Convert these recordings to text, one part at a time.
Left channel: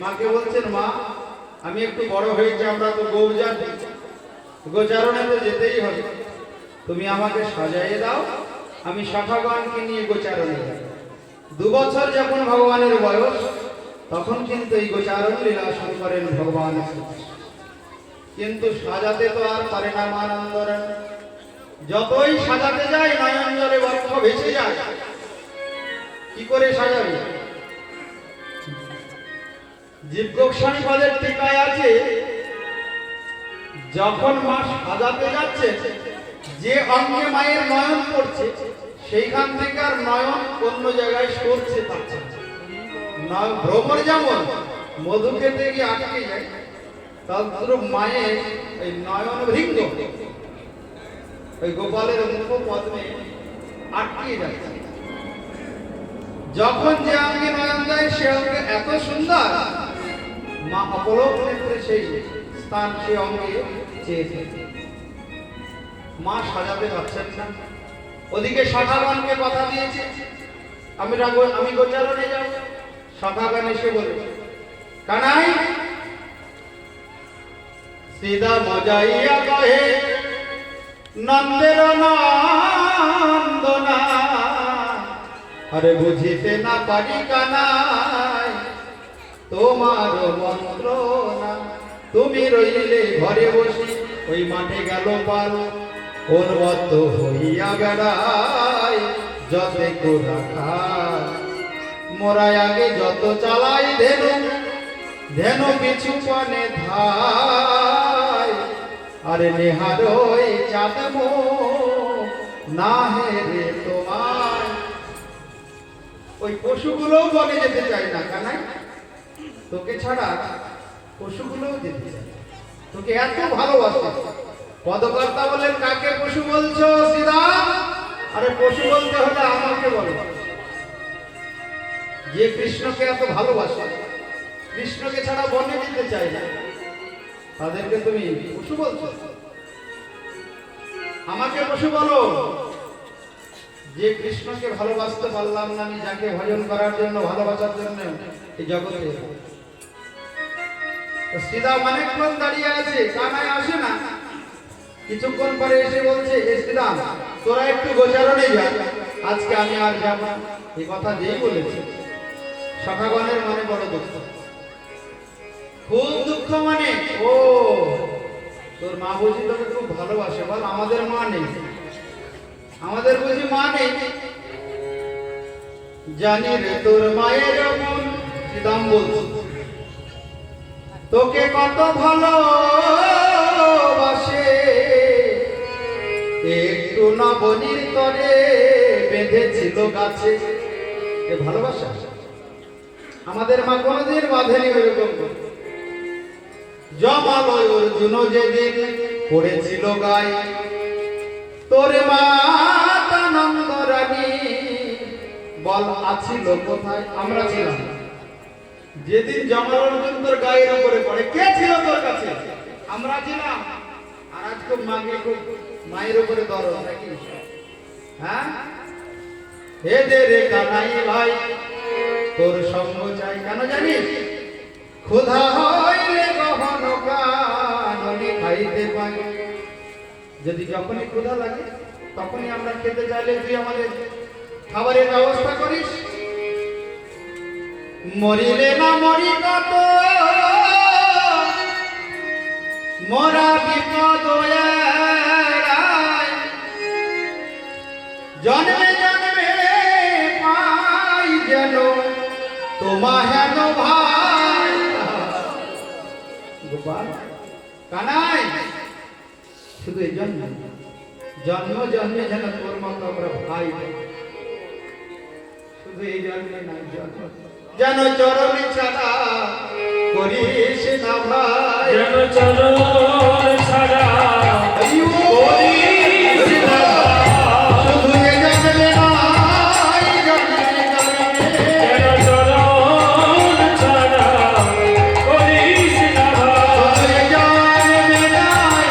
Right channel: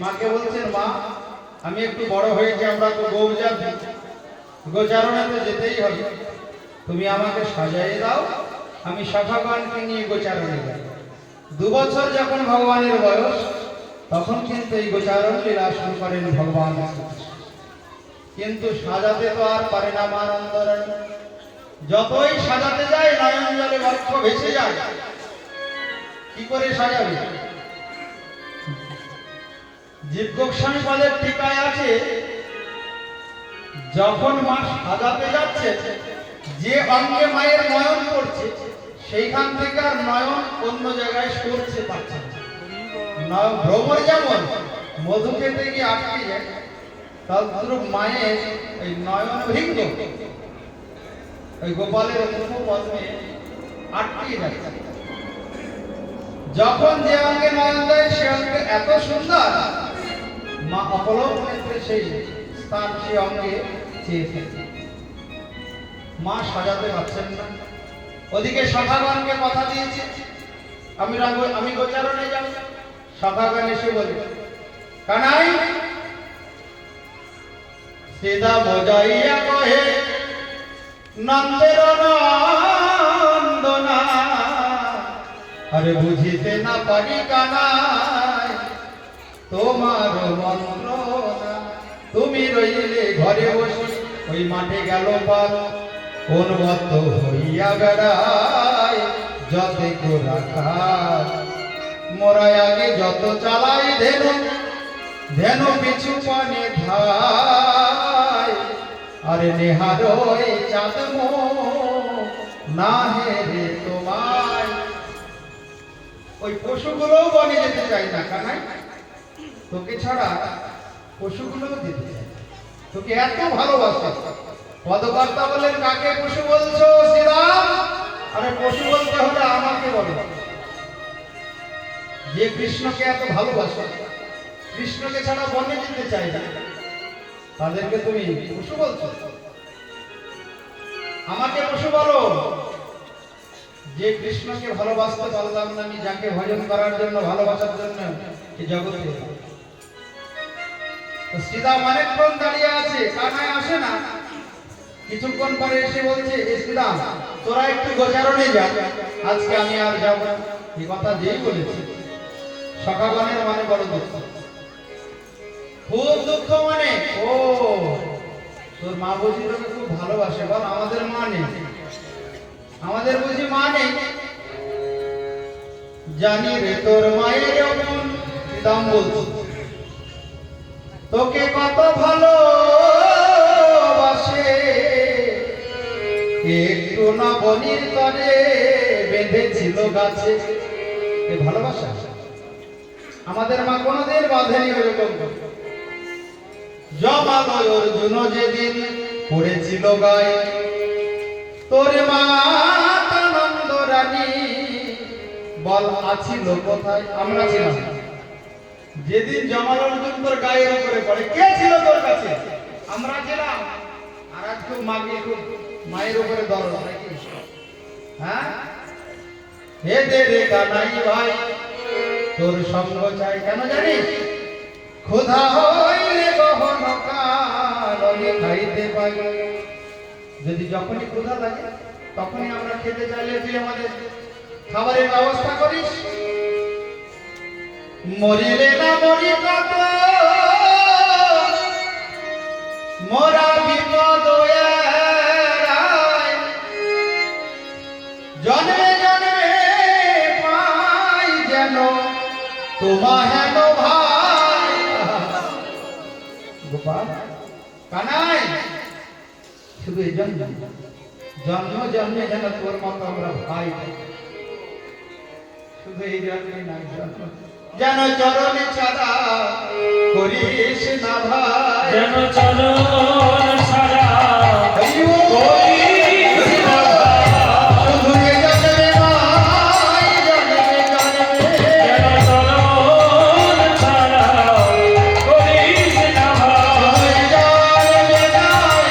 মাকে বলছেন, মা আমি একটু বড় হয়েছি, আমরা তো গৌজাতি, গোচারণে তো যেতেই হবে, তুমি আমাকে সাজাইয়ে দাও, আমি সখাগণকে নিয়ে গোচারণে যাব। 2 বছর যখন ভগবানের বয়স, তখন কিন্তু এই গোচারণ লীলা শুরু করেন ভগবান। কিন্তু সাজাতে তো আর পারে না মানন্দরণ, যতই সাজাতে যায় নয়ন জলে বক্ষ ভেসে যায়। কি করে সাজাবে? জীব গোস্বামী পদের টিকায় আছে, যখন মা সাজাতে যাচ্ছে, যে অঙ্গে মায়ের নয়ন পড়ছে সেইখান থেকে আর নয়ন অন্য জায়গায় সরছে পাচ্ছে না। ভ্রমর যেমন মধু খেতে গিয়ে আটকে যায়, তদ্রূপ মায়ের এই নয়ন ভৃঙ্গ ওই গোপালের মুখ পদ্মে আটকে যাচ্ছে। যখন যে অঙ্গে নয়ন দেয় সে অঙ্গে এত সুন্দর, মা অপলক নেত্রে সেই স্থান সে অঙ্গে চেয়ে ফেলে। মা সাজাতে পারছেন না। ওদিকে সখাগণকে কথা দিয়েছে, আমি গোচারণে যাব। সখাগণ এসে বলে, কানাই সিধা মজাইয়া কহে নন্দের নন্দনা, আরে বুঝিতে না পারি কানাই তোমার মন্ত্রণা। তুমি রইলে ঘরে বসি, ওই মাঠে গেল পার, উন্মত্ত হইয়া বেড়ায় যতে রাখা। মোরাই আগে যত চালাই ধেনু, ধেনু পিছু পানে ধায়, আরে নেহার ওই চাঁদ না হেরে তোমায়। ওই পশুগুলোও বনে যেতে চায় না, কানে তোকে ছাড়া পশুগুলোও যেতে চায়, তোকে এত ভালোবাসে। পদকর্তা বললেন, কাকে পশু বলছো শ্রীরাম? আরে পশু বলতে হলে আমাকে বলো। যে কৃষ্ণকে এত ভালোবাসে, কৃষ্ণকে ছাড়া বনে যেতে চায় না, তাদেরকে তুমি পশু বলছো? আমাকে পশু বলো। যে কৃষ্ণকে ভালোবাসতে পারলাম না আমি, যাকে ভজন করার জন্য, ভালোবাসার জন্য এই জগতে শ্রীরাম অনেকক্ষণ দাঁড়িয়ে আছে, কানায় আসে না। কিছুক্ষণ পরে এসে বলছে, শ্রীরাম তোরা একটু গোচারণে যা, আজকে আমি আর যাব। এই কথা যেই বলেছে, সখাগণের মনে বড় দুঃখ, খুব দুঃখ। মানে ও তোর মা বুঝি তোকে খুব ভালোবাসে, বল আমাদের মা নেই, আমাদের বুঝি মা নেই। জানি রে তোর মায়ের মন, দাম বলছি তোকে কত ভালোবাসে, একটু নবনীর তরে বেঁধেছিল গাছে। এ ভালোবাসা আমাদের মা কোনদিন বাঁধেনি এরকম। জমালয় অর্জুন যেদিন পড়েছিল গায়ে, তোর মা আনন্দ রানী বল আছিল কোথায়? আমরা ছিলাম যেদিন জমাল অর্জুন তোর গায়ের উপরে পড়ে, কে ছিল তোর কাছে? আমরা ছিলাম। আর আজ খুব মাকে খুব মায়ের উপরে দরদ নাকি? হ্যাঁ, হে দে রে কানাই ভাই তোর সঙ্গ চাই। কেন জানিস? ক্ষুধা হইলে গহন কাননে খাইতে পাই। যদি যখনই ক্ষুধা লাগে তখনই আমরা খেতে চাইলে তুই আমাদের খাবারের ব্যবস্থা করিস। মরিলে না মরি কত, মোরা বিপদ জন্মে জন্মে পাই যেন তোমা হেন ভাই। গোপাল কানাই শুধু এই জন্ম জন্ম জন্মে যেন তোর মতো আমরা ভাই, শুধু এই জন্মে নয়, যেন চরণে ছাড়া করিস না ভাই, যেন চরণ ছাড়া করিস না ভাই। শুধু এই জন্মে নয়, জন্মে জন্মে যেন চরণ ছাড়া করিস না ভাই। এই জন্মে নয়,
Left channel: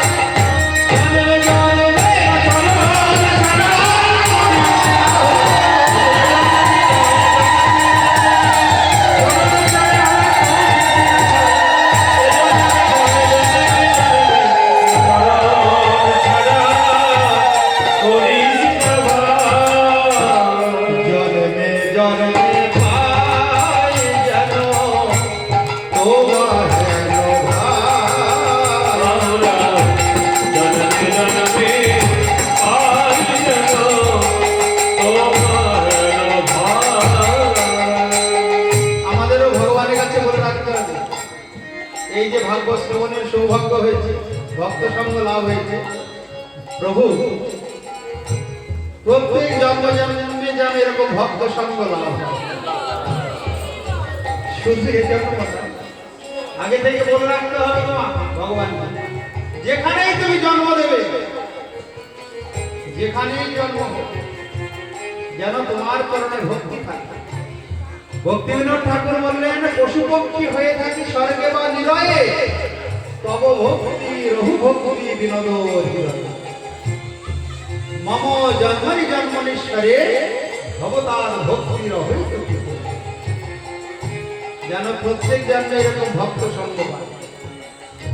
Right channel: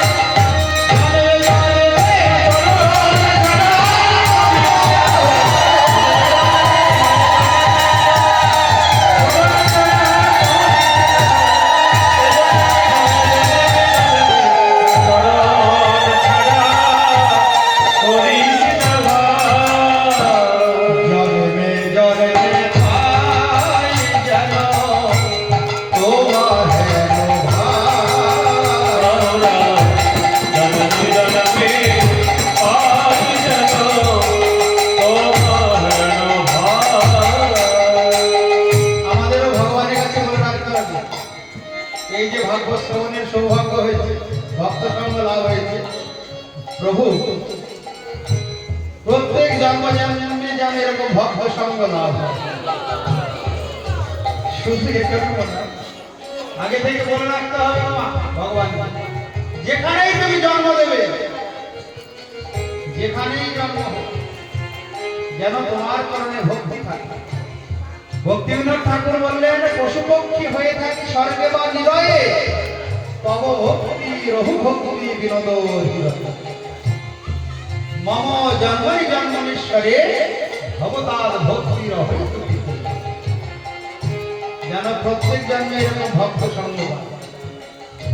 এই যে ভাগ্য শ্রবণের সৌভাগ্য হয়েছে, ভক্ত সঙ্গ লাভ হয়েছে, প্রভু প্রত্যেক জন্ম জন্মে যেন এরকম ভক্ত সঙ্গ লাভ হয়। শুধু এজন্য না, আগে থেকে বলে রাখতে হবে তোমার ভগবান, যেখানেই তুমি জন্ম দেবে, যেখানেই জন্ম হবে, যেন তোমার চরণে ভক্তি থাকে। ভক্তিবিনোদ ঠাকুর বললেন, পশু পক্ষী হয়ে থাকি স্বর্গে বা নিরয়ে, তব ভক্তি রঘু ভক্তি বিনোদ হৃদয়ে। মম জন্মনি জন্মনীশ্বরে ভবতার ভক্তি রহে। যেন প্রত্যেক জন্মে এরকম ভক্ত সঙ্গ পায়,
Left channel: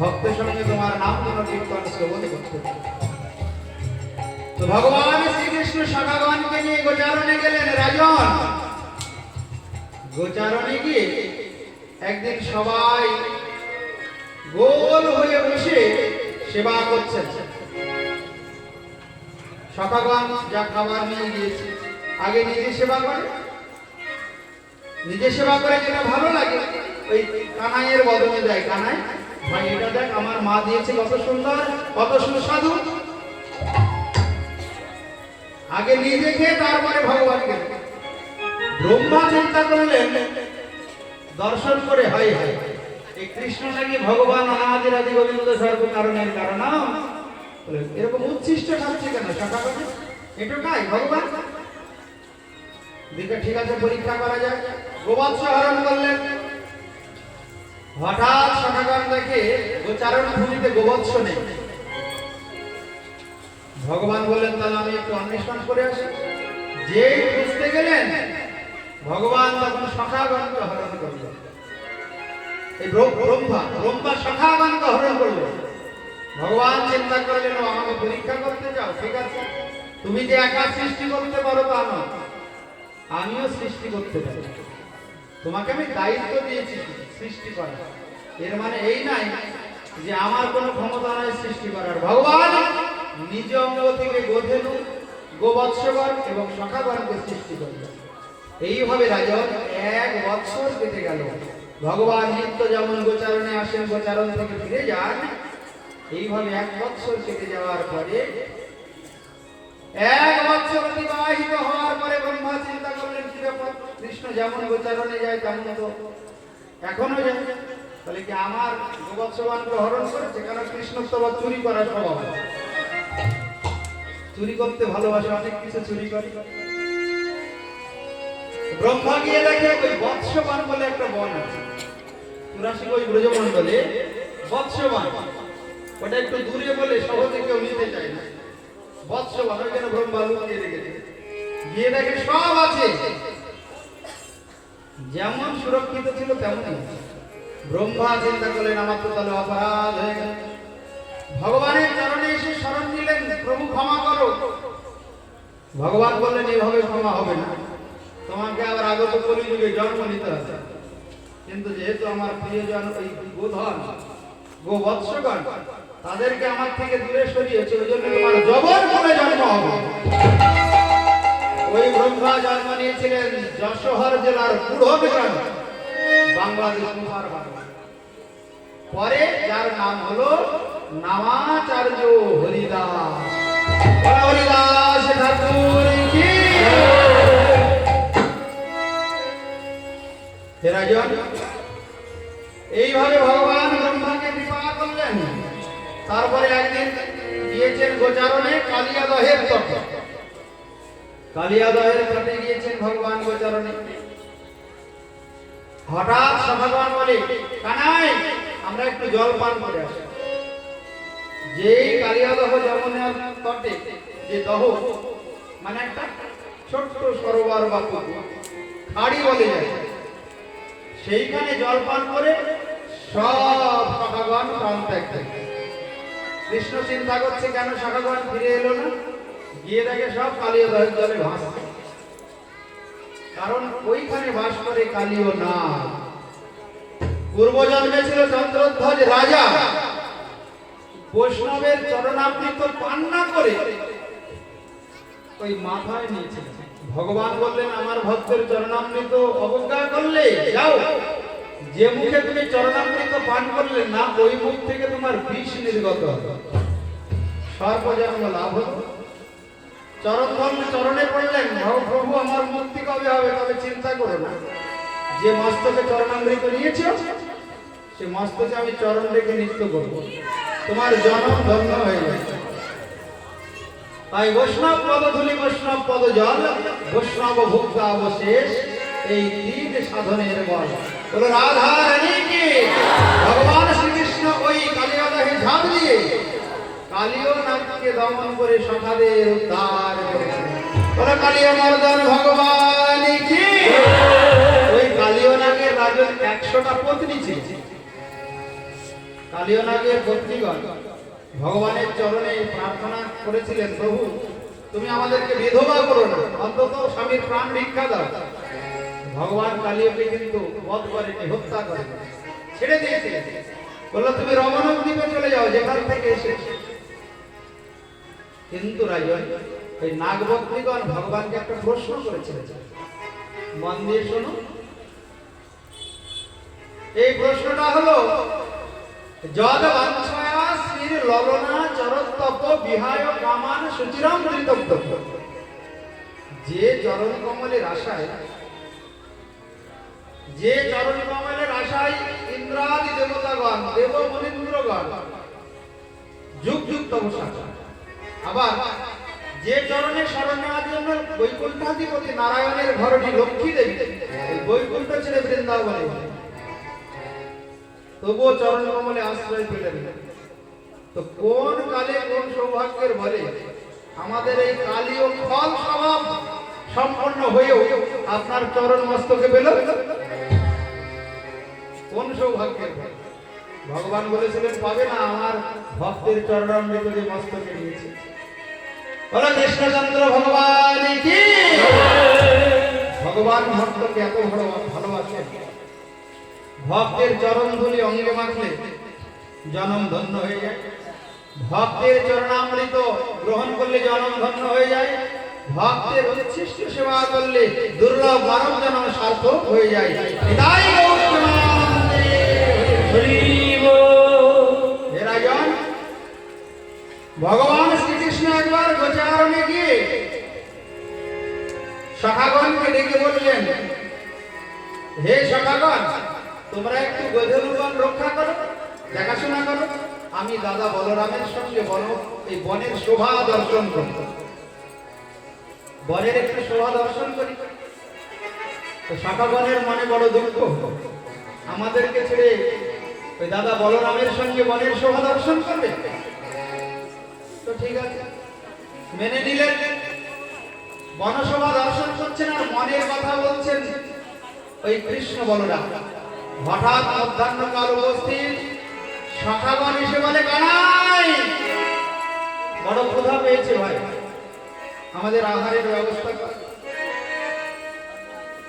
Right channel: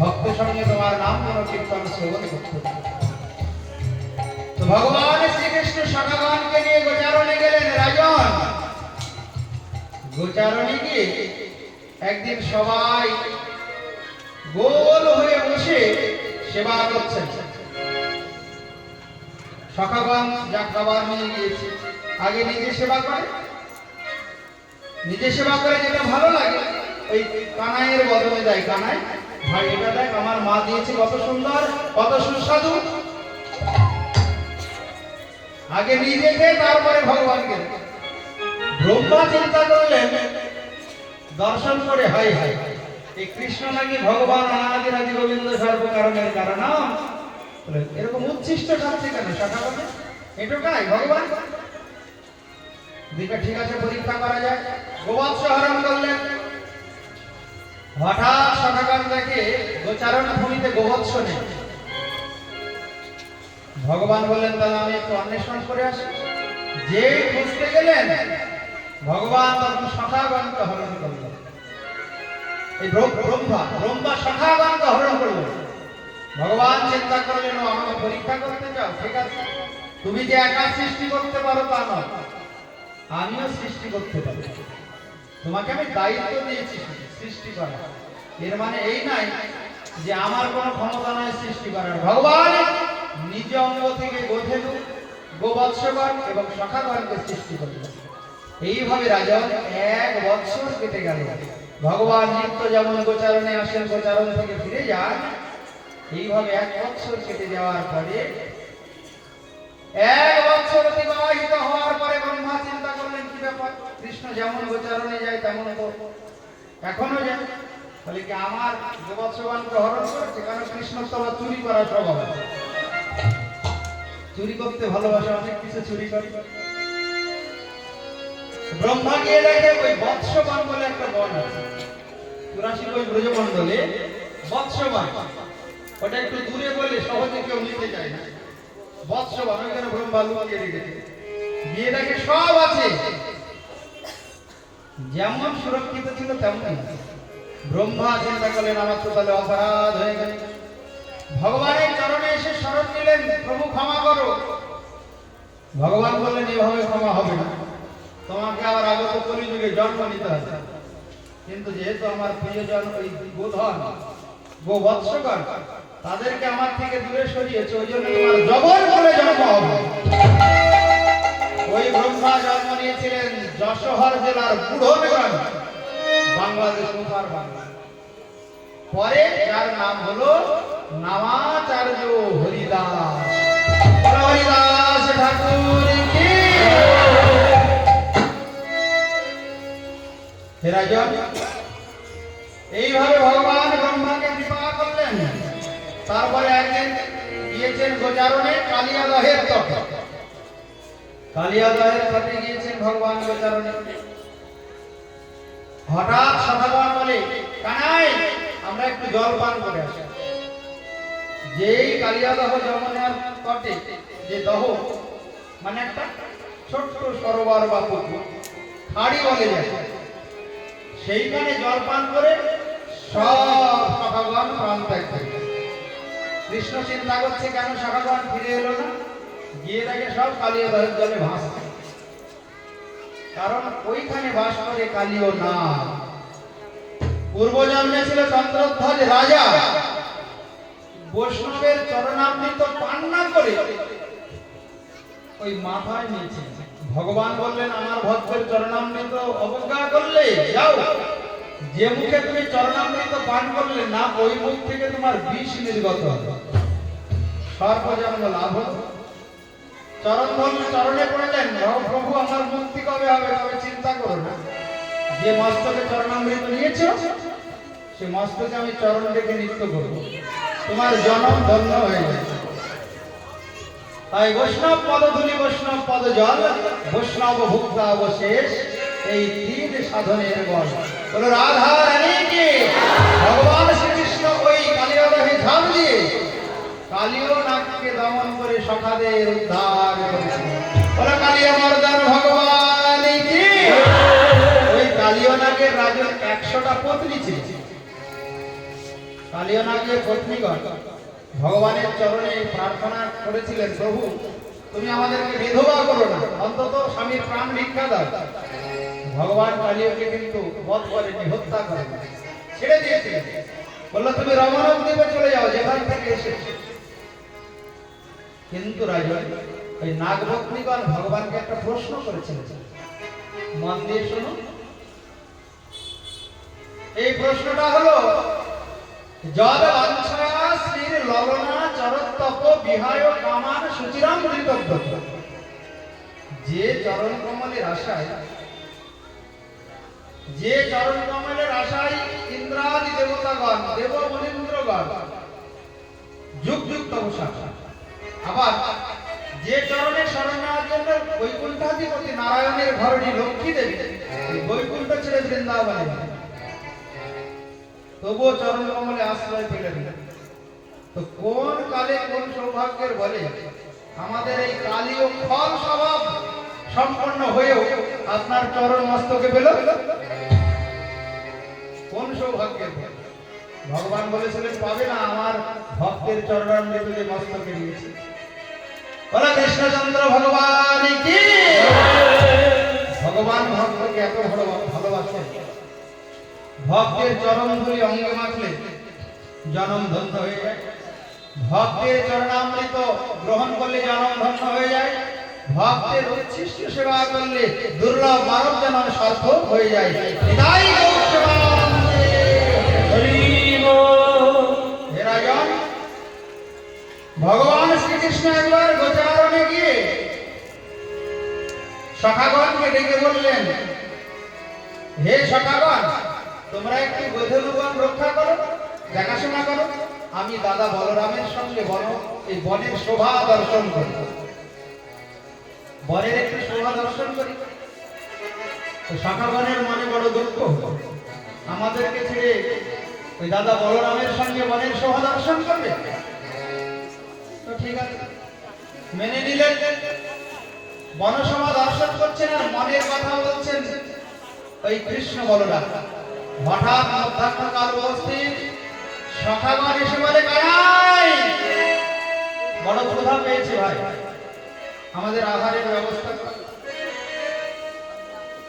ভক্ত সঙ্গে তোমার নাম তোমার কীর্তন শ্রবণ করতে পারে। তো ভগবান শ্রীকৃষ্ণ সখাগণকে নিয়ে গোচারণে গেলেন। রাজন গোচারণে গিয়ে একদিন সবাই গোল হয়ে বসে সেবা করছেন। সখাগণ যা খাবার নিয়ে গিয়েছে, আগে নিজে সেবা করে, নিজে সেবা করে যেটা ভালো লাগে ওই কানাইয়ের বদলে দেয়। কানাই, ভাই এটা দেখ আমার মা দিয়েছে, কত সুন্দর, কত সুস্বাদু। আগে নিজে খেয়ে তারপরে ভগবানকে। ব্রহ্মা চিন্তা করলেন, দর্শন করে হাই হাই, এই কৃষ্ণ নাকি ভগবান অনাদি রাজি গোবিন্দ সর্ব কারণের কারণম, এরকম উচ্ছিষ্ট খাচ্ছে কেন সকালে? এটুকাই ভগবান দিকে, ঠিক আছে পরীক্ষা করা যায়। গোবৎস হরণ করলেন। হঠাৎ সকাল দেখে গোচারণ ভূমিতে গোবৎস নেই। ভগবান বললেন, তাহলে আমি একটু অন্বেষণ করে আসি। যে খুঁজতে গেলেন ভগবান তখন সখাগণকে হরণ করলেন। এই ব্রহ্মা সখাগণকে হরণ করলেন। ভগবান চিন্তা করলেন, ও আমাকে পরীক্ষা করতে চাও, ঠিক আছে, তুমি যে একা সৃষ্টি করতে পারো তা না, আমিও সৃষ্টি করতে পারি। তোমাকে আমি দায়িত্ব দিয়েছি সৃষ্টি করা। এর মানে এই নাই যে আমার কোনো ক্ষমতা নাই সৃষ্টি করার। ভগবান নিজ অঙ্গ থেকে গোধেনু, গোবৎসগণ এবং সখাগণকে সৃষ্টি করলেন। এইভাবে রাজন 1 বৎসর কেটে গেল। ভগবান নিত্য যেমন গোচারণে আসেন, গোচারণ থেকে ফিরে যান, এইভাবে 1 বৎসর কেটে যাওয়ার পরে, 1 বৎসর অতিবাহিত হওয়ার পরে ব্রহ্মা চিন্তা করলেন, কি ব্যাপার, কৃষ্ণ যেমন গোচারণে যায় তেমন তো এখনো যায়, তাহলে কি আমার গোবৎসগণকে হরণ করেছে? কারণ কৃষ্ণ তো চুরি করার স্বভাব, চুরি করতে ভালোবাসে, অনেক কিছু চুরি করে। ব্রহ্মা গিয়ে দেখে ওই বৎসবান বলে একটা বন আছে, 84 ওই ব্রজমণ্ডলে বৎসবান, ওটা একটু দূরে বলে সহজে কেউ নিতে চায় না। বৎসবান ওইখানে ব্রহ্মা লুকিয়ে রেখেছে। গিয়ে দেখে সব আছে, যেমন সুরক্ষিত ছিল তেমনই। ব্রহ্মা চিন্তা করলেন, আমার তো তাহলে অপরাধ হয়ে গেল। ভগবানের চরণে এসে শরণ নিলেন, প্রভু ক্ষমা করো। ভগবান বললেন, এভাবে ক্ষমা হবে না, তোমাকে আবার আগত কলিযুগে জন্ম নিতে হবে। কিন্তু যেহেতু আমার প্রিয়জন ওই গোধন, গোবৎসগণ, তাদেরকে আমার থেকে দূরে সরিয়েছে, ওই জন্য তোমার জবর করে জন্ম হবে। ওই ব্রহ্মা জন্ম নিয়েছিলেন যশোহর জেলার পুরোন গ্রামে, বাংলাদেশ মুসার বাংলা। পরে যার নাম হলো নামাচার্য হরিদাস। হরিদাস ঠাকুর কি রাজন। এইভাবে ভগবান ব্রহ্মাকে বিবাহ করলেন। তারপরে একদিন গিয়েছেন গোচারণে কালিয়াদহের তটে। কালিয়াদহের তটে গিয়েছেন ভগবান গোচারণে। হঠাৎ সখাগণ বলে, কানাই আমরা একটু জল পান করে আসি। যেই কালিয়াদহ যমুনার তটে, যে দহ মানে একটা ছোট্ট সরোবর বা পুকুর, খাড়ি বলে যায়, সেইখানে জল পান করে সব সখাগণ প্রাণ ত্যাগ করে। কৃষ্ণ চিন্তা করছে, কেন সখাগণ ফিরে এলো না? গিয়ে দেখে সব কালিয়াদহের জলে ভাসছে। কারণ ওইখানে বাস করে কালীয় না। পূর্বজন্মে ছিল চন্দ্রধ্বজ রাজা, বৈষ্ণবের চরণামৃত পান না করে ওই মাথায় নিয়েছিলেন। ভগবান বললেন, আমার ভক্তের চরণামৃত অবজ্ঞা করলে যাও যে মুখে তুমি চরণামৃত পান করলে না ওই মুখ থেকে তোমার বিষ নির্গত হবে, সর্বজন্ম লাভ হবে। চরণে পড়লেন, প্রভু আমার মুক্তি কবে হবে? তবে চিন্তা করো না, যে মস্তকে চরণামৃত নিয়েছো সে মস্তকে আমি চরণ রেখে নৃত্য করব, তোমার জনম ধন্য হয়ে যাবে। তাই বৈষ্ণব পদধূলি, বৈষ্ণব পদ জল, বৈষ্ণব ভুক্তা অবশেষ, এই তিন সাধনের বল। বলো রাধা রানীকে। ভগবান শ্রীকৃষ্ণ ওই কালিয়া দেহে ঝাঁপ দিয়ে কালিয় নাগকে দমন করে সখাদের উদ্ধার করেছেন। বলো কালিয়া মর্দান ভগবান কি। ওই কালিয় নাগের রাজের 100টা পত্নী ছিল। কালিয় নাগের পত্নীগণ ভগবানের চরণে প্রার্থনা করেছিলেন, প্রভু তুমি আমাদেরকে বিধবা করো না, অন্তত স্বামীর প্রাণ ভিক্ষা দাও। ভগবান কালিয়কে কিন্তু বধ করেনি, হত্যা করেনি, ছেড়ে দিয়েছিলেন। বললো তুমি রমণক দ্বীপে চলে যাও, যেখান থেকে এসেছে। কিন্তু রাজন এই নাগভক্তগণ ভগবানকে একটা প্রশ্ন করেছিলেন, মন দিয়ে শোনো। এই প্রশ্নটা হলো, যদ বাঞ্ছয়া শ্রীর ললনা চরতপ বিহায় কামান সুচিরাম ধৃতব্য। যে চরণ কমলের আশায়, যে চরণ কমলের আশায় ইন্দ্রাদি দেবতাগণ, দেব মনীন্দ্রগণ যুগ যুগ তপস্যা, আবার যে চরণে শরণ নেওয়ার জন্য বৈকুণ্ঠাধিপতি নারায়ণের ঘরটি লক্ষ্মী দেবী এই বৈকুণ্ঠ ছেড়ে বৃন্দাবনে, তবুও চরণ কমলে আশ্রয় পেলেন। তো কোন কালে কোন সৌভাগ্যের বলে আমাদের এই কালীয় ফল স্বভাব সম্পন্ন হয়েও আপনার চরণ মস্তকে পেল? কোন সৌভাগ্যের ফল? ভগবান বলেছিলেন পাবে না আমার ভক্তের চরণামৃত যে মস্তকে নিয়েছে। বলো কৃষ্ণচন্দ্র ভগবান কি। ভগবান ভক্তকে এত ভালোবাসেন, ভক্তের চরণ ধুলি অঙ্গে মাখলে জনম ধন্য হয়ে যায়, ভক্তের চরণামৃত গ্রহণ করলে জনম ধন্য হয়ে যায়, ভক্তের উচ্ছিষ্ট সেবা করলে দুর্লভ মানব জন্ম সার্থক হয়ে যায়। হৃদয় গৌরমানন্দে হরি বল। হে রাজন, ভগবান শ্রীকৃষ্ণ একবার গোচারণে গিয়ে সখাগণকে ডেকে বললেন, হে সখাগণ তোমরা একটু গোধূলিগণ রক্ষা করো, দেখাশোনা করো, আমি দাদা বলরামের সঙ্গে এই বনের শোভা দর্শন করি, বনের একটু শোভা দর্শন করি। তো সখাগণের মনে বড় দুঃখ, আমাদেরকে ছেড়ে ওই দাদা বলরামের সঙ্গে বনের শোভা দর্শন করবে। তো ঠিক আছে, মেনে নিলেন। বনশোভা দর্শন করছেন আর মনের কথা বলছেন ওই কৃষ্ণ বলরাম। হঠাৎ মধ্যাহ্নকাল উপস্থিত, সখাগণ এসে বলে, কানাই বড় ক্ষুধা পেয়েছে ভাই, আমাদের আহারের ব্যবস্থা কর।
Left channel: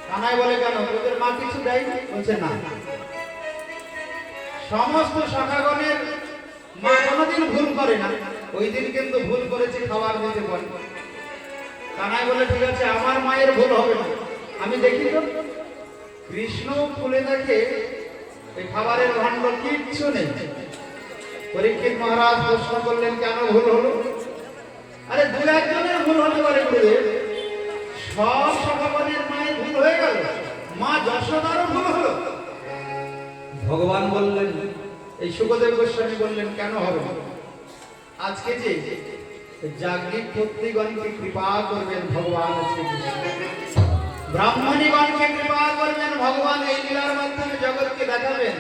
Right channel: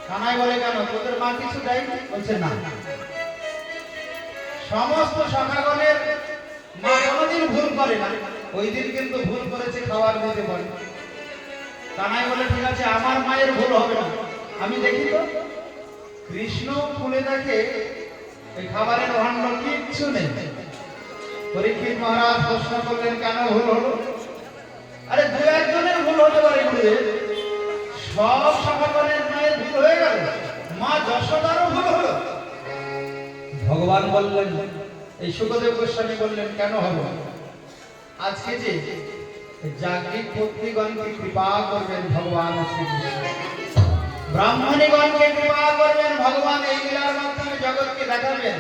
কানাই বলে, কেন তোদের মা কিছু দেয়নি? বলছে না। সমস্ত সখাগণের মা কোনোদিন ভুল করে না, ওই দিন কিন্তু ভুল করেছে, খাবার দিতে পারে। কানাই বলে, ঠিক আছে আমার মায়ের ভুল হবে না, আমি দেখি তো। কৃষ্ণ খুলে দেখে এই খাবারের ভাণ্ড কিচ্ছু নেই। পরীক্ষিত মহারাজ প্রশ্ন করলেন, কেন ভুল হলো? আরে দু একজনের ভুল হতে পারে গুরুদেব, সব সখাগণের মায়ের ভুল হয়ে গেল, মা যশোদারও ভুল হলো। ভগবান বললেন, এই সুখদেব গোস্বামী বললেন, কেন হবে না? আজকে যে যাজ্ঞিক পত্নীগণকে কৃপা করবেন ভগবান শ্রীকৃষ্ণ, ব্রাহ্মণীগণকে কৃপা করবেন ভগবান, এই লীলার মাধ্যমে জগৎকে দেখাবেন।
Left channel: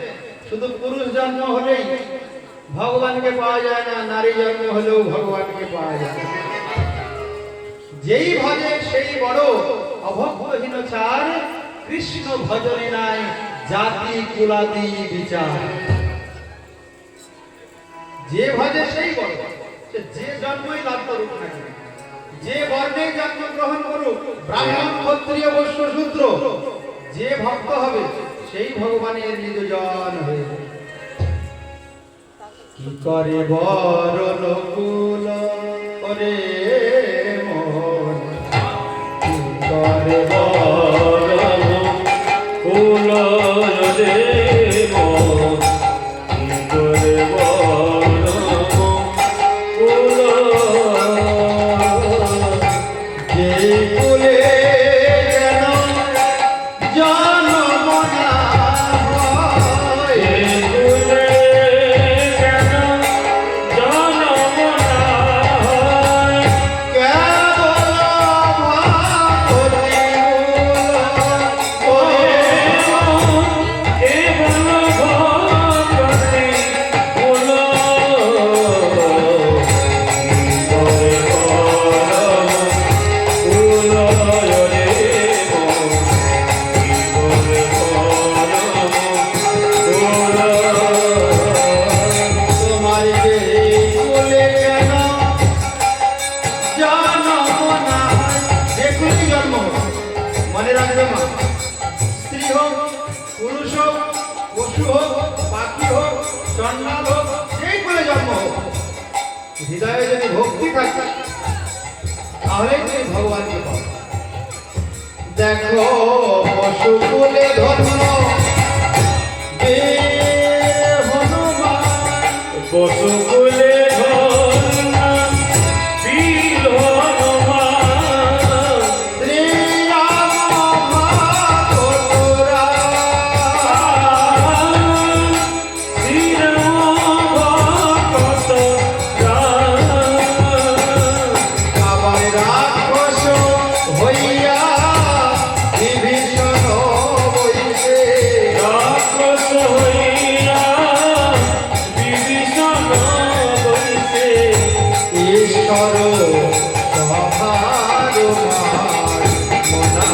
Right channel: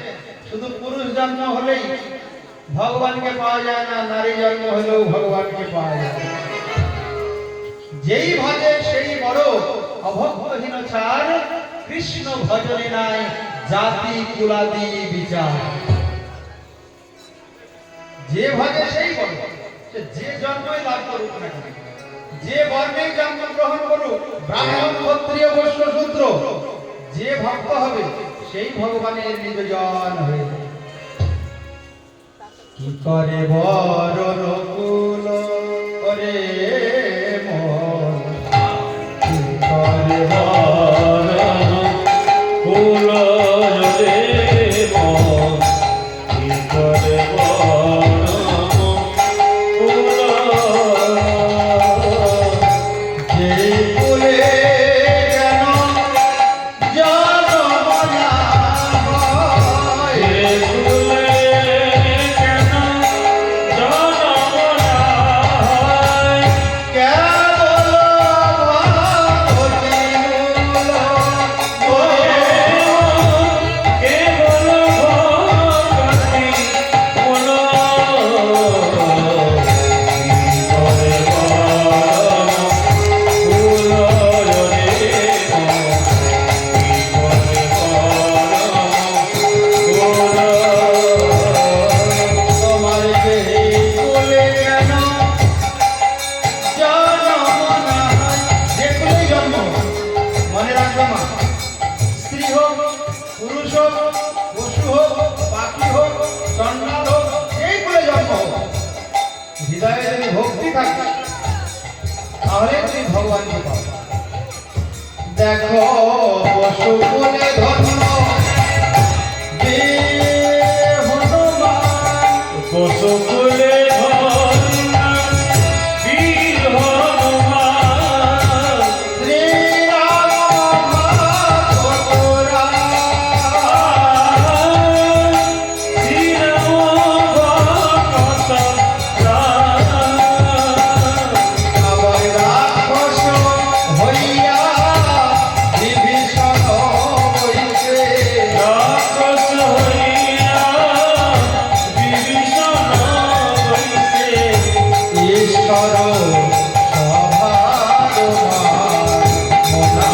শুধু পুরুষ জন্ম হলেই ভগবানকে পাওয়া যায় না, নারী জন্ম হলেও ভগবানকে পাওয়া যায়। যেই ভজে সেই বড়, অভক্তহীন চার, কৃষ্ণ ভজনে নাই জাতি কুলাদি বিচার। যে ভজে সেই বড়, যে জন্মই লাভ করুক না কেন, যে বর্ণে জন্ম গ্রহণ করুক, ব্রাহ্মণ ক্ষত্রিয় বৈশ্য শূদ্র, যে ভক্ত হবে সেই ভগবানের নিজজন হয়ে যায়। কি করে বরণ কুল করে মন, কি করে বরণ কুল রে হোক, পাখি হোক, চন্ডাল হোক, যেই করে জন্ম হোক, হৃদয়ে যদি ভক্তি থাকে তাহলে তুমি ভগবানকে পাবে। দেখো পশু কুলে ধন্য বীর হনুমান, পশু কুলে ধন্য বীর হনুমান, শ্রীরাম ভক্ত রাম, শ্রীরাম ভক্ত রাম। আবার রাক্ষস হইয়া বিভীষণ বইতে, রাক্ষস হইয়া বিভীষণ বইছে, ঈশ্বর সভার মনা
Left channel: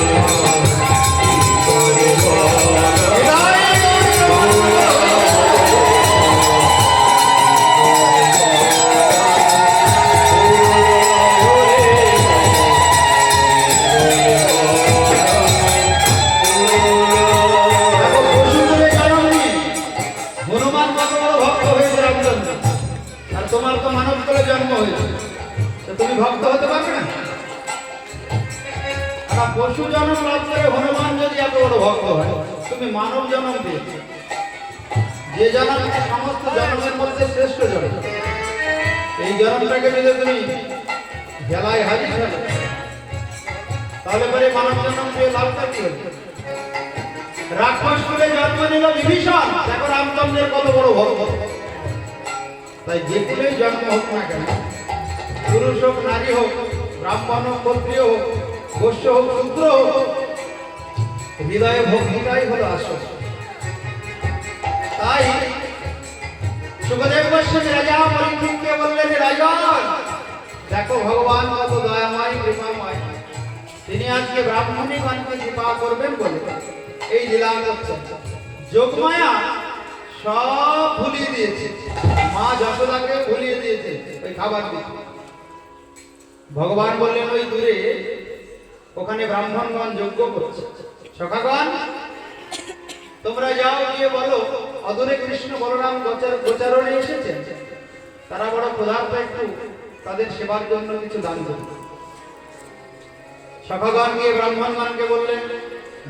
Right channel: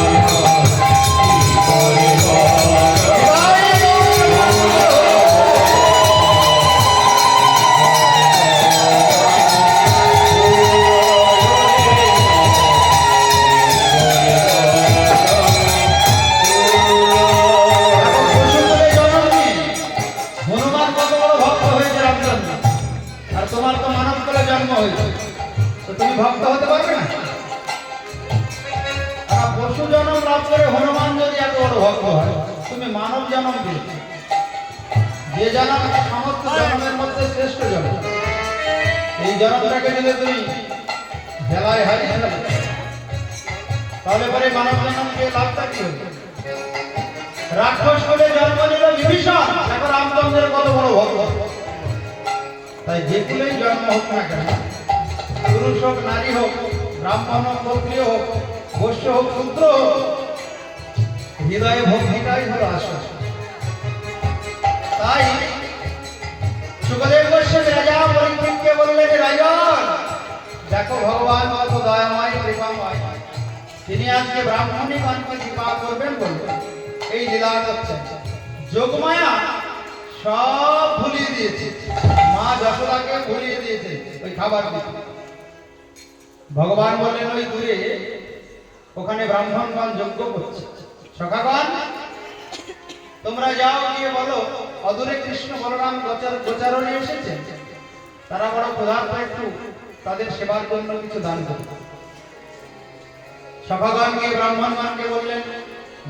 হনুমান কত বড় ভক্ত হয়েছে রামচন্দ্র, আর তোমার তো মানব কুলে জন্ম হয়েছে, তো তুমি ভক্ত হতে পারবে না? আর পশু জন্ম লাভ করে হনুমান যদি এত বড় ভক্ত হয়, তুমি মানব জন্ম দিয়েছে, যে জন্মটা সমস্ত জন্মের মধ্যে শ্রেষ্ঠ জন্ম, এই জন্মটাকে যদি তুমি ভেলায় হারিয়ে ফেলে, তাহলে পরে মানব জন্ম দিয়ে লাভটা কি হবে? রাক্ষস করে জন্ম নিল বিভীষণ, দেখো রামচন্দ্রের কত বড় ভক্ত। তাই যে কুলেই জন্ম হোক না কেন, পুরুষ হোক নারী হোক, ব্রাহ্মণ হোক ক্ষত্রিয় হোক, বৈশ্য হোক শূদ্র হোক, হৃদয়ে ভক্তিটাই হলো আসল। তাই সুখদেব গোস্বামী রাজা পরীক্ষিতকে বললেন, রাজন দেখো ভগবান কত দয়াময় কৃপাময়, তিনি আজকে ব্রাহ্মণীগণকে কৃপা করবেন বলবেন, এই লীলা করছেন। যোগমায়া সব ভুলিয়ে দিয়েছে, মা যশোদাকে ভুলিয়ে দিয়েছে ওই খাবার দিতে। ভগবান বললেন ওই দূরে ওখানে ব্রাহ্মণগণ যজ্ঞ করছে, সখাগণ তোমরা যাও গিয়ে বলো অদূরে কৃষ্ণ বলরাম গোচারণে এসেছেন, তারা বড় ক্ষুধার্ত, একটু তাদের সেবার জন্য কিছু দান করতে। সখাগণ গিয়ে ব্রাহ্মণগণকে বললেন,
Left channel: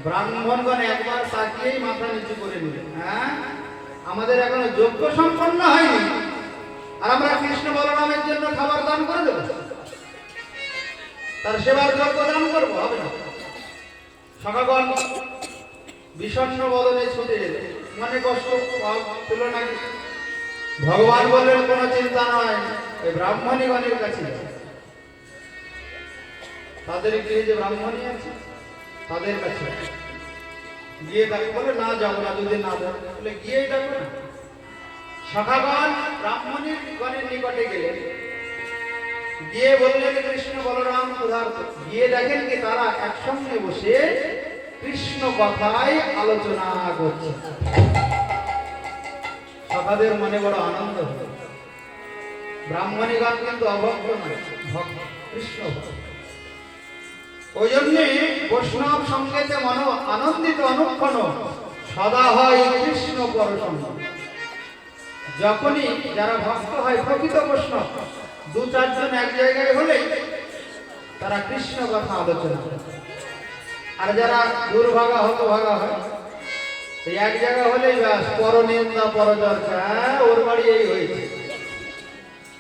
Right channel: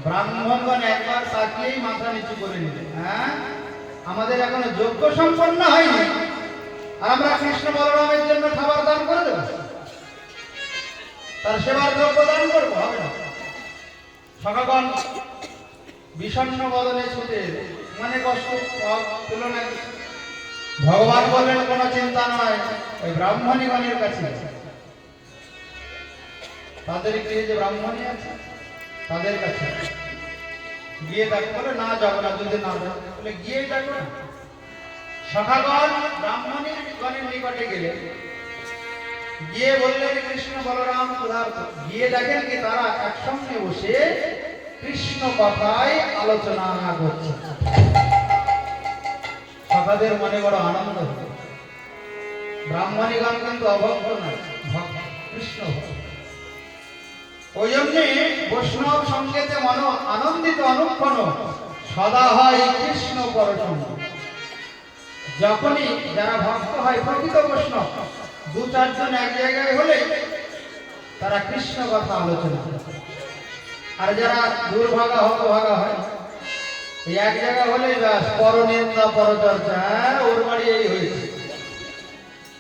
ব্রাহ্মণগণ একবার তাকিয়েই মাথা নিচু করে নিলেন, হ্যাঁ আমাদের এখনো যজ্ঞ সম্পন্ন হয়নি, আর আমরা কৃষ্ণ বলরামের জন্য খাবার দান করে দেব, তার সেবার দ্রব্য দান করবো, হবে না। সখাগণ বিষণ্ণ বদনে ছুটে মানে কষ্ট তুলনা। ভগবান বললেন কোনো চিন্তা নয়, ওই ব্রাহ্মণীগণের কাছে যাও। তাদের গৃহে যে ব্রাহ্মণী আছে তাদের কাছে গিয়ে দেখো, বলে না যাবো না, যদি না যাবো বলে গিয়েই দেখো না। সখাগণ ব্রাহ্মণীর গণের নিকটে গেলে গিয়ে বললেন কৃষ্ণ বলরাম ক্ষুধার্ত, গিয়ে দেখেন কি তারা একসঙ্গে বসে কৃষ্ণ কথায় আলোচনা করছে। সখাদের মনে বড় আনন্দ হলো, ব্রাহ্মণীগণ কিন্তু অভক্ত নয়, ভক্ত, কৃষ্ণ ভক্ত। ওই জন্যে বৈষ্ণব সঙ্গেতে মন আনন্দিত অনুক্ষণ সদা হয় কৃষ্ণ পরশন। যখনই যারা ভক্ত হয় প্রকৃত বৈষ্ণব, দু চারজন এক জায়গায় হলে তারা কৃষ্ণ কথা আলোচনা করে। আর যারা দুর্ভাগা হতভাগা হয়, এই এক জায়গা হলেই ব্যাস পরনিন্দা পরচর্চা, হ্যাঁ ওর বাড়ি এই হয়েছে,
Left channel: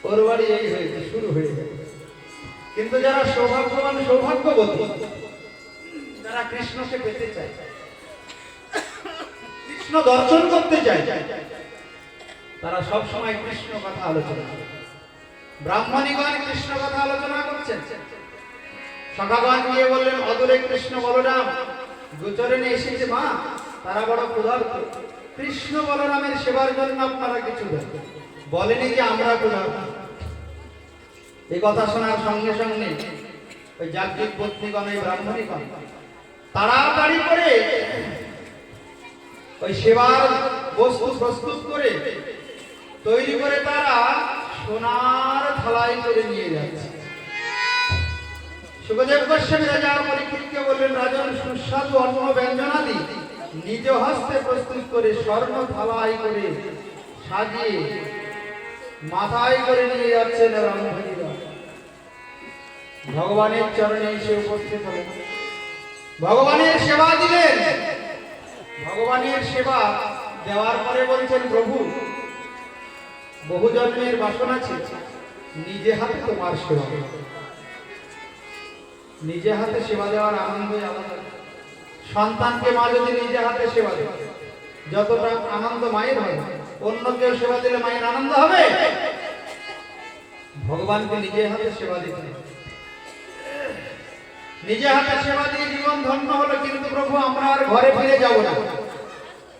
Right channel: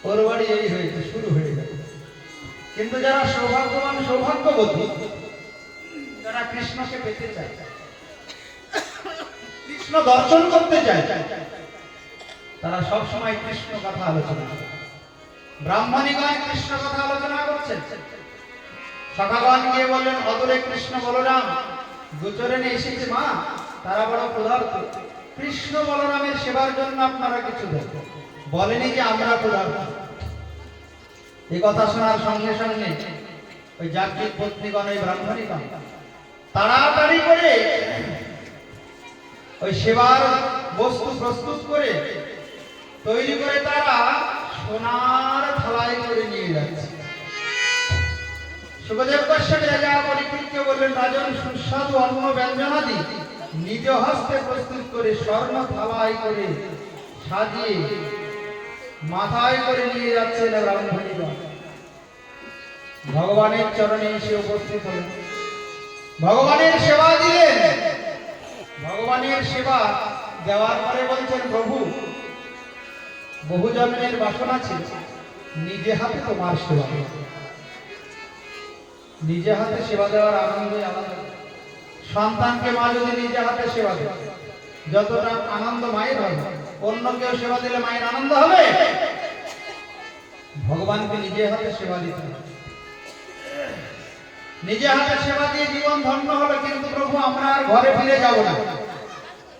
ওর বাড়ি এই হয়েছে, শুরু হয়ে গেল। কিন্তু যারা সৌভাগ্যবান সৌভাগ্যবতী, যারা কৃষ্ণকে পেতে চায়, কৃষ্ণ দর্শন করতে চায়, তারা সব সময় কৃষ্ণ কথা আলোচনা করে। ব্রাহ্মণীগণ কৃষ্ণ কথা আলোচনা করছেন। সখাগণ গিয়ে বললেন অদূরে কৃষ্ণ বলরাম গোচরণে এসেছে মা, তারা বড় ক্ষুধার্ত, কৃষ্ণ বলরামের সেবার জন্য আপনারা কিছু দেন। বলেনি যে আমরা ক্ষুধার্ত। এই কথা শোনার সঙ্গে সঙ্গে ওই যাত্রী পত্নীগণ, এই ব্রাহ্মণীগণ তাড়াতাড়ি করে ওই সেবার বস্তু প্রস্তুত করে তৈরি করে তারা সোনার থালায় করে নিয়ে যাচ্ছে। সুখদেব গোস্বামী রাজা পরীক্ষিতকে বললেন, রাজন সুস্বাদু অন্ন ব্যঞ্জনাদি নিজ হস্তে প্রস্তুত করে স্বর্ণ থালায় করে সাজিয়ে মাথায় করে নিয়ে যাচ্ছেন রামধনীগণ। ভগবানের চরণে এসে উপস্থিত হলেন, ভগবানের সেবা দিলেন। ভগবানের সেবা দেওয়ার পরে বলছেন, প্রভু বহু জন্মের বাসনা ছিল, নিজে হাতে তোমার সেবা, নিজে হাতে সেবা দেওয়ার আনন্দই আলাদা। সন্তানকে মা যদি নিজে হাতে সেবা দেয়, যতটা আনন্দ মায়ের হয়, অন্য কেউ সেবা দিলে মায়ের আনন্দ হবে? ভগবানকে নিজে হাতে সেবা দিতে হবে। নিজে হাতে সেবা দিয়ে জীবন ধন্য হলো, কিন্তু প্রভু আমরা আর ঘরে ফিরে যাব না।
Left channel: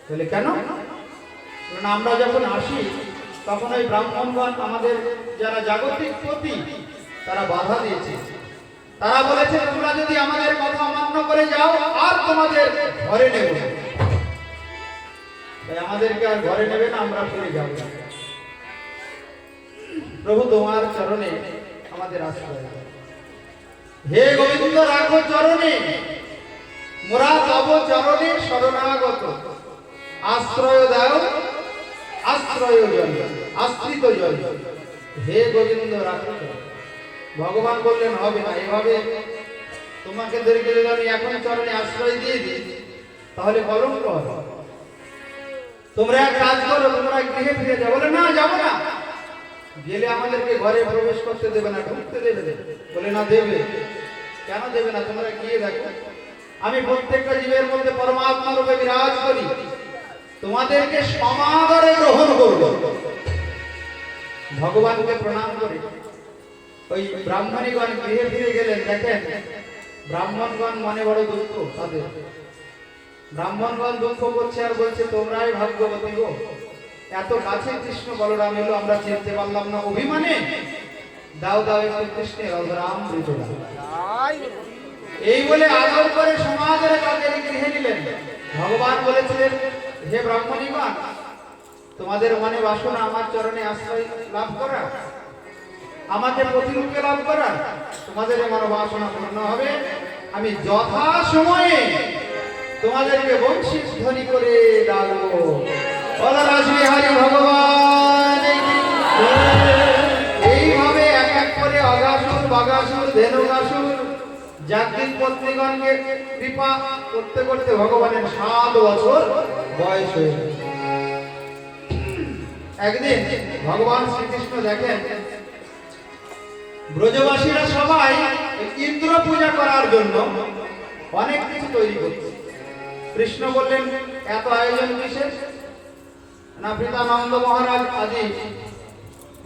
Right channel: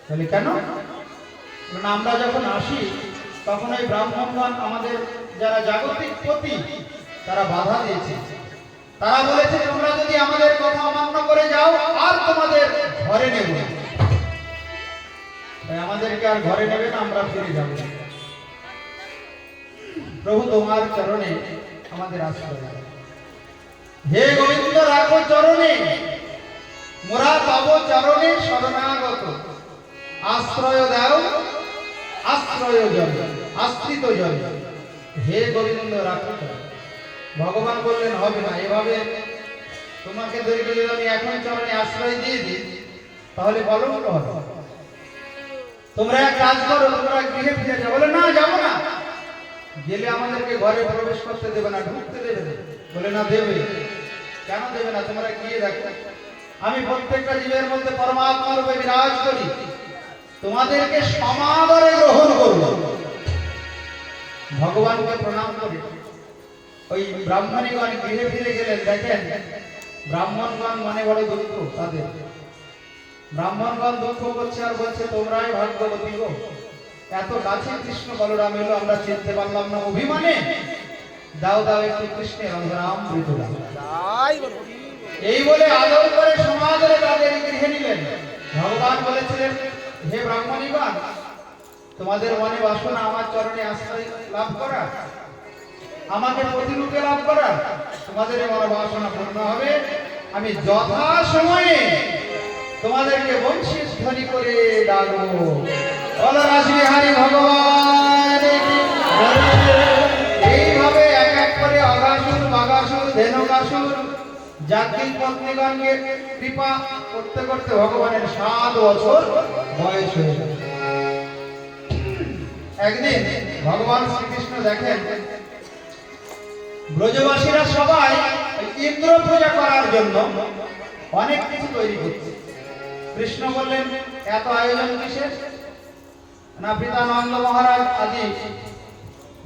বলে কেন? কারণ আমরা যখন আসি তখন ওই ব্রাহ্মণগণ আমাদের যারা জাগতিক পতি তারা বাধা দিয়েছে। তারা বলেছে তোমরা যদি আমাদের কথা অমান্য করে যাও আর তোমাদের ঘরে নেব না। তাই আমাদেরকে আর ঘরে নেবে না, আমরা ফিরে যাব। প্রভু তোমার চরণে আমাদের আশ্রয় দাও। হে গোবিন্দ রাখো চরণে, মোরা তব চরণে শরণাগত। আশ্রয় দাও, আশ্রয় জন, আশ্রিত জন। হে গোবিন্দ রাখো চরণে। ভগবান বললেন হবে না, এভাবে তোমাকে যদি আমি এখন চরণে আশ্রয় দিয়ে দিই তাহলে কলঙ্ক হবে। তোমরা এক কাজ করো, তোমরা গৃহে ফিরে যাও। বলে না, যাবো না। গেলে আমাদেরকে ঘরে প্রবেশ করতে দেবে না, ঢুকতে দেবে না। বলে না, দেবে। কেন দেবে না? তোমরা গিয়ে দেখো, আমি প্রত্যেকটা জীবের মধ্যে পরমাত্মা রূপে বিরাজ করি, তোমাদেরকে সমাদরে গ্রহণ করব। ভগবানকে প্রণাম করে ওই ব্রাহ্মণীগণ গৃহে ফিরে গেলেন। দেখেন ব্রাহ্মণগণ মনে বড় দুঃখ তাদের। ব্রাহ্মণগণ দুঃখ করছে আর বলছে তোমরাই ভাগ্যবতী গো, এত কাছে কৃষ্ণ বলরাম এলো, আমরা চিনতে পারলাম না, অভিমানে দাও দাও একটু কৃষ্ণের রাম বৃতরা। এই বলে আদর করে সমাদরে তাদের গৃহে নিলেন। ভগবান বলেছিলেন, হে ব্রাহ্মণীগণ, তোমাদের মনে বাসনা আমার চরণে আশ্রয় লাভ করা, আমাকে প্রতিরূপে লাভ করা, তোমাদের মনোবাসনা পূর্ণ হবে। আমি যথা সময়ে তোমাদেরকে বংশী ধ্বনি করে ডাকবো। হরি ভগবান। এইভাবে এক এক করে অগাসুর, বাগাসুর, ধেনুকাসুর জাতির পত্নীগণকে কৃপা করতে করতে ভগবানের 7 বছর বয়স হয়ে গেল। একদিন ভগবান শ্রীকৃষ্ণ দেখেন ব্রজবাসীরা সবাই ইন্দ্র পূজা করার জন্য অনেক কিছু তৈরি করছে। কৃষ্ণ বললেন, এত আয়োজন কিসের? না, পিতা নন্দ মহারাজ আদি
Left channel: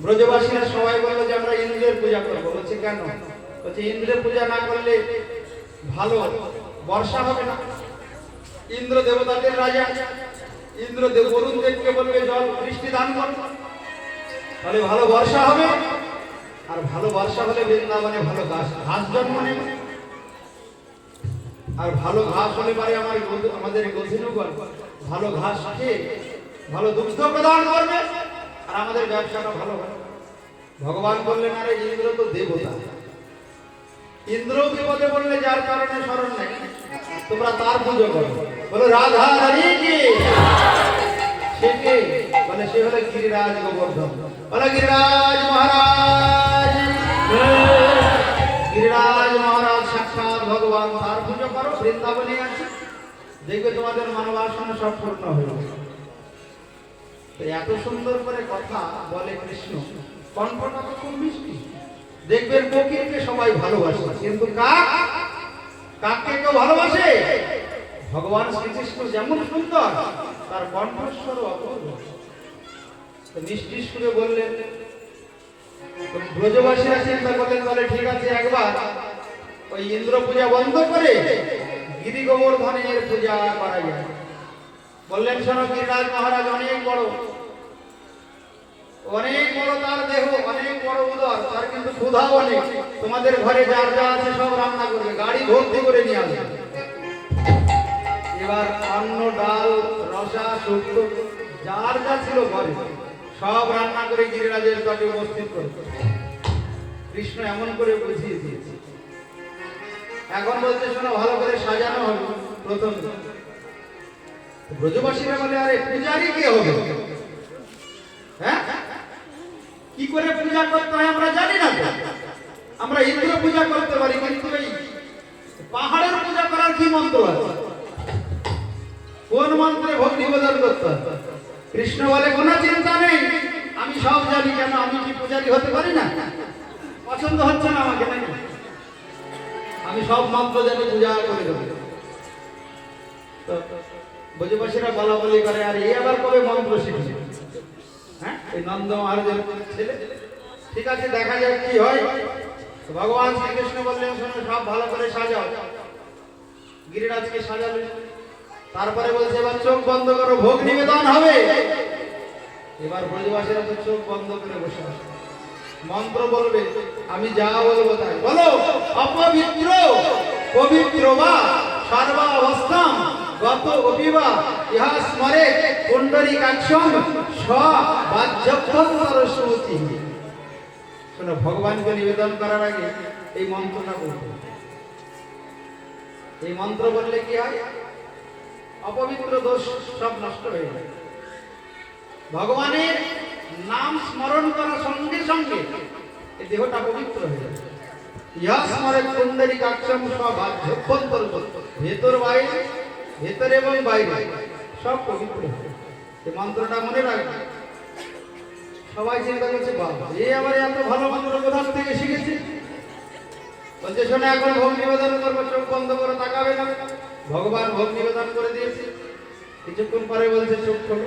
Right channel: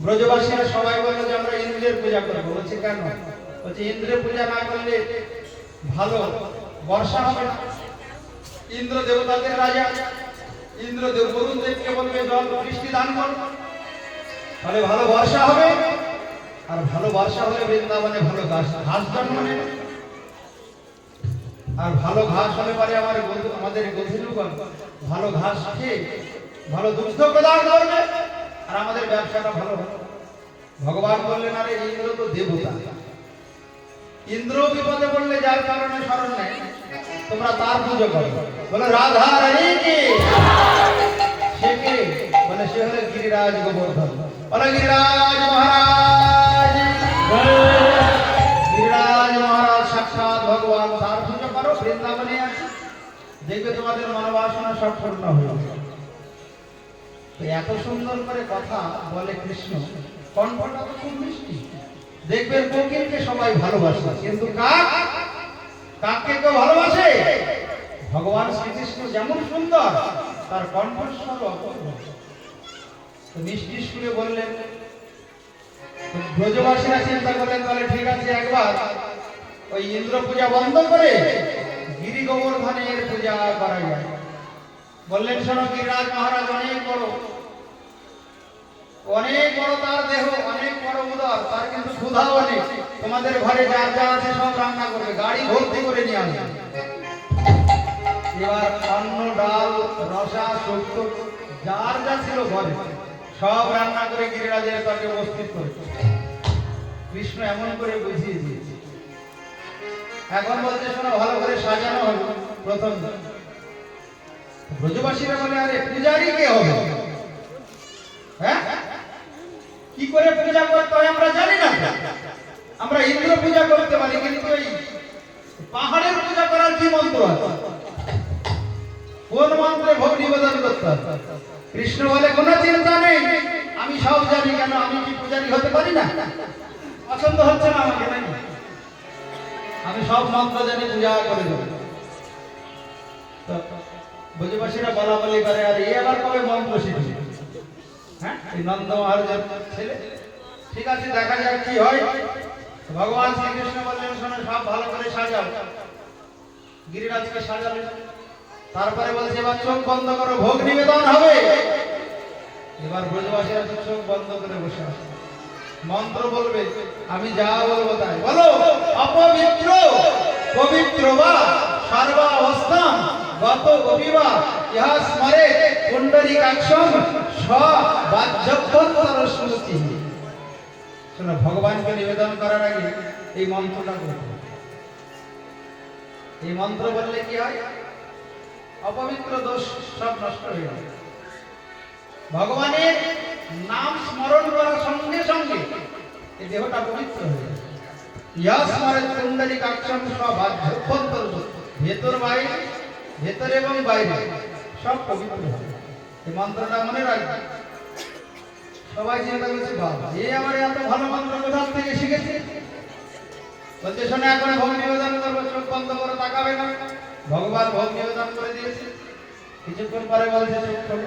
ব্রজবাসীরা সবাই বলল যে আমরা ইন্দ্রের পূজা করবো। বলছে কেন? বলছে ইন্দ্রের পূজা না করলে ভালো বর্ষা হবে না। ইন্দ্র দেবতাদের রাজা, ইন্দ্র বরুণ দেবকে বলবে জল বৃষ্টি দান কর, তাহলে ভালো বর্ষা হবে। আর ভালো বর্ষা হলে বৃন্দাবনে ভালো ঘাস জন্ম নেবে। আর ভালো ঘাস হলে পরে আমাদের গধূলিগণ ভালো ঘাস খেয়ে ভালো দুগ্ধ প্রদান করবে, আর আমাদের ব্যবসাটা ভালো হবে। ভগবান বললেন, আরে ইন্দ্র তো দেবতা, ইন্দ্র বিপদে পড়লে যার কারণে শরণ নেয়, তোমরা তার পুজো করো। বলে রাধা রানী কি? সে কে? বলে সে হলো গিরিরাজ গোবর্ধন। বলে গিরিরাজ মহারাজ, গিরিরাজ মহারাজ সাক্ষাৎ ভগবান, তার পুজো করো। বৃন্দাবনে আছে, দেখবে তোমাদের মনোবাসনা সব পূর্ণ হয়ে যাবে। তো এত সুন্দর করে কথা বলে কৃষ্ণ, কণ্ঠটা তো খুব মিষ্টি। দেখবেন কোকিলকে সবাই ভালোবাসে, কিন্তু কাককে কেউ ভালোবাসে? ভগবান শ্রীকৃষ্ণ যেমন সুন্দর, তার কণ্ঠস্বর অপূর্ব। মিষ্টি সুরে বললেন। ব্রজবাসীরা চিন্তা করলেন, বলে ঠিক আছে, একবার ওই ইন্দ্র পূজা বন্ধ করে গিরি গোবর্ধনের পূজা করা যায়। বললেন, শোনো, গিরিরাজ মহারাজ অনেক বড়, তার দেহ, অনেক বড় উদর, তার কিন্তু ক্ষুধা অনেক। তোমাদের ঘরে যা যা আছে সব রান্না করবে, গাড়ি ভর্তি করে নিয়ে আসবে। এবার অন্ন, ডাল, রসা, শুক্তো যার যা ছিল ঘরে সব রান্না করে গিরিরাজের কাছে উপস্থিত করে কৃষ্ণ এমন করে বুঝিয়ে দিয়েছে। এখন বলতে শোনো, ভালো করে সাজানো হলো। প্রথম ব্রজবাসীরা বলে আরে পূজারি কে হবে? হ্যাঁ, কি করে পূজা করতে হয় আমরা জানি না তো। আমরা ইন্দ্র পূজা করতে পারি, কিন্তু এই পাহাড়ের পূজা করার কি মন্ত্র আছে? কোন মন্ত্রে ভোগ নিবেদন করতে হয়? কৃষ্ণ বলে কোনো চিন্তা নেই, আমি সব জানি। কেন, আমি কি পূজারি হতে পারি না? পছন্দ হচ্ছে না আমাকে নাকি? আমি সব মন্ত্র জানি, পূজা করে দেবো। তো ব্রজবাসীরা বলা বলি করে, আর এই আবার কবে মন্ত্র শিখছে? হ্যাঁ, এই নন্দ মহারাজের ছেলে। ঠিক আছে, দেখা যাক কি হয়। তো ভগবান শ্রীকৃষ্ণ বললেন, শোনো, সব ভালো করে সাজাও। গিরিরাজকে সাজালো। তারপরে বলছে, এবার চোখ বন্ধ করো, ভোগ নিবেদন হবে। এবার ব্রজবাসীরা তো চোখ বন্ধ করে বসে আছে। মন্ত্র বলবে, আমি যা বলবো তাই। বলো, অপবিত্র পবিত্র বা সর্বাবস্থাম গত অপিবা ইহা স্মরে পুণ্ডরীকাক্ষম স্ববাজ্যন্তর স্মৃতি। শোনো, ভগবানকে নিবেদন করার আগে এই মন্ত্রটা বলতে হবে। এই মন্ত্র বললে কি হয়? অপবিত্র দোষ সব নষ্ট হয়ে যায়। ভগবানের নাম স্মরণ করার সঙ্গে সঙ্গে এই দেহটা পবিত্র হয়ে যায়। ইহা স্মরে পুণ্ডরীকাক্ষম স্ববাজ্যন্তর, ভেতর বাইরে, ভেতরে এবং বাইরে সব পবিত্র। এই মন্ত্রটা মনে রাখবে। সবাই চিন্তা করছে, বাবা এ আবার এত ভালো মন্ত্র কোথা থেকে শিখেছে? বলতে, শোনো, এখন ভোগ নিবেদন করবো, চোখ বন্ধ করো, তাকাবে না। ভগবান ভোগ নিবেদন করে দিয়েছে। কিছুক্ষণ পরে বলছে, চোখ খোলো।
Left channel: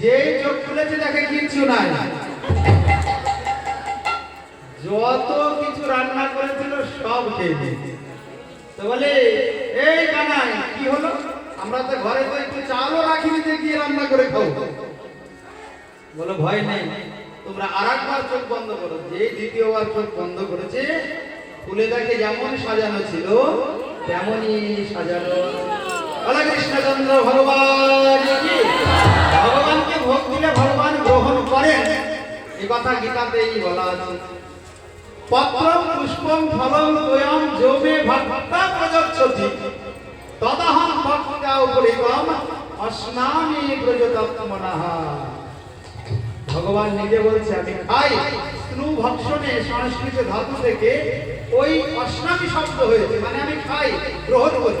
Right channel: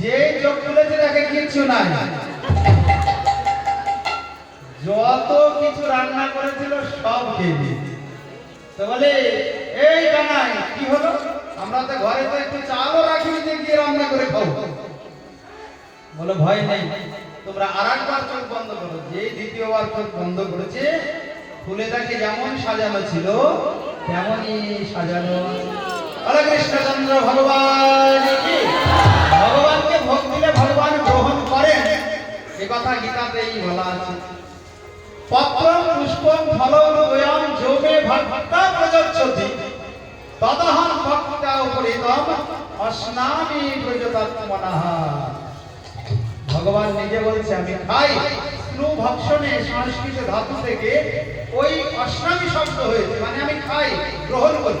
যে চোখ খুলেছে দেখে কিচ্ছু নাই। যত কিছু রান্না করেছিল সব খেয়ে দিয়েছে। তো বলে, এই কানাই কি হলো? আমরা তো ঘরে তো একটু চালও রাখিনি যে গিয়ে রান্না করে খাবো। বলো, ভয় নেই, তোমরা আরেকবার চোখ বন্ধ করো। যে দ্বিতীয়বার চোখ বন্ধ করেছে, খুলে দেখে যেমন সাজানো ছিল তেমনই সাজানো। বলে কৃষ্ণচন্দ্র ভগবান কি? ভগবানকে ভোগ দিলে ভগবান গ্রহণ করেন, এ কথা গীতাতেই বলা আছে। পত্রম পুষ্পম ফলম তোয়ম যোগে ভক্তা প্রযচ্ছতি তদহং ভক্তা উপরিতম অস্নামি ব্রজতত্ত্বমনঃ। ভগবান নিজে বলছে, আমি খাই। স্নু ভক্ষণে সংস্কৃত ধাতু থেকে ওই অস্নামি শব্দ হয়েছে, মানে আমি খাই, গ্রহণ করি।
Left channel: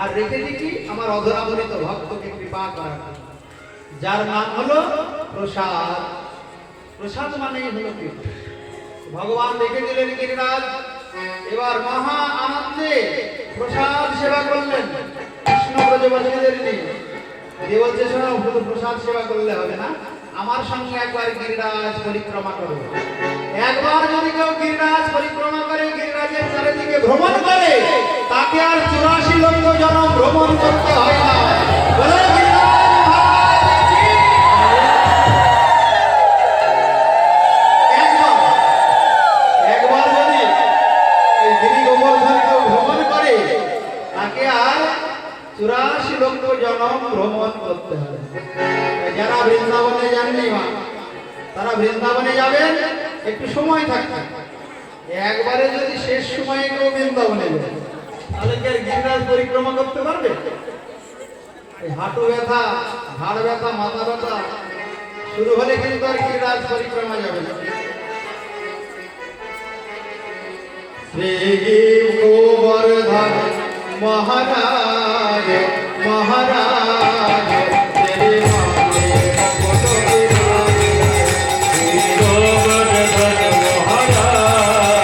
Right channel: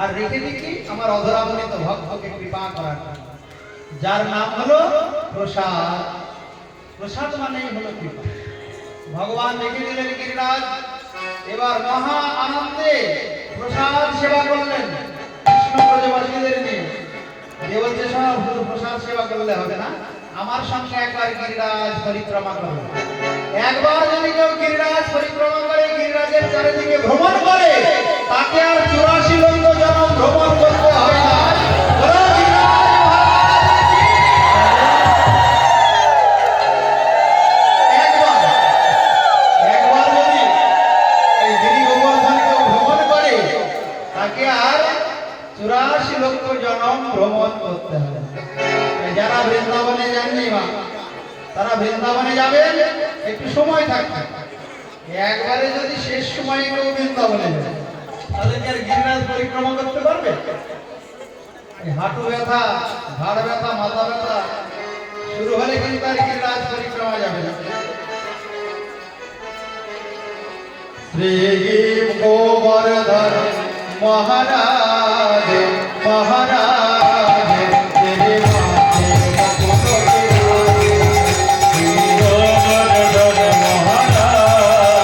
আর রেখে দেখি আমার অধরাধরিত ভক্তকে কৃপা করার, যার নাম হলো প্রসাদ। প্রসাদ মানেই হলো কৃপা। ভগবান রেখে দিলেন গিরিরাজ। এবার মহা আনন্দে প্রসাদ সেবা করলেন কৃষ্ণ ব্রজবাসীদের নিয়ে। যে বলছে, শোনো, শুধু প্রসাদ সেবা করলে হবে না, আমার সঙ্গে একবার গিরিরাজ পরিক্রমা করো। একবার যদি কেউ গিরিরাজ পরিক্রমা করে, গিরিরাজের চারিদিকে ভ্রমণ করে, তাকে আর 84 লক্ষ জন্ম ভ্রমণ করতে হয় না। বলো গিরিরাজ মহারাজ কি? একবার যদি এই গিরি গোবর্ধন কেউ ভ্রমণ করে, তাকে আর 84 লক্ষ জন্ম ভ্রমণ করতে হবে। যারা বৃন্দাবনে যাননি মা, তারা বৃন্দাবনে যাবেন, একটু সময় থাকবে। একবারে যদি শেষ সময়ে কেউ বৃন্দাবনে যাবে, তাহলে কি আর গিরিরাজ পরিক্রমা করতে পারবে? এই হাঁটু ব্যথা, ঘাড় ব্যথা, মাথা ব্যথা শুরু হলে কিন্তু আর গিরিরাজ পরিক্রমা যাবে না। শ্রী গোবর্ধন মহারাজ মহারাজ তেরে মাथे গোবর্ধন মহারাজ,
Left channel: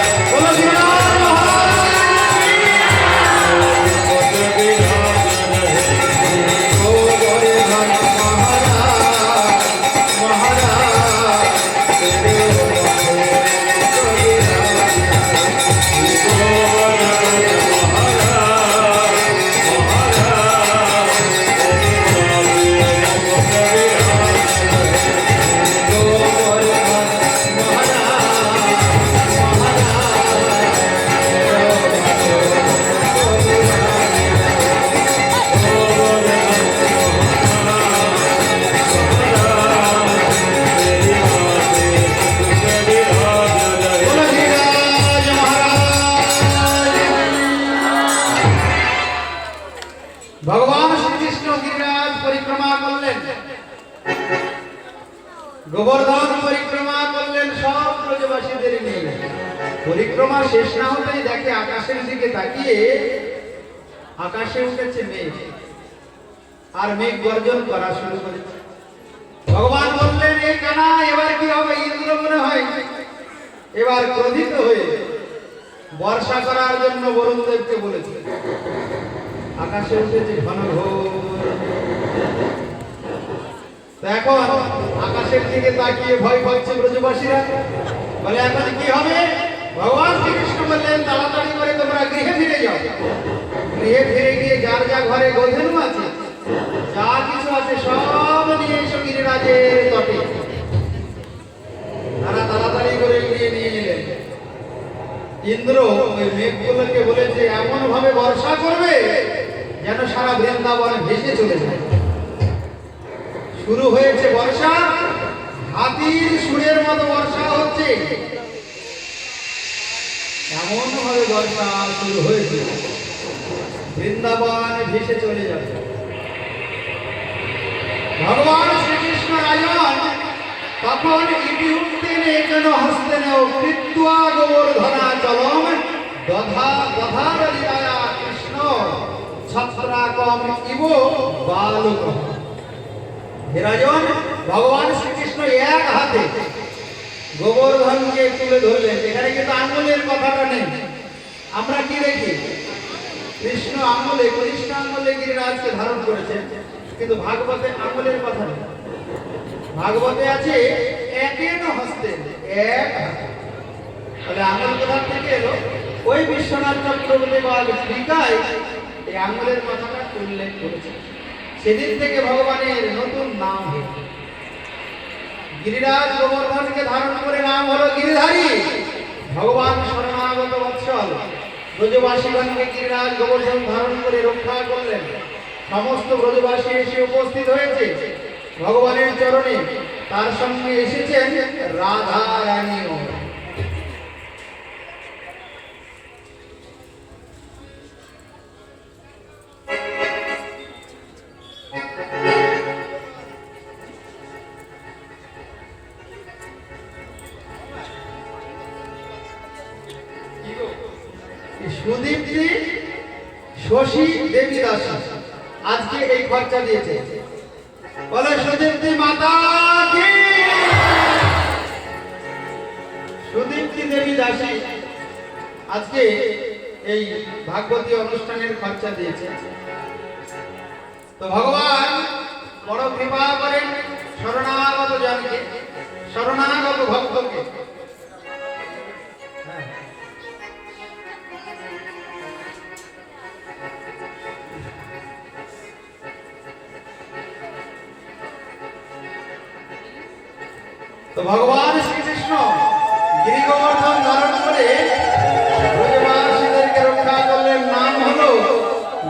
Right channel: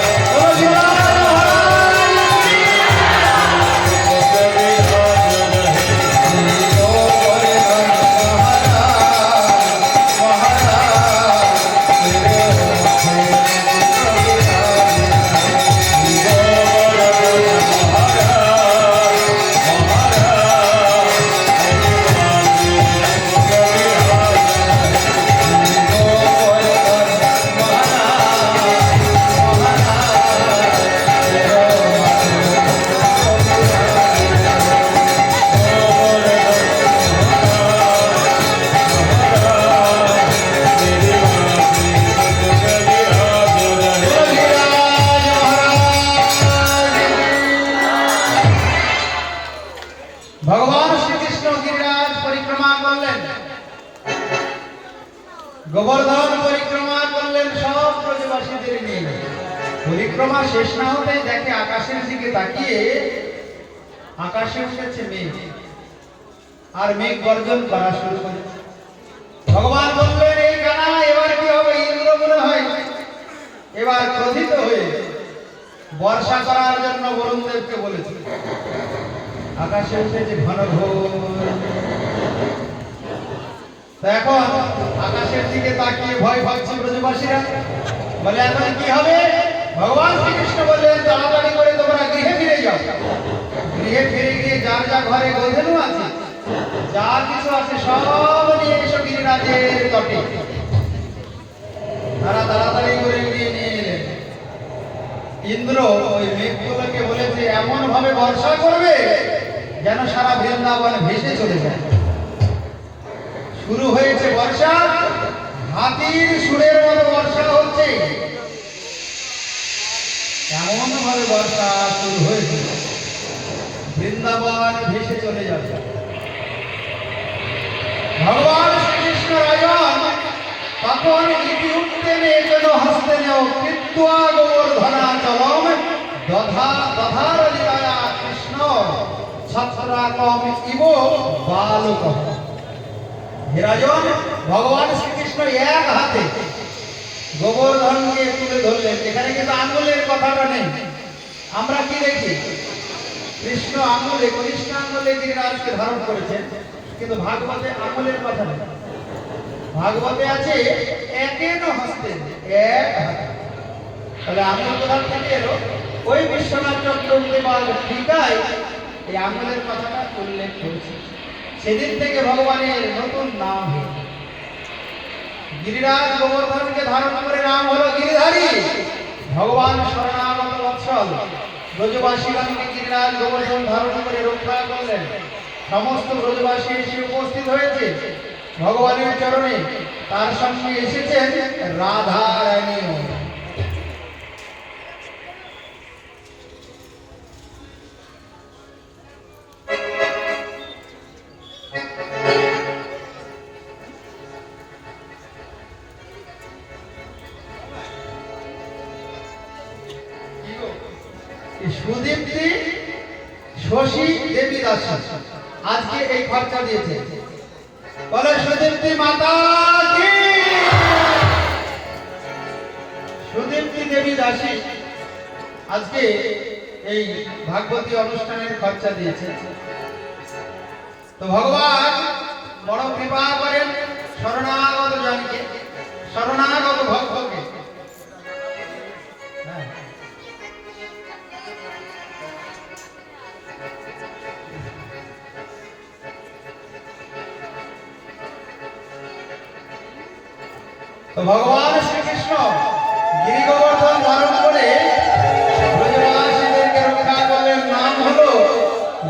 গোবর্ধন মহারাজ মহারাজ তেরে গোবর্ধন মহারাজ, মহারাজ গোবর্ধন পরিক্রমা করলেন সব ব্রজবাসীদের নিয়ে। পরিক্রমা শেষ না হতেই দেখে আকাশের দিকে তাকিয়ে আকাশে উঠেছে মেঘ, আর মেঘ গর্জন করা শুরু করেছে। ভগবান বললেন, এই কানা এবার কি হবে? ইন্দ্র মনে হয় এবার ক্রোধিত হয়ে বর্ষা করার জন্য বরুণ দেবকে বলেছে। আকাশে উঠেছে ঘন ঘোর। তো এখন আকাশের দিকে তাকিয়ে ভয় পাচ্ছে ব্রজবাসীরা, বলে এখন কি হবে? ভগবান শ্রীকৃষ্ণ বললেন, তাড়াতাড়ি করে তোমরা গৃহে ফিরে যাও। গৃহে ফিরে গিয়ে যার যা ঘরে গোধেনু আছে, যা কিছু আছে সব নিয়ে এসো গিরিরাজের তটে। তারা তাড়াতাড়ি করে গিয়ে নিয়ে এলেন। ইন্দ্র ওই মেঘগুলোকে বলেছে এমন ভাবে বর্ষা করবে যেন সারা বৃন্দাবন ভেসে চলে যায়। শুরু হয়েছে বর্ষা, হাতির সুরের মতো বর্ষা হচ্ছে। এমন ভাবে বর্ষা শুরু হয়েছে বৃন্দাবন ভেসে চলে যাবে। ভগবান শ্রীকৃষ্ণ রাজন তখন ইতি উঠতেন যেন হস্তে নেও কৃত্বা গোবর্ধনা চলম দধার লীলায়া কৃষ্ণ ছত্রাকম ইব বালক। হে রাজন, ভগবান শ্রীকৃষ্ণ এক হাতে গোবর্ধনকে তুলে ধরলেন। এখানে কিন্তু আঙ্গুলের কথাটা নেই। আমরা কি দেখি? কৃষ্ণ আঙ্গুলে গিরিরাজকে ধারণ করেছেন, কিন্তু ভাগবতে আঙ্গুলের কথা নেই। ভাগবতে আছে একেন হস্তে, এক হাতে। তাহলে আঙ্গুল কোথা থেকে এলো? ওই বিশ্বনাথ চক্রবর্তী বা টিকায় এই আঙ্গুলের কথাটা উল্লেখ করেছে। সেদিন থেকে ভগবানের নতুন নাম হলো গিরিরাজ। গোবর্ধনকে ধারণ করে নাম হলো গিরিধারী। ভগবান শরণাগত বৎসল ব্রজবাসীগণকে গিরিরাজ গোবর্ধন ধারণ করে রক্ষা করলেন। সমস্ত ব্রজবাসী এসে উপস্থিত হয়েছে ভগবানের চরণে। তার সঙ্গে এসেছেন রাধা রানীও। সুদীপ্তি শশী দেবী দাস আজকে এই খরচা দিয়েছে। বলে সুদীপ্তি মাতা কি? সুদীপ্তি দেবী দাসী আজকে এই ভাগবতী অনুষ্ঠানের খরচা দিয়েছে। তো ভগবান বড় কৃপা করেন শরণাগত জনকে, শরণাগত ভক্তকে। তো ভগবান শ্রীকৃষ্ণ গিরি গোবর্ধন ধারণ করে ব্রজবাসীদেরকে রক্ষা করলেন। নাম হলো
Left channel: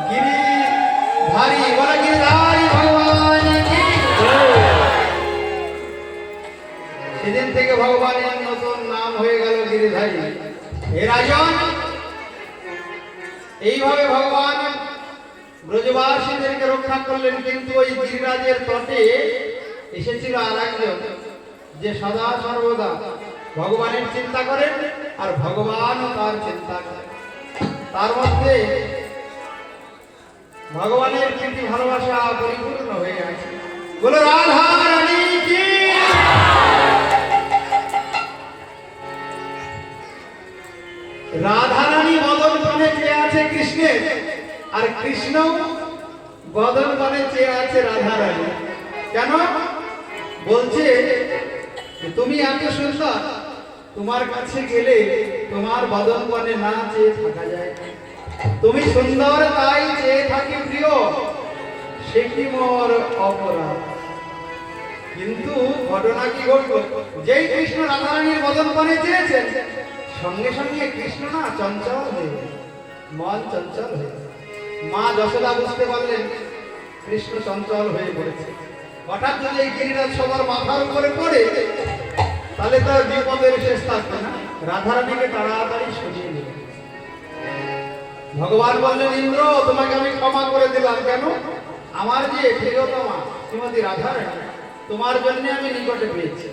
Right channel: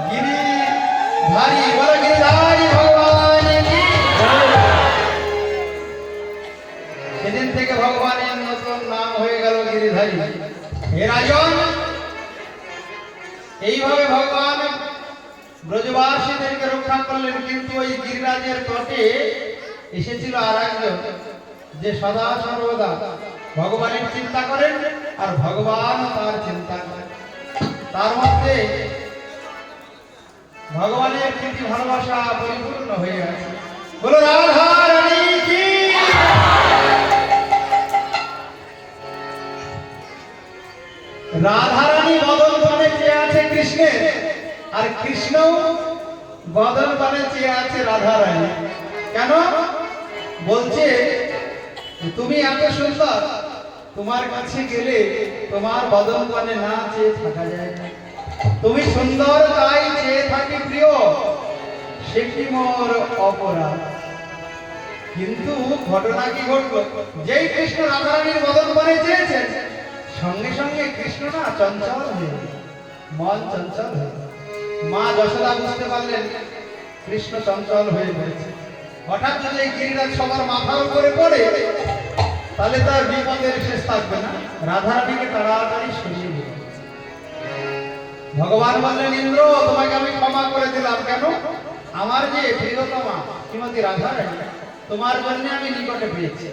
গিরিধারী। বলে গিরিধারী ভগবান কি? সেদিন থেকে ভগবানের নতুন নাম হয়ে গেল গিরিধারী। হে রাজন, এইভাবে ভগবান ব্রজবাসীদেরকে রক্ষা করলেন। কিন্তু ওই গিরিরাজের তটে এসেছিল আর একজন, যে সদা সর্বদা ভগবানের চিন্তা করেন আর ভগবান তার চিন্তা করেন। তার মধ্যে ভগবানের প্রীতি ভালোবাসা পরিপূর্ণ হয়ে আছে। বলো রাধা রানী কি? রাধা রানী বদন বনে চেয়ে আছে কৃষ্ণের, আর কৃষ্ণ বদন বনে চেয়ে আছে রাধা রানী। কেন? বলছে তুমি এত সুন্দর, তোমার কাছে গেলে তোমার বদন বনে না চেয়ে থাকা যায় না। তুমি সুন্দর তাই চেয়ে থাকি প্রিয়, সে কি মোর অপরাধ। কিন্তু ঘটনা কি ঘটলো? যেই কৃষ্ণ রাধারানীর বদন বনে চেয়েছেন, সঙ্গে সঙ্গে কৃষ্ণ না চঞ্চল হয়ে, মন চঞ্চল হয়ে। মা যশোদা বুঝতে পারলেন কৃষ্ণ চঞ্চল হয়ে পড়েছে। হঠাৎ যদি এই গিরিরাজ সবার মাথার উপরে পড়ে, তাহলে তার বিপদের শেষ থাকবে না। রাধারানীকে তাড়াতাড়ি সরিয়ে দিল। ভগবান বললেন, ইন্দ্র তোমাকে আমি ক্ষমা করে দিলাম। কেন? আমার যে প্রিয়তমা শ্রীমতী রাধারানী, তোমার জন্য আমি নিকটে পেয়েছি।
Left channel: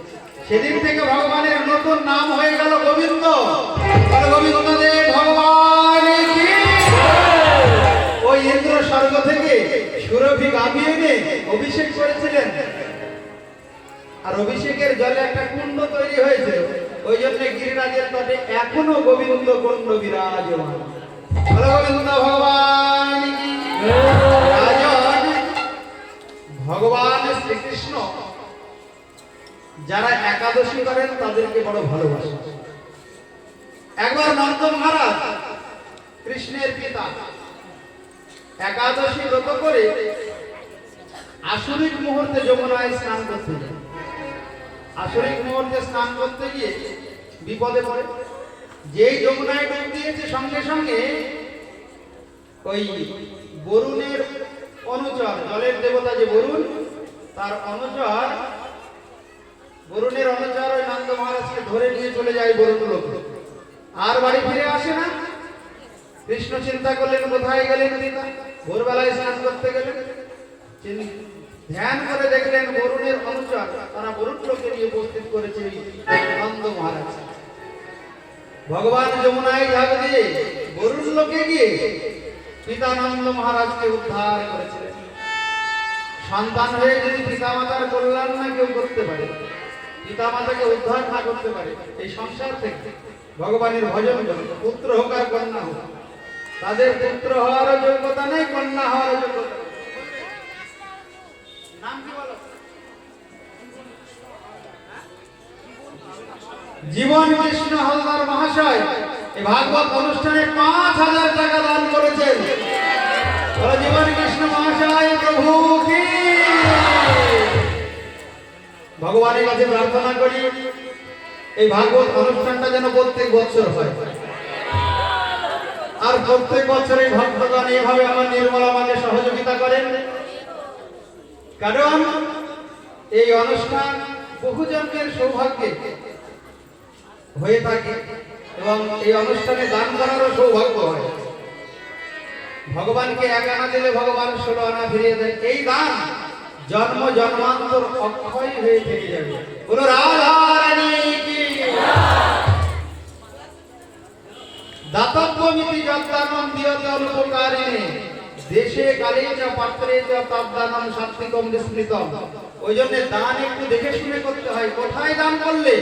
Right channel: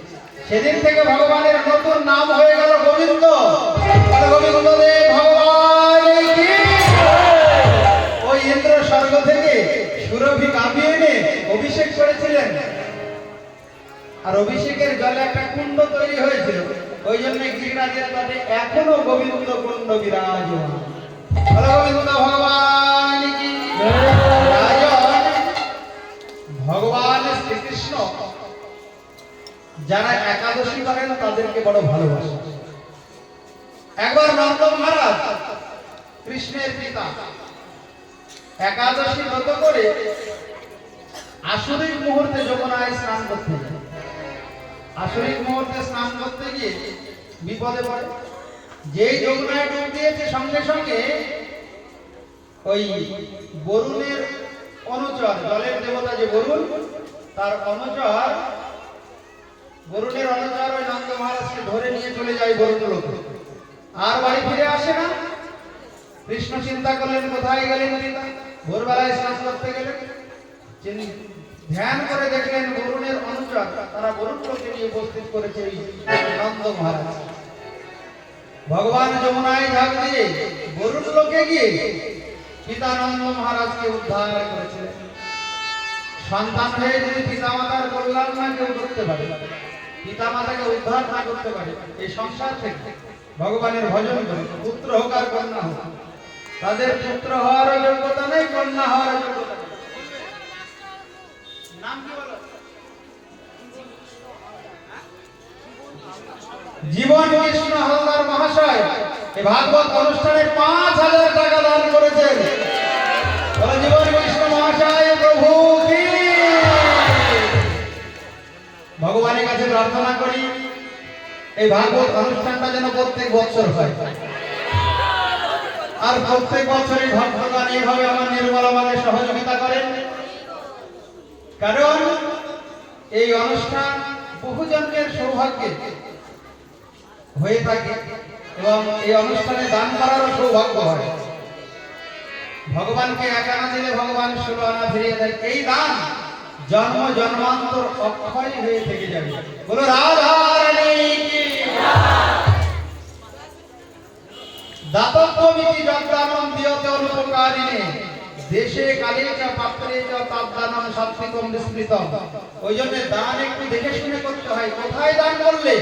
সেদিন থেকে ভগবানের নতুন নাম হয়ে গেল গোবিন্দ। বলো গোবিন্দ দেব ভগবান কি? ওই ইন্দ্র স্বর্গ থেকে সুরভি গাভী এনে অভিষেক করেছিলেন, আর অভিষেকের জলে একটা কুণ্ড তৈরি হয়েছিল। ওই জন্য গিরিরাজের তটে এখনো গোবিন্দ কুণ্ড বিরাজমান। বলো গোবিন্দ ভগবান কি? রাজন ভগবান শ্রীকৃষ্ণ যারা একাদশী করেন তাদেরকে বড় ভালোবাসেন। একবার নন্দ মহারাজ কৃষ্ণের পিতা একাদশী ব্রত করে আসরিক মুহূর্তে যমুনায় স্নান করতে যায়। আসরিক মুহূর্তে স্নান করতে গিয়ে বিপদে পড়ে। যেই যমুনায় ডুব দিয়েছে সঙ্গে সঙ্গে ওই বরুণের অনুচর, জলের দেবতা যে বরুণ, তার অনুচর, বরুণের অনুচর ওই নন্দ মহারাজকে ধরে নিয়ে চলে যায় বরুণ লোকে। আর বাড়ি ফিরে আসে না। কৃষ্ণ চিন্তা করলেন কোথায় গেলেন পিতা। ভোরবেলায় স্নান করতে গেলেন, ধ্যান করে দেখলেন বরুণের অনুচর তারা বরুণ লোকে নিয়ে উপস্থিত করেছে নন্দ মহারাজ। ভগবান যমুনায় ঝাঁপ দিয়ে বরুণ লোকে গিয়ে পিতা নন্দ মহারাজকে উদ্ধার করেছিলেন। সন্তান হয়ে যদি পিতা মাতার কল্যাণ না কেউ করতে পারে, পিতা মাতাকে উদ্ধার না করতে পারে এই সংসার থেকে, ভগবানের ভজন করে পুত্র হোক আর কন্যা হোক, তাদের পুত্র হওয়ারও যোগ্যতা নেই, কন্যা হওয়ার যোগ্যতা নেই। নাম কি বলো? জীবন কৃষ্ণ হলদার মহাশয় এই ভাগবত অনুষ্ঠানে ৫,০০০ টাকা দান করেছেন। জীবন কৃষ্ণ মহাশয় প্রভু কি? ভগবানের কাছে প্রার্থনা করি এই ভাগবত অনুষ্ঠানটা যেন প্রত্যেক বছর হয়, আর প্রত্যেক বছরে ভক্তগণ এইভাবে আমার নির্মল আমাকে সহযোগিতা করেন। কারণ এই অনুষ্ঠান বহু জনের সৌভাগ্যে হয়ে থাকে এবং এই অনুষ্ঠানে দান করারও সৌভাগ্য হয়। ভগবানকে ১ আনা দিলে ভগবান ১৬ আনা ফিরিয়ে দেন। এই দান জন্ম জন্মান্তর অক্ষয় হয়ে থেকে যাবে। বলো রাধা রানী কি? দাতব্যমিতি যদ্দানম দিয়তে অনুপকারিণে দেশে কালে চ পাত্রে চ তদ্দানম সাত্বিকম বিস্মৃতম। ওই জন্য দান একটু দেখে শুনে করতে হয়। কোথায় দান করলে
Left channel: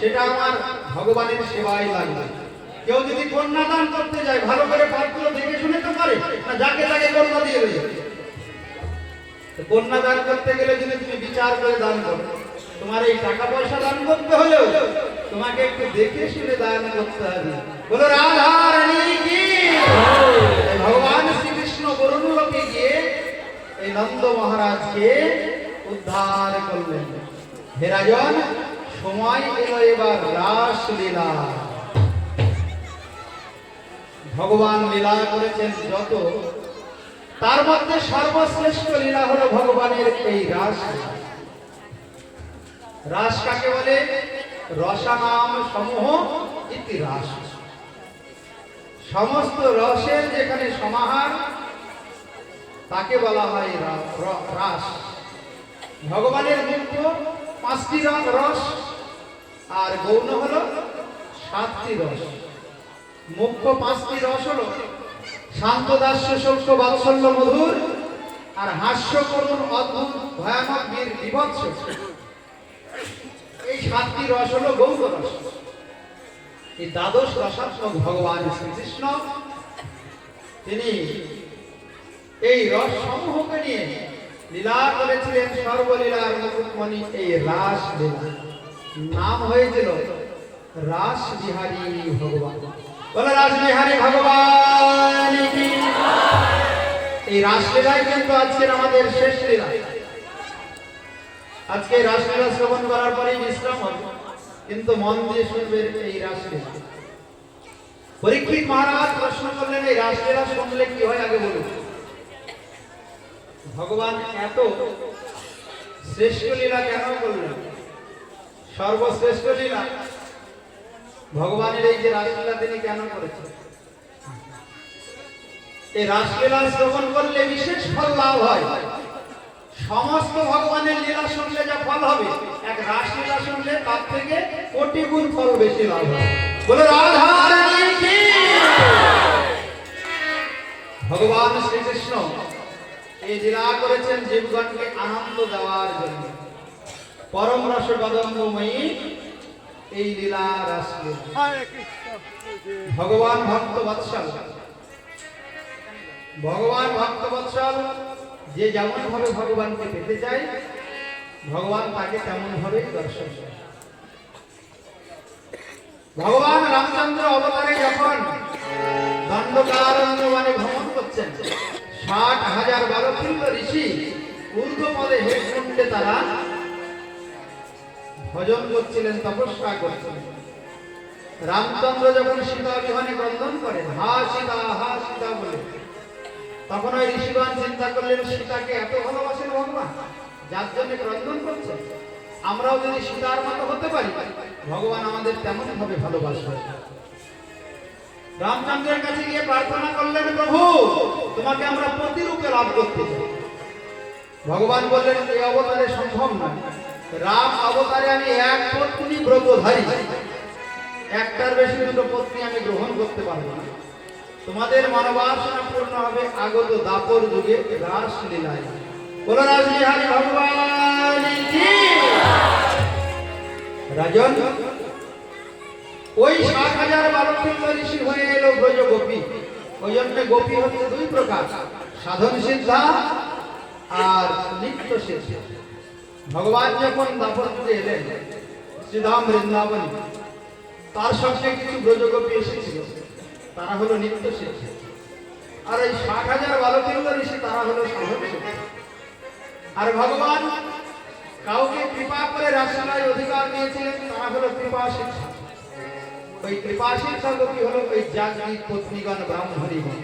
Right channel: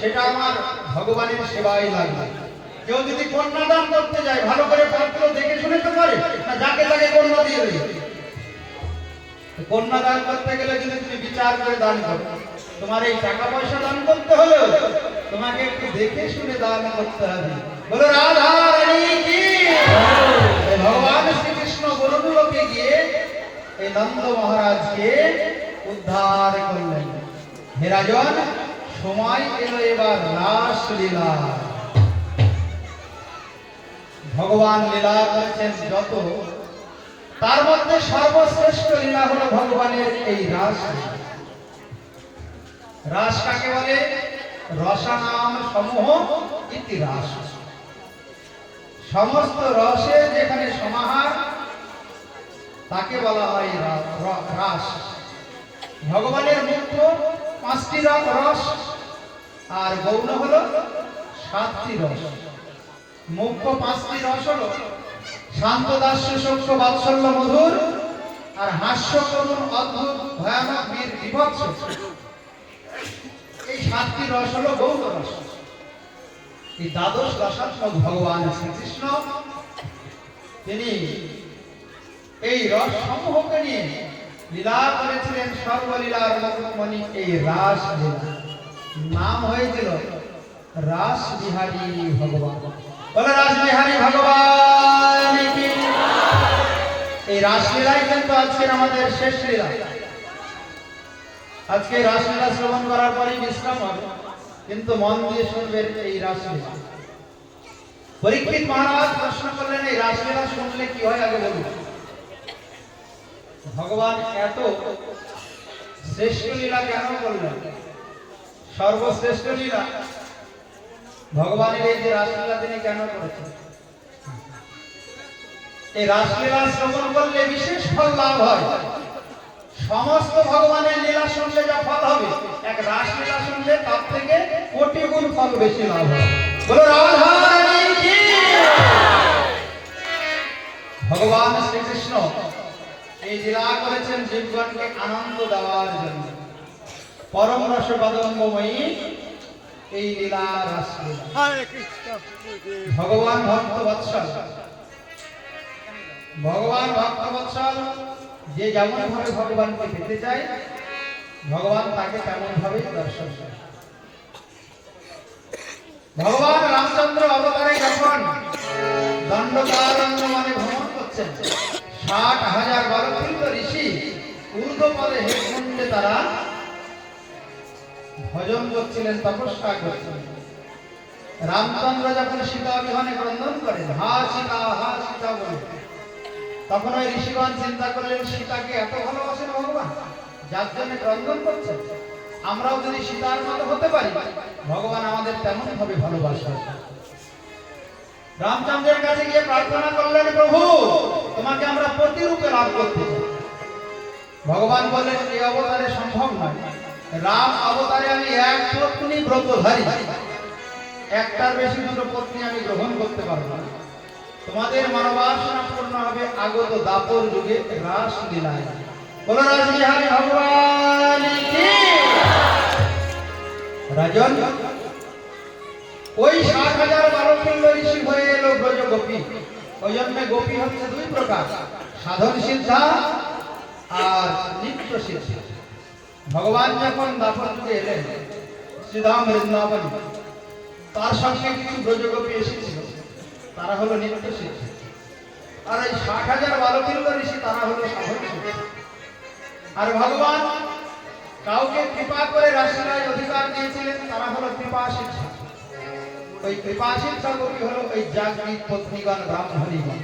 সেটা আমার ভগবানের সেবায় লাগবে। কেউ যদি কন্যা দান করতে যায় ভালো করে পাত্র দেখে শুনে তো করে না, যাকে তাকে কন্যা দিয়ে দেয়। কন্যা দান করতে গেলে যদি তুমি বিচার করে দান করো, তোমার এই টাকা পয়সা দান করতে হলেও তোমাকে একটু দেখে শুনে দান করতে হবে। বলো রাধা রানী কি? ভগবান শ্রীকৃষ্ণ বরুণ লোকে গিয়ে এই নন্দ মহারাজকে উদ্ধার করলেন। হে রাজন, সময় এলো এবার রাসলীলা। ভগবান লীলা করেছেন যত, তার মধ্যে সর্বশ্রেষ্ঠ লীলা হলো ভগবানের এই রাস। রাস কাকে বলে? রসানাম সমূহ ইতি রাস। সমস্ত রসের যেখানে সমাহার তাকে বলা হয় রাস। ভগবানের মুখ্য ৫টি রস আর গৌণ হলো ৭টি রস। মুখ্য ৫টি রস হলো শান্ত দাস্য শোক বাৎসল্য মধুর, আর হাস্য করুণ অদ্ভুত ভয়ানক বীর বিভৎস। এই ৭টি রস হলো গৌণ রস। এই দ্বাদশ রসাত্মক ভগবান শ্রীকৃষ্ণ তিনি এই রস সমূহকে নিয়ে লীলা করেছিলেন। সর্বলীলার মুকুটমণি এই রাস লীলা। নাম হয়েছিল রাস বিহারী ভগবান। বলো রাস বিহারী ভগবান কি? এই রাসলীলাই কিন্তু আজকের আমাদের শেষ লীলা। আজকে রাসলীলা শ্রবণ করার পরেই বিশ্রাম হবে, কিন্তু মন দিয়ে শুনবেন এই রাসলীলা। পরীক্ষিত মহারাজ প্রশ্ন করলেন এই রাসলীলা শুনলে কি হয় আগে বলুন। ভগবান এত শ্রেষ্ঠ লীলা কেন করলেন? সর্বশ্রেষ্ঠ লীলা ভগবানের এই যে রাসলীলা তিনি কেন করেছেন? এই রাসলীলা শ্রবণ করলে বিশেষ ফল লাভ হয়। সমস্ত ভগবানের লীলা শুনলে যা ফল রাসলীলা শুনলে তার থেকে কোটি গুণ ফল বেশি লাভ হয়। বলে রাধা রানী কি? ভগবান শ্রীকৃষ্ণ এই লীলা করেছেন জীবগণকে আনন্দ দেওয়ার জন্য। পরম রসবাদম্বময়ী এই লীলা রাসলীলা। ভগবান ভক্ত বৎসল, ভগবান ভক্ত বৎসল যে যেমন ভাবে ভগবানকে পেতে চায় ভগবান তাকে তেমন ভাবে দর্শন করে। ভগবান রামচন্দ্র অবতারে যখন দণ্ডকারণ্য মানে ভ্রমণ করছেন 60,000 বালকৃত ঋষি ঊর্ধ্বপদে হেমকুণ্ডে তারা ভজন করছিলেন, তপস্যা করছিলেন। রামচন্দ্র যখন সীতা বিমানে ক্রন্দন করেন হা সীতা বলে, তখন ওই ঋষিগণ চিন্তা করলেন সীতাকে এত ভালোবাসেন ভগবান যার জন্য ক্রন্দন করছেন, আমরাও যদি সীতার মতো হতে পারি ভগবান আমাদের তেমন ভাবে ভালোবাসেন। রামচন্দ্রের কাছে গিয়ে প্রার্থনা করলেন প্রভু তোমাকে আমরা প্রতিরূপে লাভ করতে চাই। ভগবান বললেন এই অবতারে সম্ভব নয়, রাম অবতারে আমি এক পত্নী ব্রতধারী, একটার বেশি দুটো পত্নী আমি গ্রহণ করতে পারবো না। তোমাদের মনোবাসনা পূর্ণ হবে আগত দাপর যুগে রাসলীলায়। বলো রাসবিহারী ভগবান কি? রাজন ওই 60,000 বালকৃত ঋষি হয়ে এলো ব্রজ গোপী। ওই জন্য গোপী হচ্ছে দুই প্রকার, সাধন সিদ্ধা আর নিত্য সিদ্ধা। ভগবান যখন দাপরতে এলেন শ্রীধাম বৃন্দাবন, তার সঙ্গে কিছু ব্রজগোপী এসেছিল, তারা হলো নিত্য সিদ্ধা। আর এই 60,000 বালকৃত ঋষি তারা হলো সাধন সিদ্ধা। আর ভগবান কাউকে কৃপা করে রাসলীলায় অধিকার দিয়েছিলেন, তারা হলো কৃপা শিক্ষা। ওই কৃপা শিক্ষা গোপী হলো ওই জাগৃত পত্নীগণ ব্রাহ্মণীগণ।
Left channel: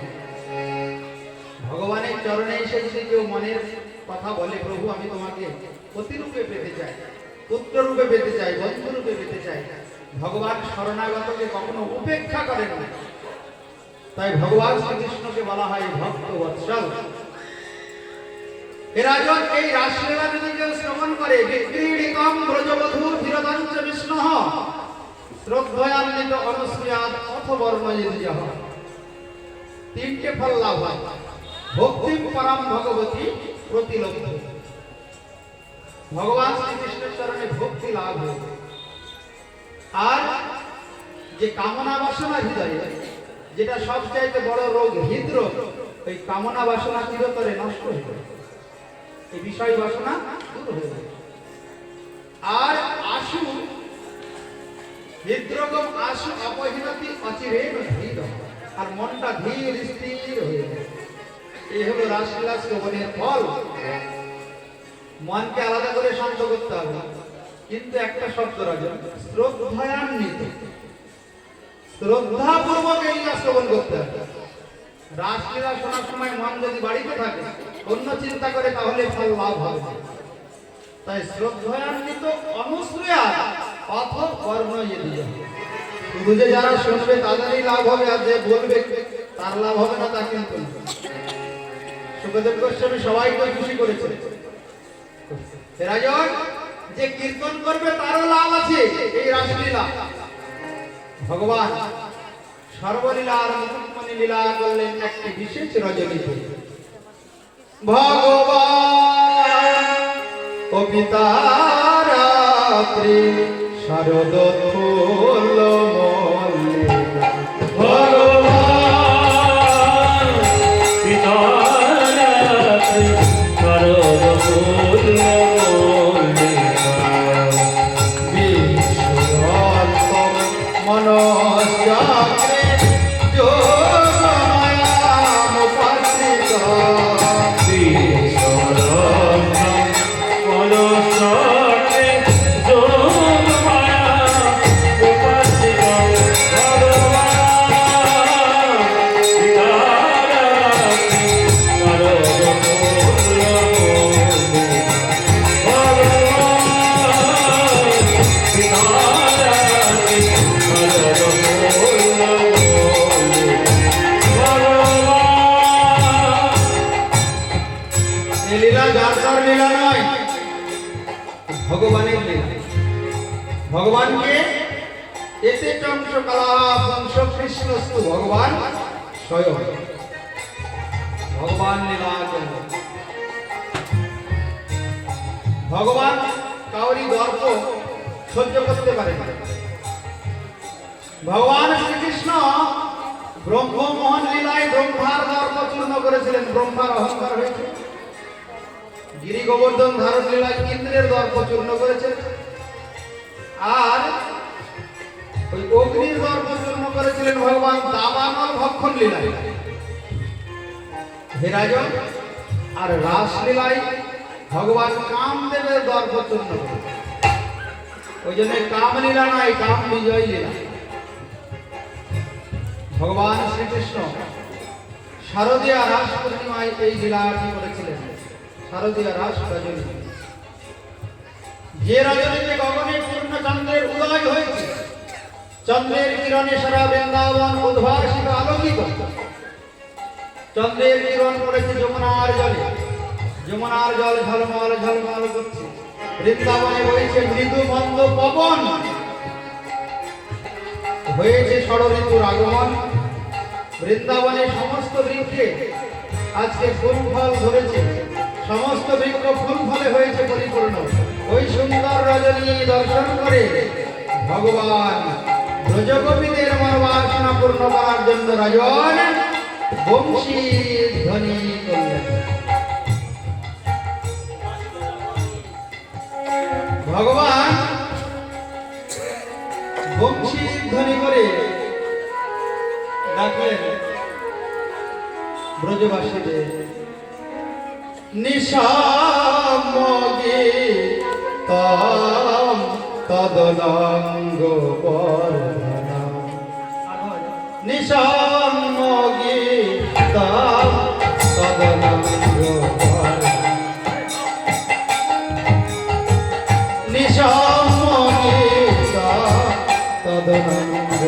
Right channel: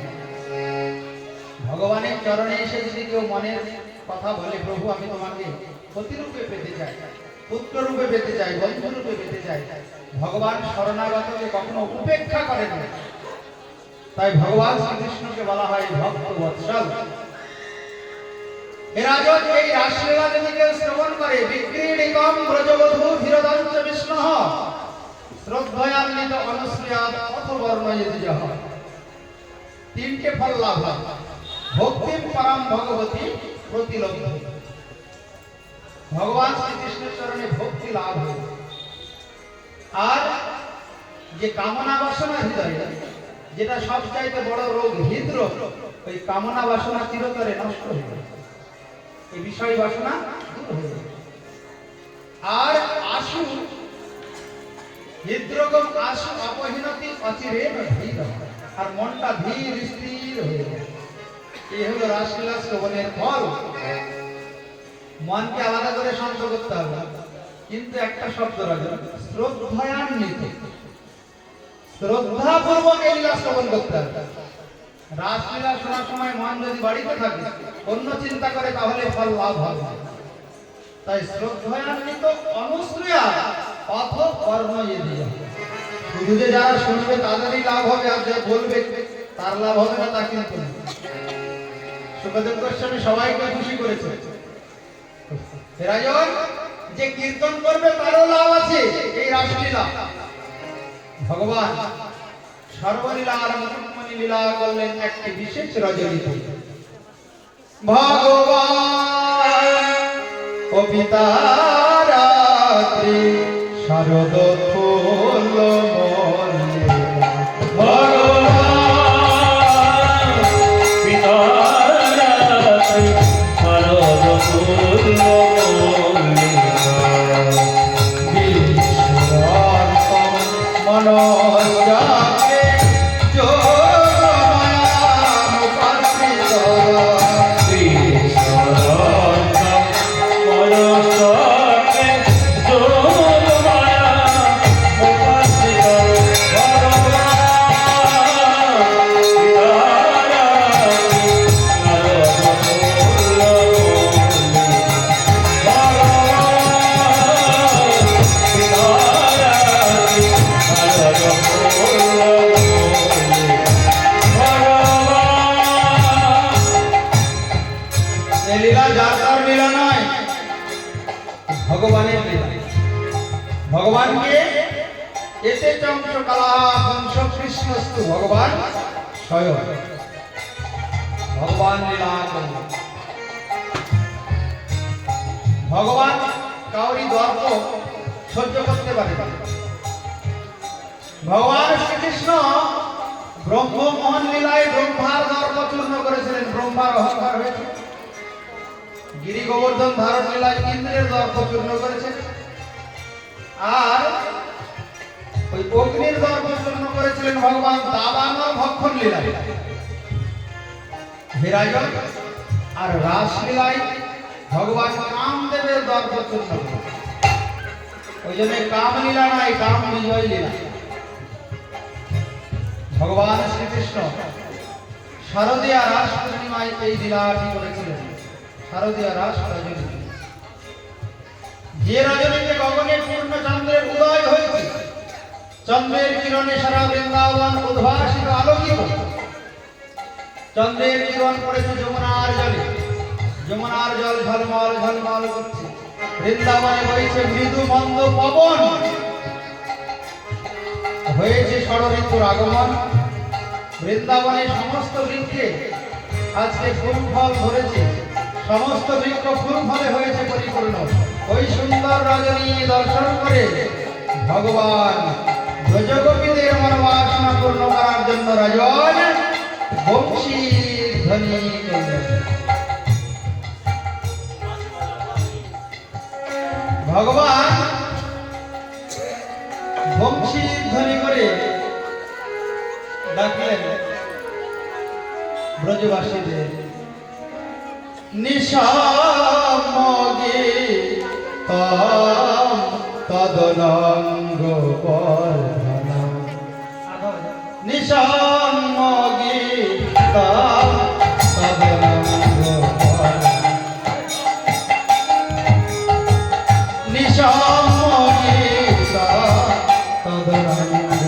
ভগবানের চরণে এসে যদি কেউ মনের কথা বলে প্রভু আমি তোমাকে প্রতিরূপে পেতে চাই, পুত্র রূপে পেতে চাই, বন্ধু রূপে পেতে চাই, ভগবান শরণাগতকে কখনো উপেক্ষা করেন না। তাই ভগবান শ্রীকৃষ্ণকে বলা হয় ভক্ত বৎসল। রাজন এই রাসলীলা যদি কেউ শ্রবণ করে বিক্রীড়িতম ব্রজবধূ ধীরদঞ্চ বিষ্ণুঃ শ্রদ্ধয়ান্বিত অনুসূয়াৎ অথবর্ণয়িতযঃ, তিনটে ফল লাভ হয়। ভক্তিম পরম ভগবতী প্রতিলব্ধ, ভগবান শ্রীকৃষ্ণের চরণে ভক্তি লাভ হয়। আর যে কামনা বাসনা হৃদয়ে, যেটা সবচাইতে বড় রোগ হৃদরোগ, ওই কামনা বাসনা চিরতরে নষ্ট হয়ে যায়, এই বিষয় বাসনা দূর হয়ে যায়। আর আশু হৃদরোগম আশু অপহীনতি অচিরেণ হৃদ, আর মনটা ধীর স্থির হয়ে যায়। এই হলো রাসলীলা শ্রবণের ফল। মনকে আলাদা করে শান্ত করতে হবে, কিন্তু একটা শব্দ রাখবেন শ্রদ্ধান্বিত, শ্রদ্ধাপূর্বক এই লীলা শ্রবণ করতে হবে। রাসলীলা শোনার সময় মন যদি বাড়িতে থাকে অন্য চিন্তা করে তাহলে ফল লাভ হবে না। তাই শ্রদ্ধান্বিত অনুসূয়া অথ কর্ণয়িতযঃ, শুধু যে যারা শুনবে তাদেরই লাভ হবে, আর যে বলবে তার লাভ হবে না তা কিন্তু না। সুখদেব গোস্বামী সবাইকে খুশি করেছে। রাজন যে কীর্তন করবে তারও লাভ আছে এই রাসলীলা। ভগবান সর্বলীলা আর মুকুটমণি লীলা করলেন একটি বিশেষ রজনীতে। ভগবান ও পিতা রাত্রি শরদ ফুল মল্লিকা, ভগবান পিতা রাত্রি শরদ ফুল মল্লিকা, বিশ্বরূপম মনশ্চাক্রে যোগমায়ামুপাশ্রিত, বিশ্বরূপম মনশ্চাক্রে যোগমায়া উপস্থিত। ভগবান পিতা রাত্রি শরদ ফুল মল্লিকা, এই লীলা যার তার লীলা নয়, ভগবানের লীলা। ভগবানকে এতে চন্দ্র কালা বংশ কৃষ্ণস্তু ভগবান স্বয়ং ভগবান লীলা করলেন। ভগবান কাউরি দর্প সহ্য করতে পারে না। ভগবান শ্রীকৃষ্ণ ব্রহ্ম মোহন লীলায় ব্রহ্মার দর্প চূর্ণ করেছিলেন, ব্রহ্মার অহংকার হয়েছিল। গিরি গোবর্ধন ধারণ লীলায় ইন্দ্রের দর্প চূর্ণ করেছেন, আর ওই অগ্নির দর্প চূর্ণ করেছিলেন ভগবান দাবানল ভক্ষণ লীলায়। হে রাজন, আর রাসলীলায় ভগবান কামদেবের দর্প চূর্ণ করেছেন। ওই জন্য কাম লীলা নাই, কাম বিজয় লীলা। ভগবান শ্রীকৃষ্ণ শারদীয়া রাস পূর্ণিমায় এই লীলাটি করেছিলেন। শারদীয়া রাস রজনী, যে রজনীতে গগনে পূর্ণ চন্দ্রের উদয় হয়েছে, চন্দ্রের কিরণে সারা বৃন্দাবন উদ্ভাসিত আলোকিত। চন্দ্রের কিরণ পড়েছে যমুনার জলে, যমুনার জল ঝলমল ঝলমল করছে। বৃন্দাবনে বইছে মৃদু মন্দ পবন, হয়েছে ষড়ঋতুর আগমন। বৃন্দাবনে সমস্ত বৃক্ষে আজকে ফুল ফল ধরেছে, সমস্ত বৃক্ষ ফুল ফলে হয়েছে পরিপূর্ণ। ওই সুন্দর রজনী দর্শন করে ভগবান ব্রজগোপীদের মনোবাসনা পূর্ণ করার জন্য রাজন বংশী ধ্বনি করলেন। ভগবান বংশী ধ্বনি করে ডাকলেন ব্রজবাসীদের, নিশামগে তাম তদনঙ্গ পরধনা, নিশামগে তাম তদনঙ্গ পরধনা, নিশামগে তাম তদনঙ্গ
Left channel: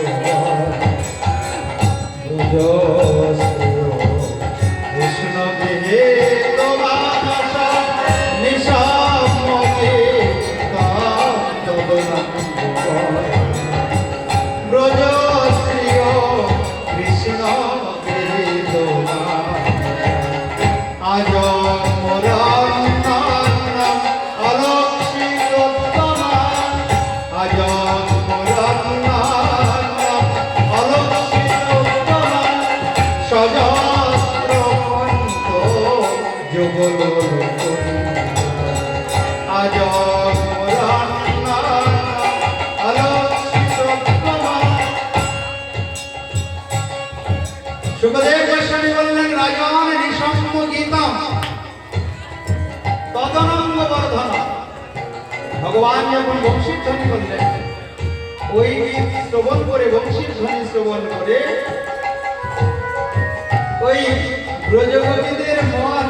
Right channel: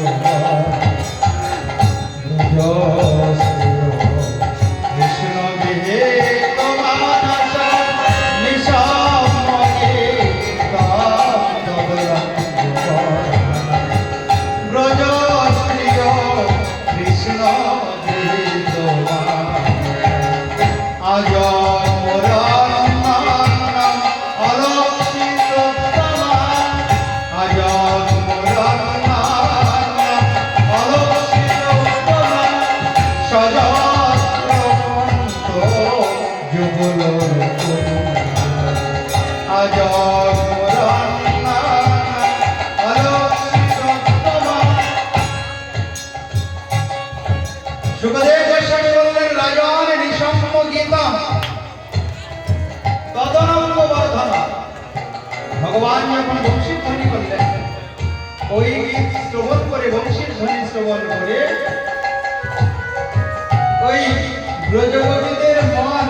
সুখদেব গোস্বামী বললেন, রাজন নিঃসম্ম গীতম তদনঙ্গ বর্ধন। ভগবান যখন বংশীর ধ্বনি করলেন, ওই গীত শ্রবণ করে, বংশীর ধ্বনি শ্রবণ করে ওই ব্রজগোপীদের মন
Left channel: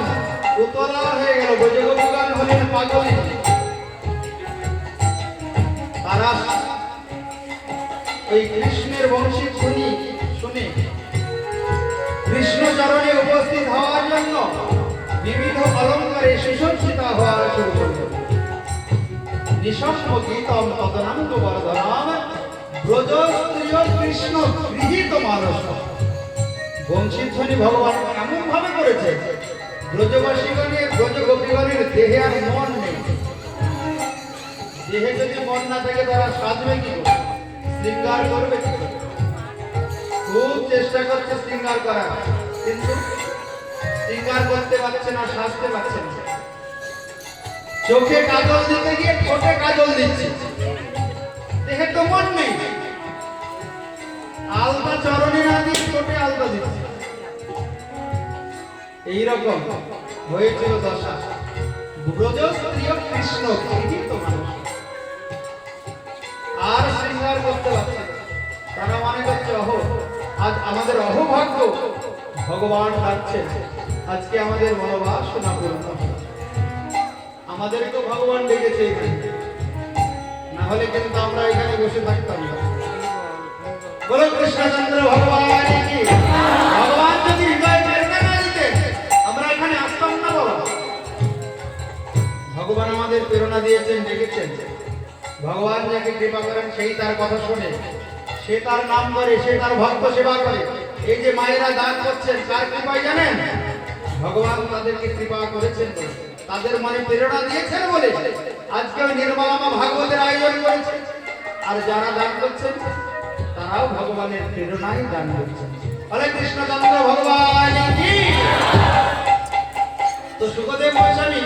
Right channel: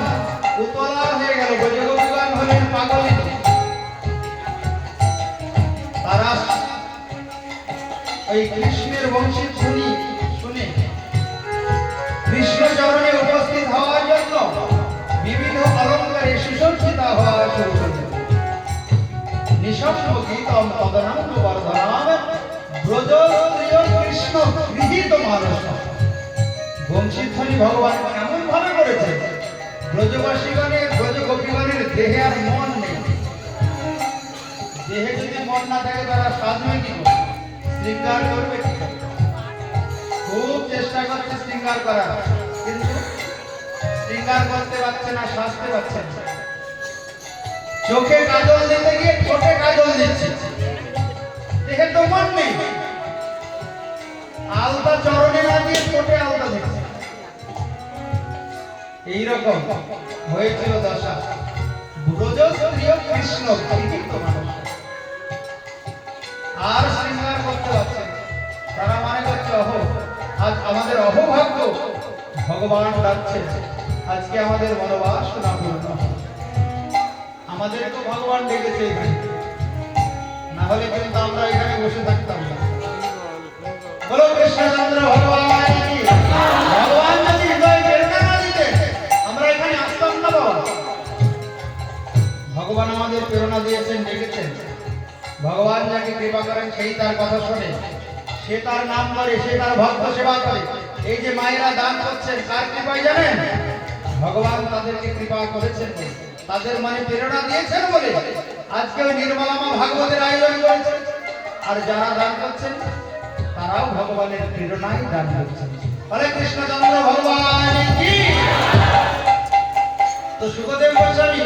উতলা হয়ে গেল। ব্রজগোপীগণ হলেন পাগল, তারা ওই কৃষ্ণের বংশীর ধ্বনি শুনে কৃষ্ণ চরণে উপস্থিত হওয়ার জন্য বিবিধ অলঙ্কারে সুসজ্জিত হওয়া শুরু করল। নিঃসম্ম গীতম তদনঙ্গ বর্ধনম ব্রজস্ত্রিয় কৃষ্ণ গৃহীত মানস। বংশীর ধ্বনি ভগবান এমন ভাবে করেছে, ব্রজবাসীগণের ব্রজগোপীগণের দেহে আর মন নেই। দেহে যদি মন না থাকে তারা সাজবে কি করে, শৃঙ্গার করবে কি করে? খুব চেষ্টা করছে শৃঙ্গার করা, কিন্তু শৃঙ্গার করতে পারছে না, সাজতে পারছে না। চোখে কাজল দিতে গিয়ে ঠোঁটে কাজল দিচ্ছে, দেহে তো মন নেই। আলতা চরণে না দিয়ে ঠোঁটে আলতা দিচ্ছে। এইরকম হয়েছিল দশা ব্রজস্ত্রিয় কৃষ্ণ গৃহীত মানুষ। আর শৃঙ্গার করতে পারছে না। তারা মনে করছে আজ আমাদের অহোভাগ্য, ভগবান ডাকছে, আজকে আমাদের মনোবাসনা পূর্ণ হবে। আমাদের তো ভগবান ডেকেছে এখানে, না হলে কিন্তু আমরা এখানে বসে থাকতাম না। বলো কৃষ্ণচন্দ্র ভগবান কি? ভগবান যদি হৃদয় প্রেরণা না দিতেন আমরা এখানে আসতাম না। ভগবান আমাদের প্রেরণা দিয়েছেন, ডেকেছেন। ভগবান যাকে কৃপা করেন সেই তার কথা শোনে, সে তার নাম করে, সে তার ভক্ত সেবা করে। এই যে মায়েরা দান করছেন কার কৃপায় জানেন? ভগবান তাদেরকে কৃপা করেছেন বলে, তাদের মনে প্রেরণা দিয়েছেন বলে আজকে ওই নির্মলামা ভাগবতের আয়োজন করেছে। আর যারা দান করছেন তারাও ভগবানের প্রেরণায় দান করছেন। হরে কৃষ্ণচন্দ্র ভগবান কি। তো সুখদেব গোস্বামী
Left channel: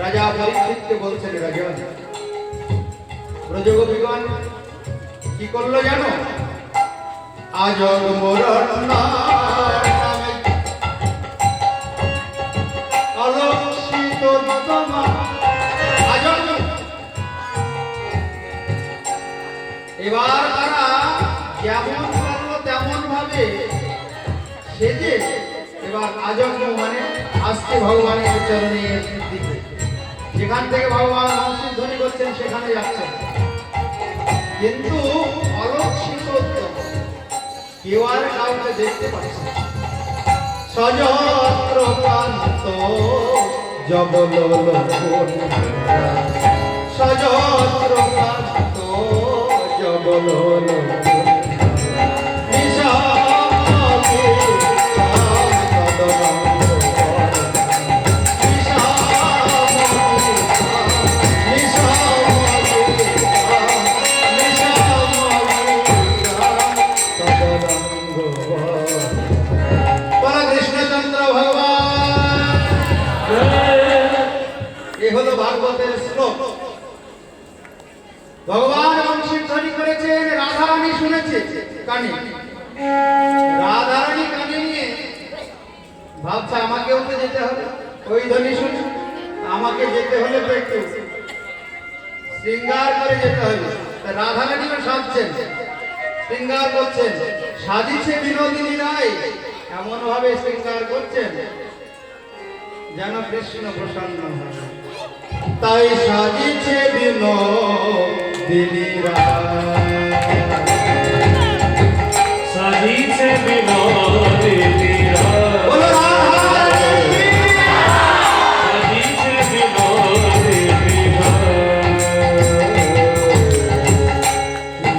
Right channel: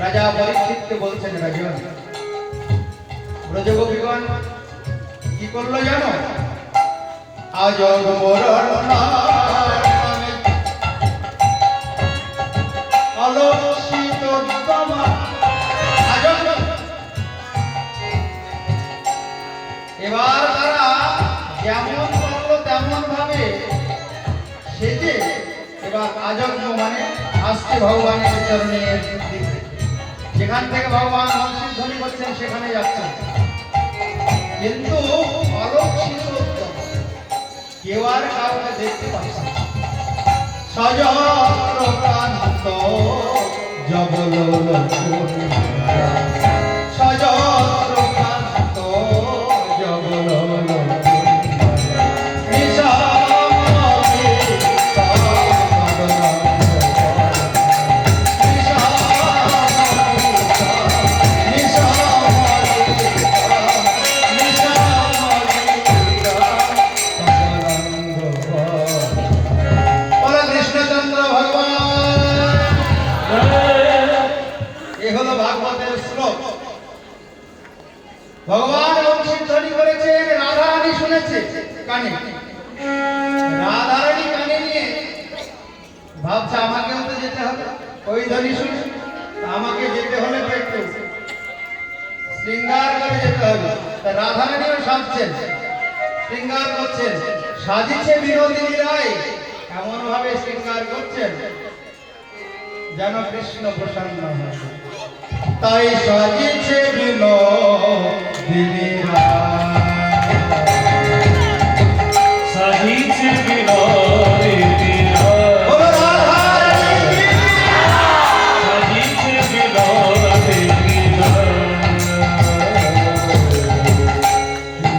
রাজা পরীক্ষিতকে বলছেন, রাজন ব্রজগোপীগণ কি করলো জানো? আজ অলক্ষিত এবার তারা যেমন করলো তেমন ভাবে সেজে এবার আজন্ম মানে আসছে ভগবানের চরণের দিকে। যেখান থেকে ভগবান নামশির ধ্বনি করছেন সেখানে যাচ্ছেন, কিন্তু অলক্ষিত কেউ আর কাউকে দেখতে পাচ্ছে না। সযত্র প্রান্ত জবল সযত্র প্রান্ত জবল ভাগবতের শ্লোক। ভগবান বংশী ধ্বনি করেছে, রাধারানী শুনেছে কানে, রাধারানী কানে নিয়ে ভাবছে আমাকেও তো যেতে হবে, ওই ধ্বনি শুনে আমাকে যেতে হলে তো একটু শৃঙ্গার করে যেতে হবে। তা রাধারানীও সাজছেন, শৃঙ্গার করছেন, সাজিছে বিনোদিনী রায়, এমন ভাবে শৃঙ্গার করছেন যেন কৃষ্ণ প্রসন্ন হয়। তাই সাজিছে বিনোদিনী রায়, সাজিছে বিনোদিনী রায়, বলো রাধারানী, সাজিছে বিনোদিনী রায়।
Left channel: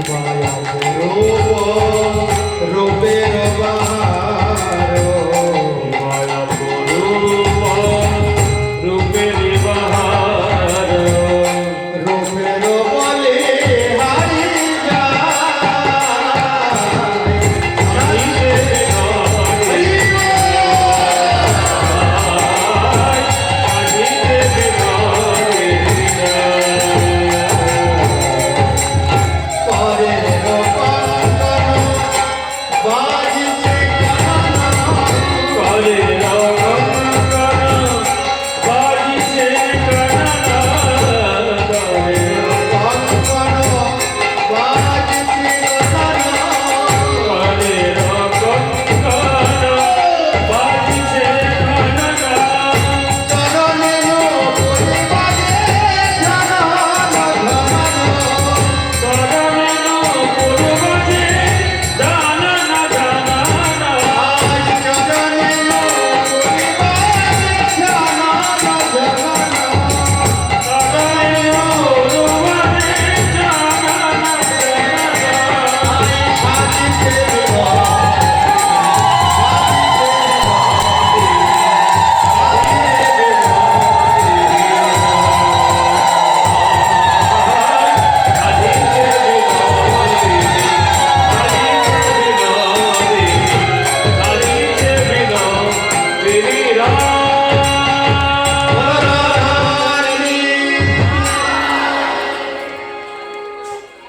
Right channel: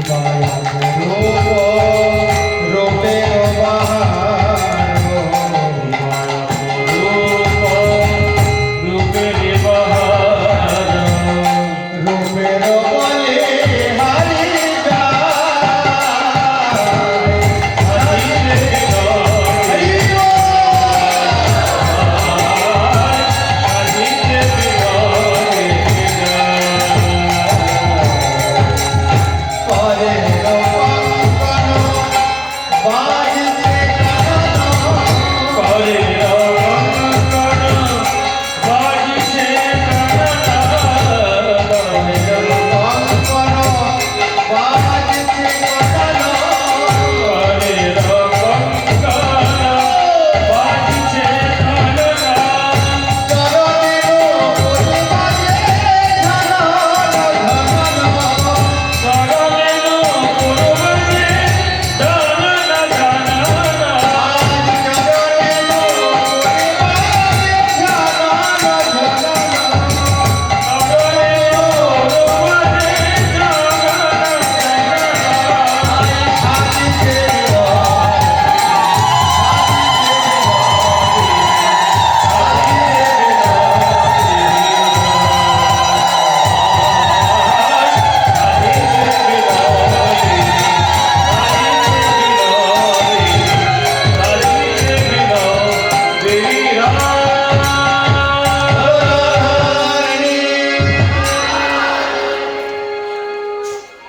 মায়া রূপ রূপের বাহার, মায়া রূপ রূপের বাহার, রূপের বলে হারি সাজিছে বিনোদিনী সাজিছে বিনোদিনী করে কঙ্কন বাজিছে করে বাজিছে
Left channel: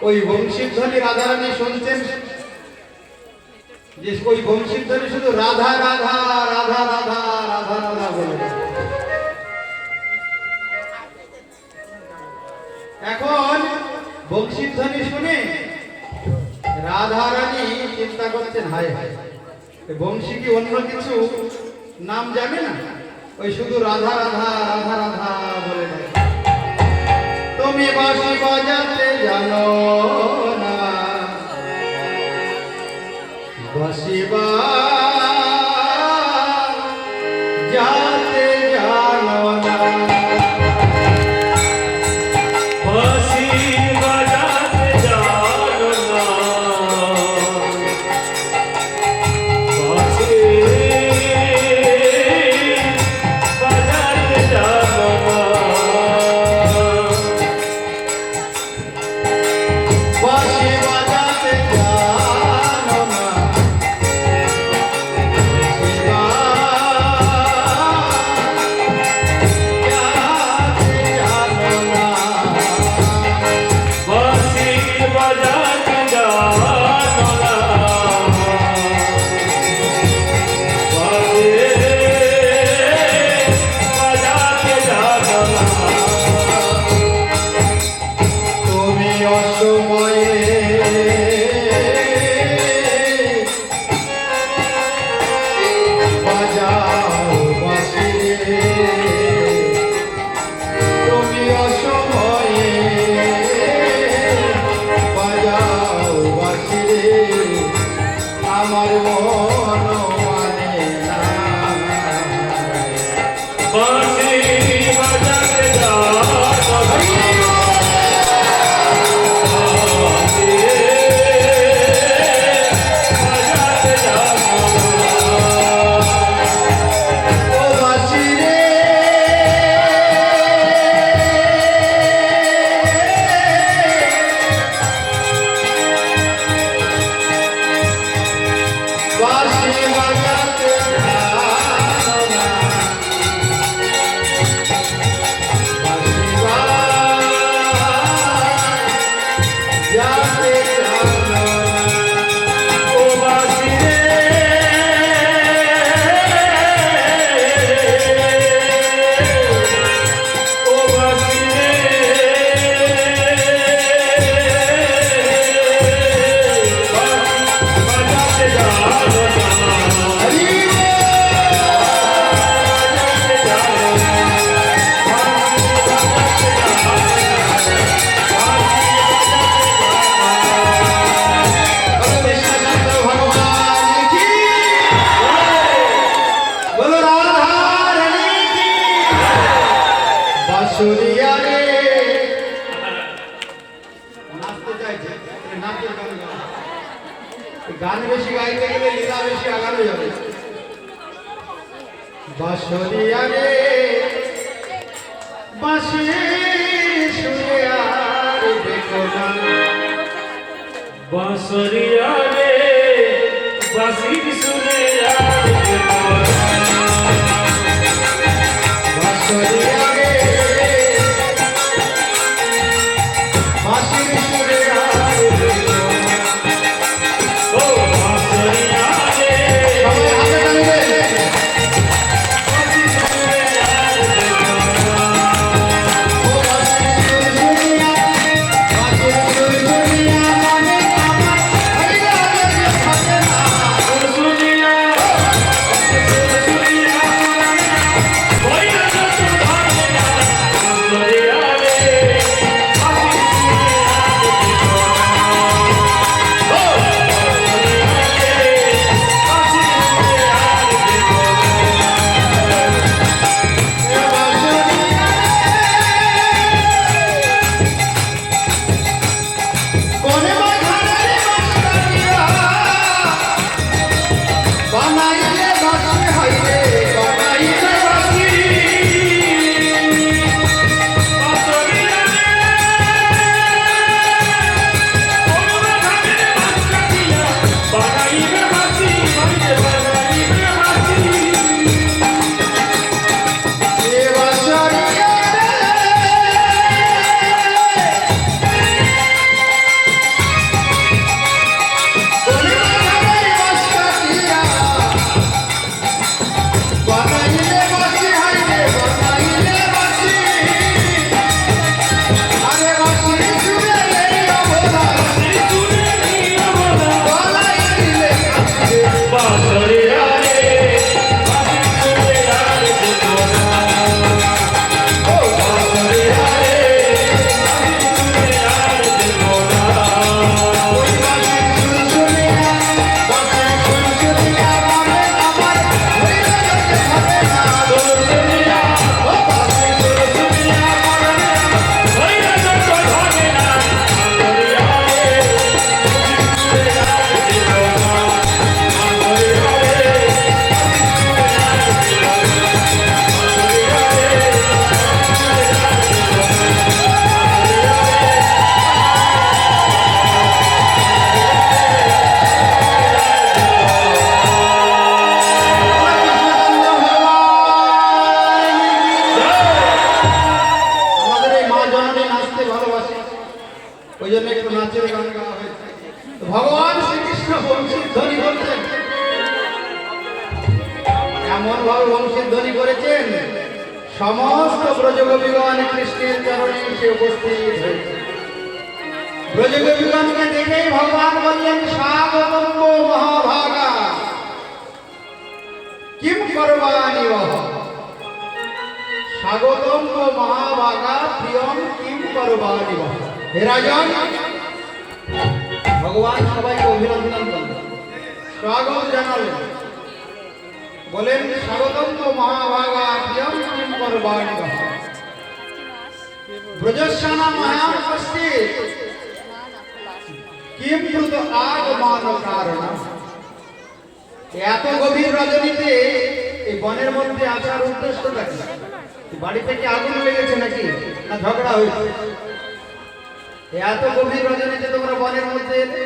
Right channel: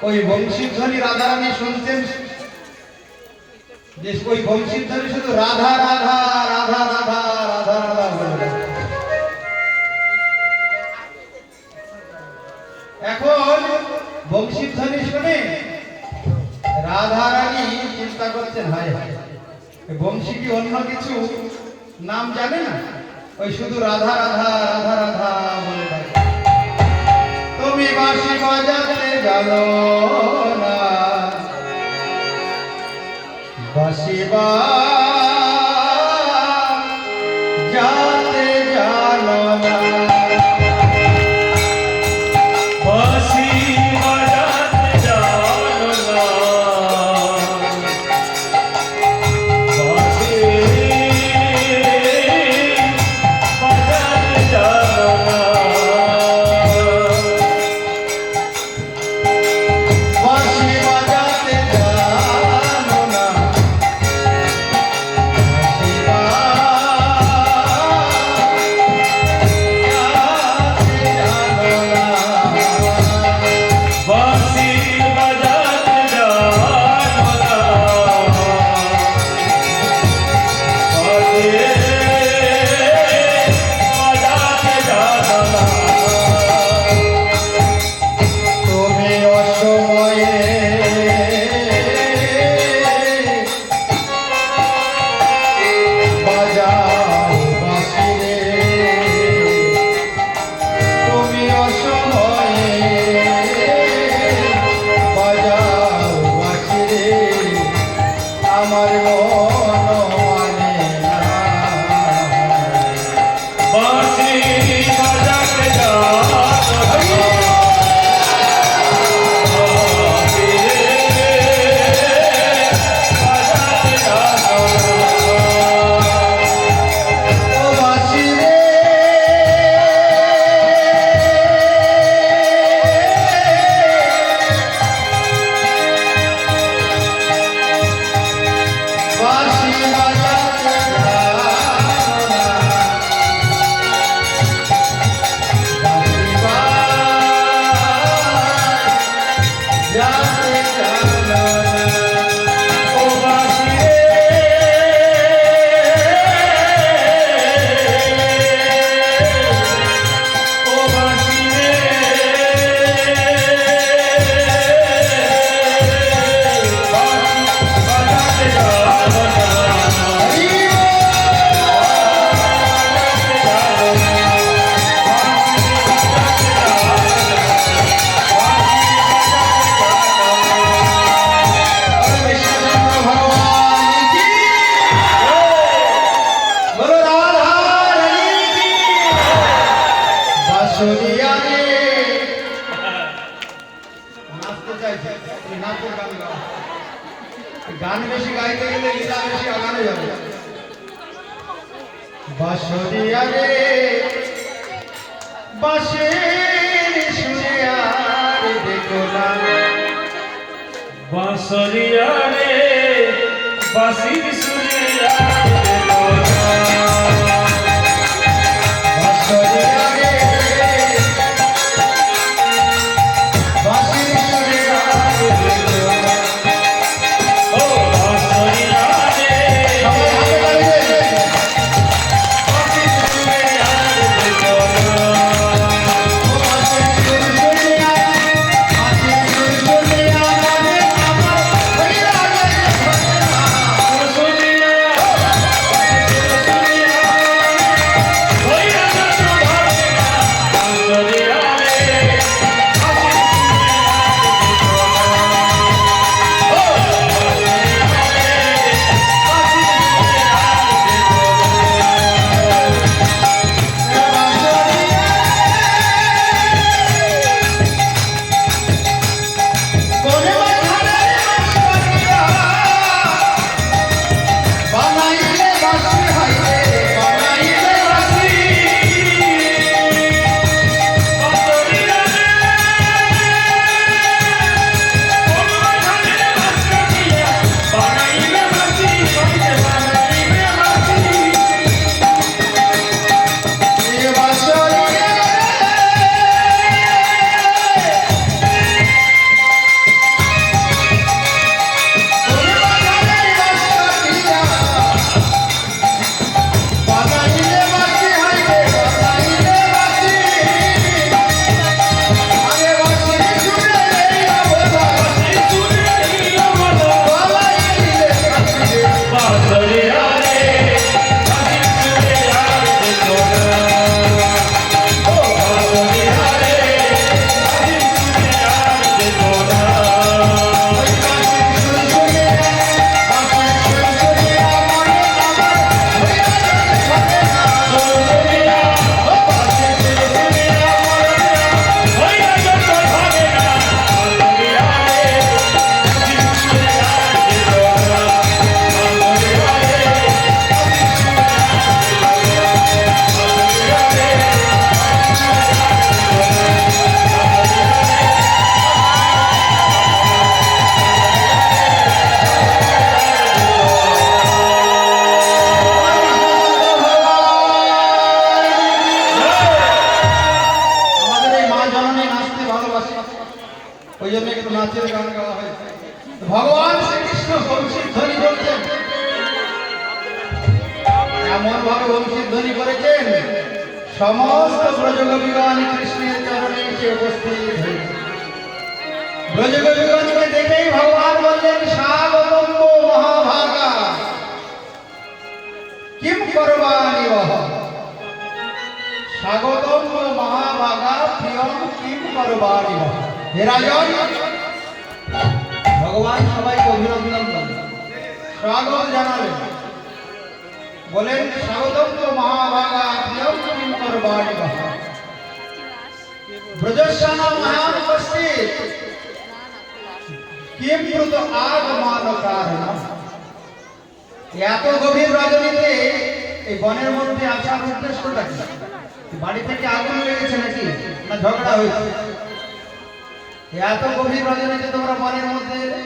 ওই বংশীধ্বনি রাধারানী শুনছেন, যে ওই বংশীধ্বনি শুধু রাধা রাধা রাধা রাধা রাধা রাধা বলে। এখন বংশীধ্বনি শুনে রাধারানী চিন্তা করছেন, হায় হায় বংশী কি অন্য কিছু নাম জানে না, ওই শুধু রাধা রাধা রাধা রাধা বলে ডাকে। তুমি বাঁশি বাজাতে জানো না, বাঁশি বাজাতে জানো না, গান বেশি গাইতে গেলে লীলা বেশি আগানো যাবে। বাঁশরিয়া রে বাঁশির সুরে আর দেখো না, বাঁশরিয়া রে বাঁশির সুরে আর দেখো না। বাঁশরিয়া রে বাঁশির সুরে আর দেখো না। ও বাঁশরিয়া রে সবাই হাতে তালি দে। বাঁশির সুরে আর দেখো না। ও বাঁশির সুরে বাঁশির সুরে মনে হরি রাজা ও সুরিয়া সুরিয়া ভৈরা যত ধরে না। বাঁশরিয়া রে বাঁশির সুরে আর দেখো না। ও বাঁশরিয়া রে বাঁশির সুরে আর দেখো না। কোনে মাথারে বাঁশরিয়া বানাইলে বাঁশি হইলে বানাইলে বাঁশি এ বাঁশরিয়া কোনে মাথারে বাঁশরিয়া বানাইলে বাঁশি হইলে বানাইলে বাঁশি আরে বাঁশির সুরে রে আবলা গলায় দিলে বাঁশি ওই বাঁশির সুর শুনে বাঁশির সুর শুনে মনে আমার হয়ে গেছে ঘটনা। ও বাঁশির সুর শুনে আমাদের এই মা জননী নাচতে ভালোবাসে, ওই জন্য একটু নাচের গান গাওয়া হয়েছে। ভগবান শ্রীকৃষ্ণ বংশীর ধ্বনি বলছেন, এমন ভাবে বংশীর ধ্বনি করেছেন সমস্ত ব্রজগোপীগণ কৃষ্ণের চরণে এসে উপস্থিত হয়েছে। ব্রজগোপীগণকে দেখেই ভগবান বললেন, স্বাগতম মহাভাগা কিম করবাণি বহ। স্বাগতম মহাভাগা প্রিয়ম কিম করবাণি বহ। হে রাজন, ভগবান সবাইকে অভিনন্দন করলেন, স্বাগত জানালেন, বলেন স্বাগতম মহাভাগা প্রিয়ম কিম করবাণি বহ। ব্রজস্যান মহাপস্থিত কিম ব্রত আগমান কারণ। এত গভীর রজনীতে এই বনের মধ্যে আসার উদ্দেশ্যটা কি? বাড়ি থেকে আগুন লেগেছে নাকি, না ঝগড়া হয়েছে? এত গভীর রজনীতে তোমরা বনের মধ্যে এলে?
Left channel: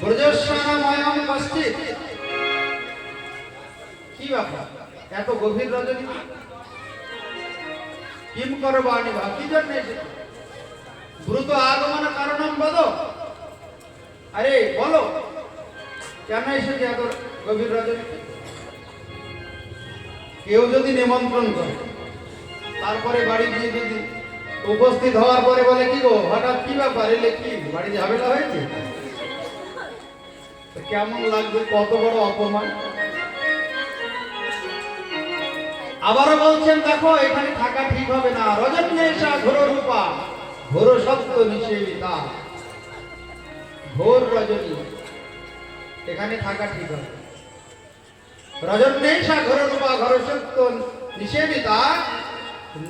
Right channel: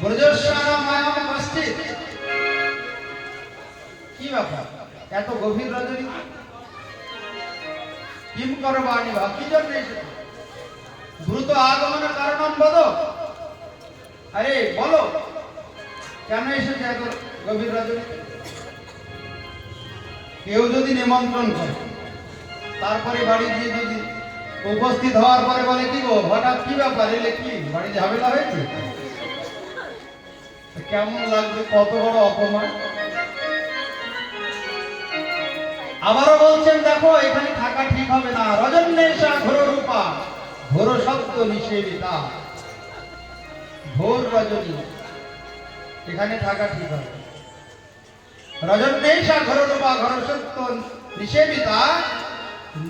ব্রজস্যানা মায়াম উপস্থিত, কি ব্যাপার এত গভীর রজনী? কিম করবাণি বা, কি জন্য এসেছে? দ্রুত আগমন কারণম বদ। আরে বলো কেন এসেছে এত গভীর রজনী? কেউ যদি নিমন্ত্রণ করে, তারপরে বাড়ি গিয়ে যদি উপস্থিত হওয়ার পরে বলে, কি গো হঠাৎ কি ব্যাপার এলে, কি বাড়ি ঝামেলা হয়েছে? তো কেমন লাগবে? কত বড় অপমান। আবারও বলছেন, দেখো এখানে থাকা ঠিক হবে না। রজন্যেশা ঘোর রূপা ঘোর সত্য নিষেবিতা। ঘোর রজনী, এখানে থাকা ঠিক হবে। রজন্যেশা ঘোর রূপা ঘোর সত্য নিষেবিতা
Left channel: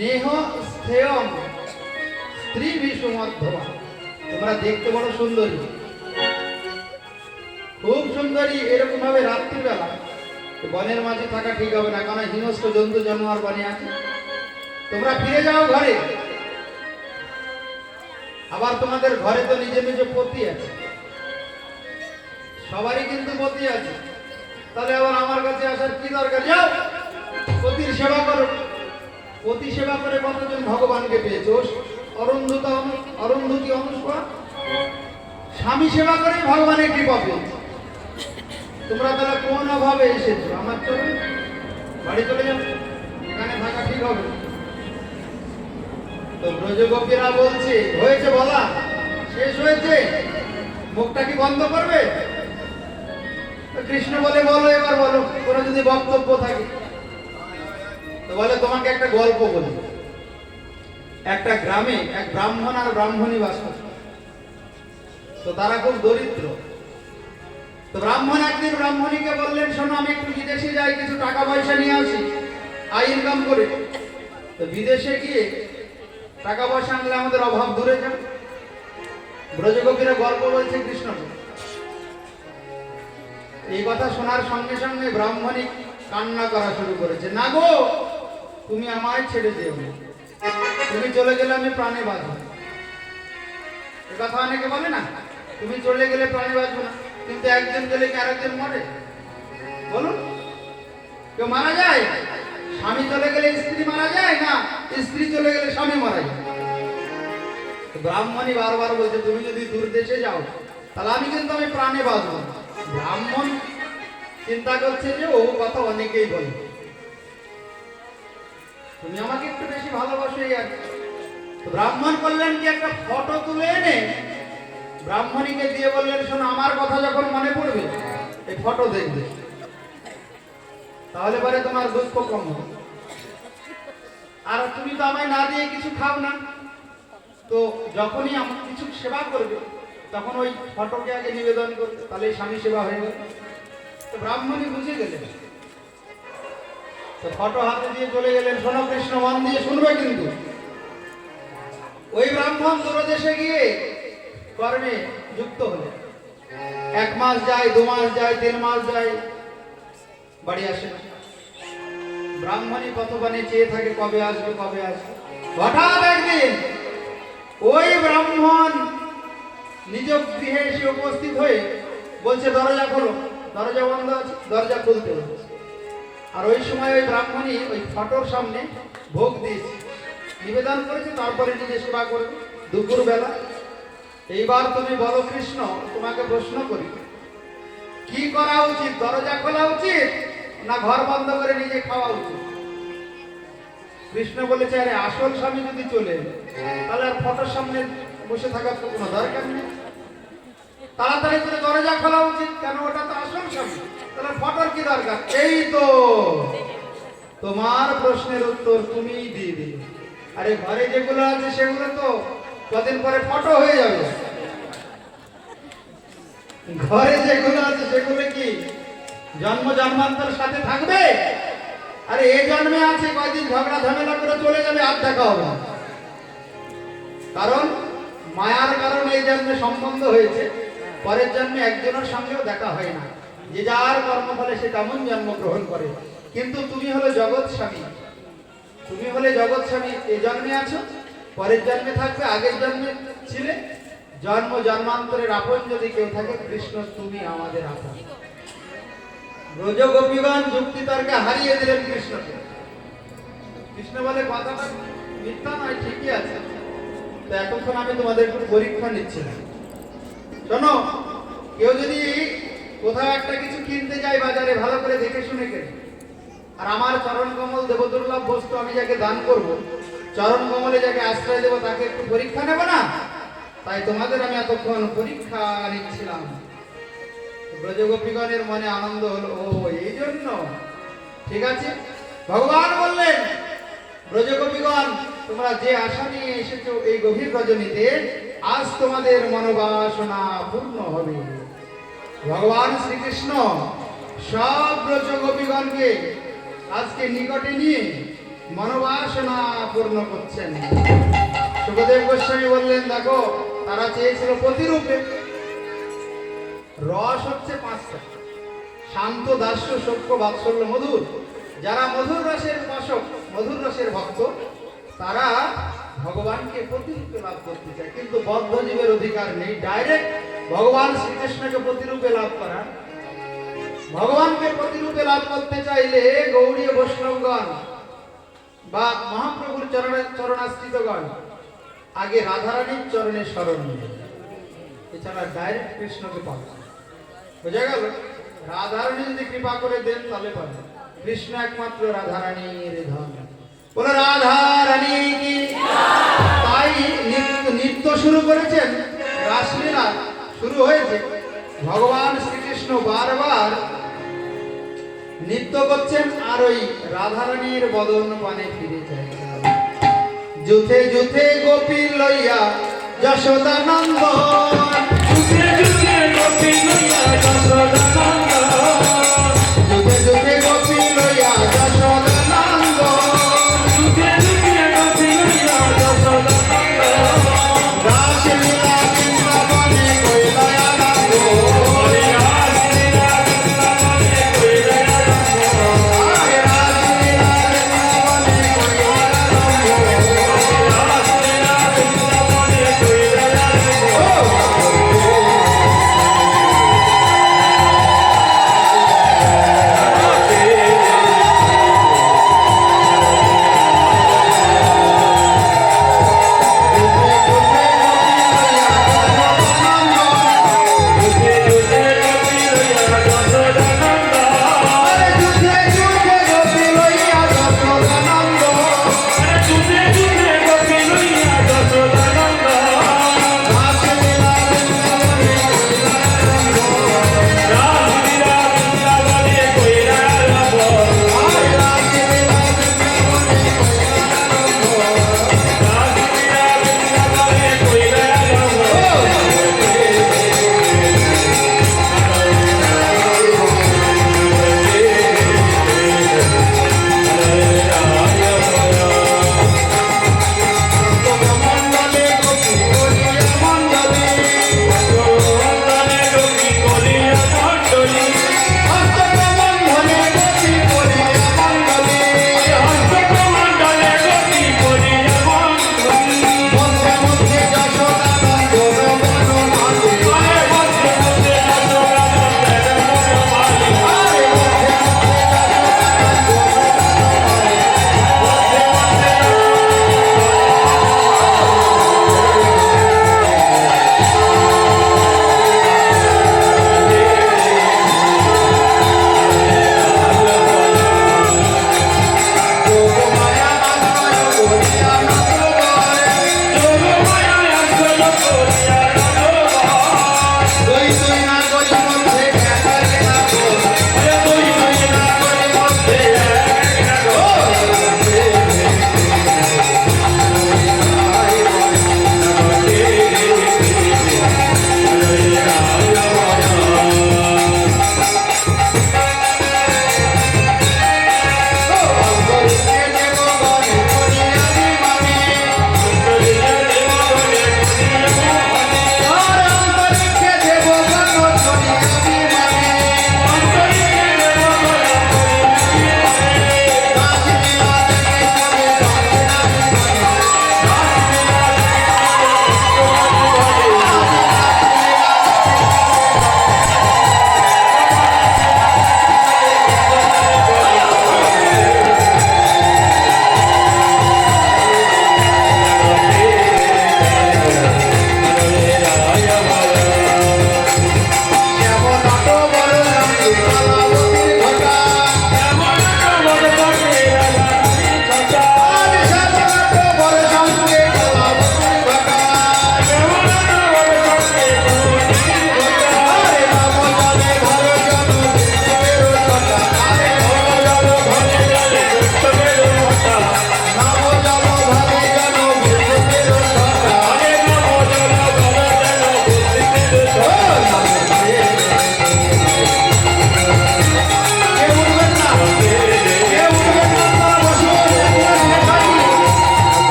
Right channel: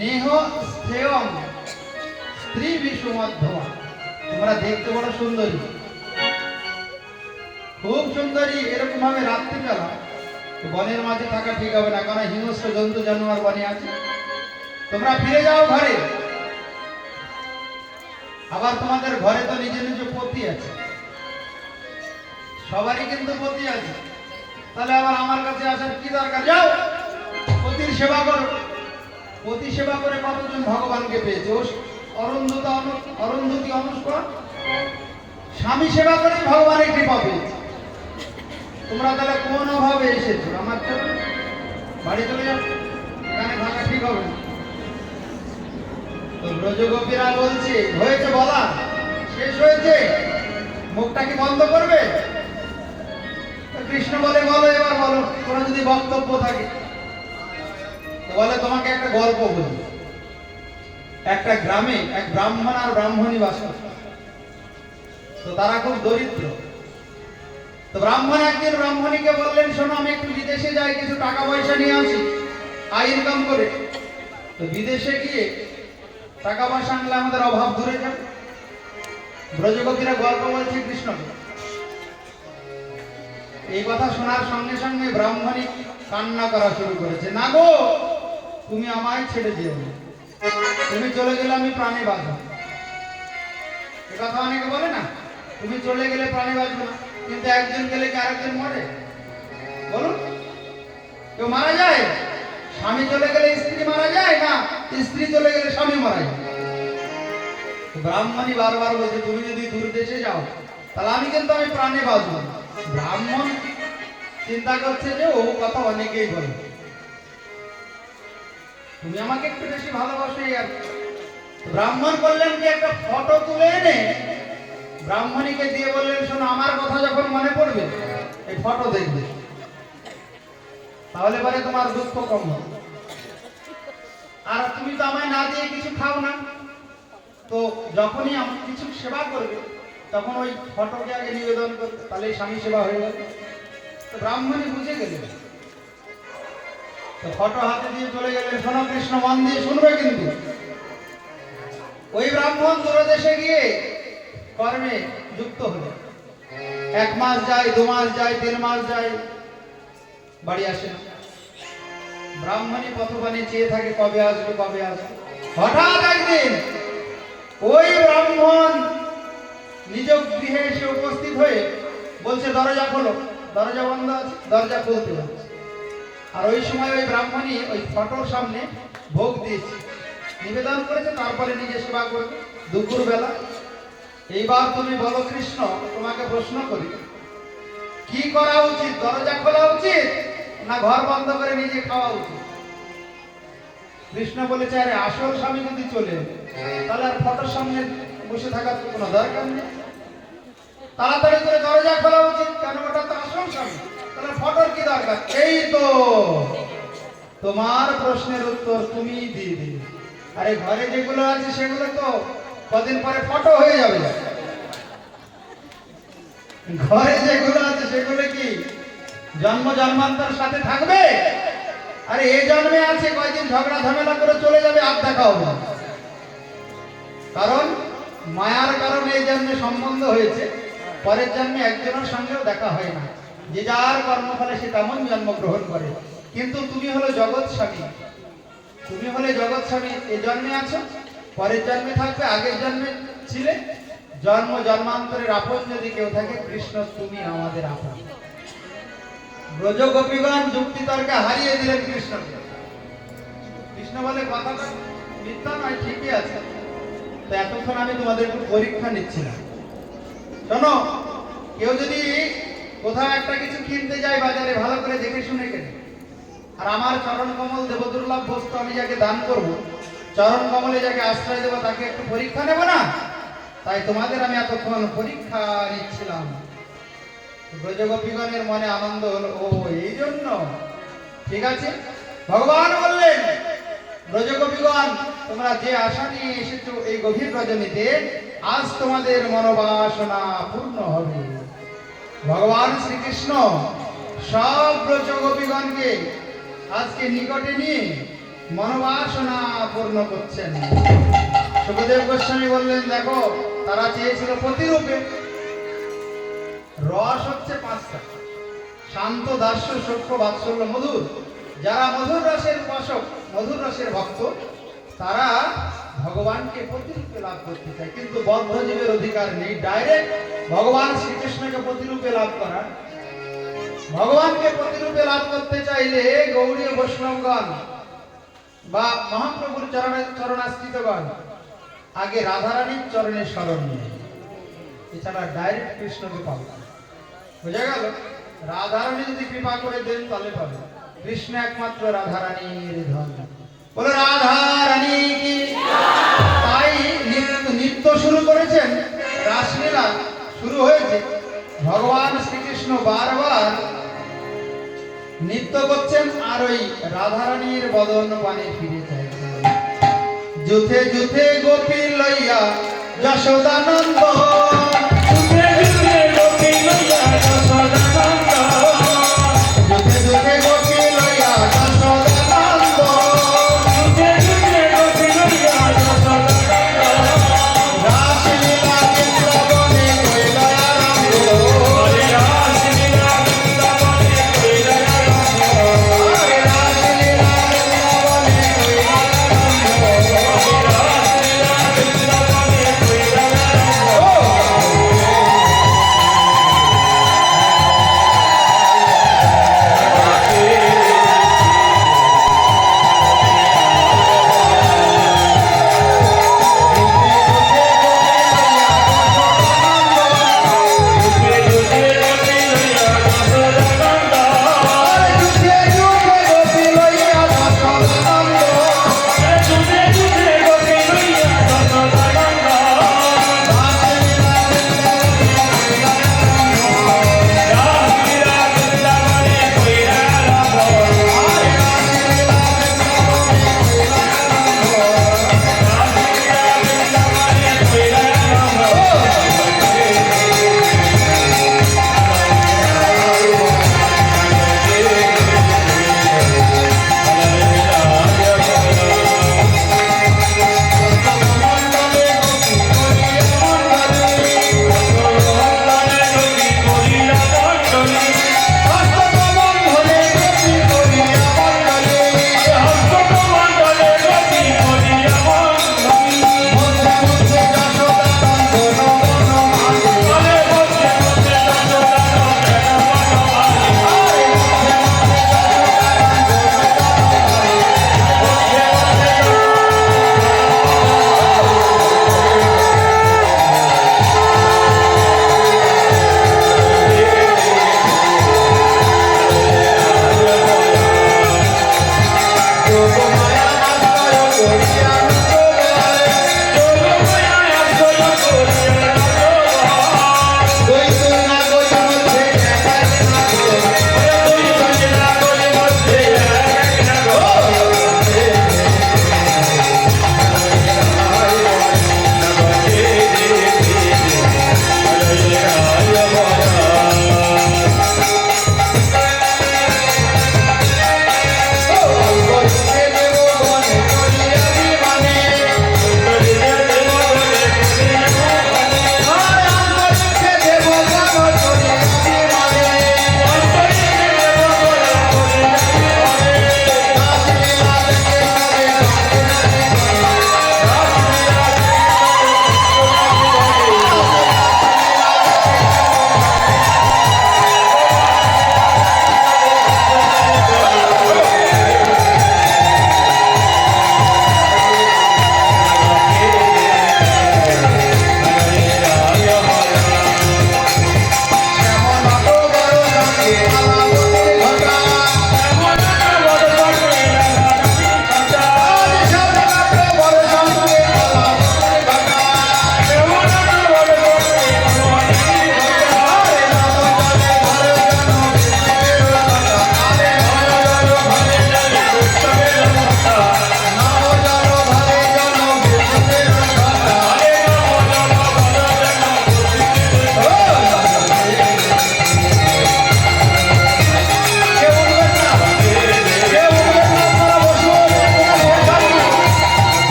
নেহ স্থেয়ম স্ত্রী বিষু মধ্যমা। তোমরা দেখতে বড় সুন্দরী, খুব সুন্দরী, এরকম ভাবে রাত্রিবেলা বনের মাঝে থাকা ঠিক হবে না, কারণ হিংস্র জন্তু জানোয়ার বনে আছে। তোমরা ফিরে যাও ঘরে। আবার তোমাদের ঘরে তো নিজে নিজে পতি আছে, সবারই কিন্তু পতি আছে, তাহলে আবার আমার কাছে আসার কি দরকার? যাও পতির সেবা করো। পতি সেবা করে কতজন ভগবানকে পেয়েছে? অরুন্ধতী অনুষ্কা স্বামী সেবা করে ভগবানের কৃপা পেয়েছে। তোমরা তাহলে কোন অভাবে এসেছো? আমার তো বাড়ি চলে যাও, এখানে থাকা ঠিক হবে না। তো ব্রজগোপীরা বলছে হয়েছে, বলা শেষ হয়েছে, মুখটা কি বন্ধ করবে? তো কৃষ্ণ বলে বলো, এবার বলো, কোনো যদি বক্তব্য থাকে। তো বলে তোমাকে একটা গল্প বলবো। একটা গ্রামে এক ব্রাহ্মণ আর ব্রাহ্মণী বাস করত। তো তারা খুব দরিদ্র। তো ব্রাহ্মণ একদিন ব্রাহ্মণীকে বললেন, শোনো আমি একটু বিদেশে যাই, কিছু টাকা পয়সা নিয়ে আসি, আয় ইনকাম করে। তো বিদেশে গিয়ে টাকা পয়সা আনলে আমাদের অভাব দূরে যায়। ব্রজগোপীরা গল্প বলছে কৃষ্ণকে। এই কথা শোনার সঙ্গে সঙ্গে ব্রাহ্মণী কান্না করা শুরু করেছে, না গো তুমি আমায় ছেড়ে যেও না, তুমি চলে গেলে আমি প্রাণে বাঁচব। এ কথা অনেকে বলে না, তুমি চলে গেলে প্রাণে বাঁচবো না, কিন্তু একজন গেলে কি আরেকজন মরে? বলুন, কেউ মারা যায়? স্বামী চলে গেলে স্ত্রী মারা যায় না, স্ত্রী চলে গেলে স্বামী মারা যায়। ব্রাহ্মণী বারবার বলছে, তুমি যদি দূর দেশে যাও তাহলে আমি প্রাণে বাঁচবো না। ব্রাহ্মণ চিন্তা করছে যে ও কথা অনেকেই বলে, তুমি আমাকে একটু বেশি ভালোবাসো। আর ব্রাহ্মণ বললেন কি, একটা ফটো তুলে এনে ব্রাহ্মণীকে দিয়ে বললেন, শোনো আমার কথা যখন মনে পড়বে এই ফটো দেখবে, তাহলে পরে তোমার দুঃখ কম হবে। আর তুমি তো আমায় না দিয়ে কিছু খাও না, তো যখনই আমি কিছু সেবা করবে তখন ওই ফটোকে আগে নিবেদন করবে, তাহলে স্বামী সেবা হয়ে যাবে। তো ব্রাহ্মণী বুঝে গেলেন, তো ফটো হাতে দিয়ে চলে গেলেন। শোনো কৃষ্ণ, মন দিয়ে শুনবে কিন্তু। ওই ব্রাহ্মণ দূরদেশে গিয়ে কর্মে যুক্ত হলো। 1 মাস যায়, 2 মাস যায়, 3 মাস যায়, বাড়ি আসে না। ব্রাহ্মণী পথবানে চেয়ে থাকে কবে আসবে, কবে আসবে। হঠাৎ একদিন ওই ব্রাহ্মণ নিজ গৃহে এসে উপস্থিত হয়ে বলছে, দরজা খোলো। দরজা বন্ধ আছে, দরজা খুলতে হচ্ছে। আর ওই সময় ওই ব্রাহ্মণী ওই ফটোর সামনে ভোগ দিয়েছে, নিবেদন করেছে, তারপরে নিজে সেবা করবে দুপুর বেলা। এইবার তুমি বলো কৃষ্ণ, তোমাকে প্রশ্ন করি, কি করা উচিত? দরজা খোলা উচিত না ঘর বন্ধ করে নিজে খাওয়া উচিত? কৃষ্ণ বলেছে, আরে আসল স্বামী যদি চলে তাহলে আর ফটোর সামনে বসে থাকার তো কোনো দরকার নেই, তাড়াতাড়ি করে দরজা খোলা উচিত। কেন? ওটা তো আসল স্বামী, তাহলে ফটোর কি দরকার? এই তো তোমার প্রশ্নের উত্তর তুমিই দিয়ে দিলে। আরে ঘরে যেগুলো আছে সেগুলো তো কদিন পরে ফটো হয়ে যাবে। ঘরে যেগুলো আছে সেগুলো কি জন্ম জন্মান্তর সাথে থাকবে? আরে এই জন্মে আছে, কয়দিন ঝগড়া ঝামেলা করে চলে যাবে, আর দেখা হবে না। কারণ মায়ার কারণে এই জন্মে সম্বন্ধ হয়েছে, পরের জন্মে একজনের সঙ্গেও দেখা হয় না। যে যার কর্মফলে সে তেমন জন্মগ্রহণ করে। কিন্তু তুমি হলো জগৎ স্বামী, তুমি হলে জগৎ স্বামী, এই জন্মে আছো, পরের জন্মে থাকবে, আগের জন্মে ছিলে। জন্ম জন্মান্তরের আপন যদি কেউ থাকে, কৃষ্ণ তুমি আমাদের আপন। ব্রজগোপীগণ যুক্তি তর্কে হারিয়ে দিলেন কৃষ্ণকে। কৃষ্ণ বলে, কথাটা মিথ্যা নয়, ঠিকই আছে। তো এতক্ষণ আমি তোমাদের একটু পরীক্ষা নিচ্ছিলাম। শোনো, কেউ যদি কোথাও একটা কিছু কিনতে যায় বাজারে, ভালো করে দেখে শুনে কেনে। আর আমার চরণ কমল দেবদুর্লভ বস্তু আমি যাকে দান করব, চরণ কমলে যাকে আশ্রয় দেব, তাকে একটু পরীক্ষা নেব না? তাই তোমাদের আমি এতক্ষণ পরীক্ষা নিচ্ছিলাম। ব্রজগোপীগণের মনে আনন্দ হলো, ও এই জন্য, ঠিক আছে। ভগবান বললেন, ব্রজগোপীগণ তোমরা যে আশা নিয়ে এসেছো এই গভীর রজনীতে, আজ তোমাদের মনোবাসনা পূর্ণ হবে। ভগবান শ্রীকৃষ্ণ সব ব্রজগোপীগণকে আজকে নিকটে নিয়ে মনোবাসনা পূর্ণ করছেন। সুখদেব গোস্বামী বললেন, দেখো তারা চেয়েছিল প্রতিরূপে, রস হচ্ছে পাঁচটা: শান্ত, দাস্য, সূক্ষ্ম, বাৎসল্য, মধুর। যারা মধুর রসের উপাসক, মধুর রসের ভক্ত, তারা ভগবানকে প্রতিরূপে লাভ করতে চায়, কিন্তু বদ্ধ জীবের অধিকার নেই ডাইরেক্ট ভগবান শ্রীকৃষ্ণকে প্রতিরূপে লাভ করা। ভগবানকে প্রতিরূপে লাভ করতে চাইলে গৌড়ীয় বৈষ্ণবগণ বা মহাপ্রভুর চরণাশ্রিতগণ আগে রাধারানীর চরণে শরণ নেয়, এছাড়া ডাইরেক্ট কৃষ্ণকে পাবে না। বোঝা গেল? রাধারানী যদি কৃপা করে দেন তাহলে পাবে। কৃষ্ণ একমাত্র রাধারানীর ধন। বলে রাধারানী কি? তাই নৃত্য শুরু করেছেন, রাসলীলা শুরু হয়েছে। ভগবান শ্রীকৃষ্ণ বারবার নৃত্য করছেন আর ওই রাধারানীর বদন পানে ফিরে চাইছেন। যুথে যুথে গোপী লইয়া যশোদানন্দ, যুগে যুগে গোপী লইয়া যশোদানন্দ, যুথে যুথে গোপী লইয়া যশোদানন্দ, যুগে যুগে গোপী লইয়া যশোদানন্দ, রাসলীলা বৃন্দাবনে কইলা আরম্ভ, হরে রাসলীলা বৃন্দাবনে কইলা আরম্ভ, হরে রাসলীলা বৃন্দাবনে কইলা আরম্ভ, হরে রাসলীলা বৃন্দাবনে কইলা আরম্ভ।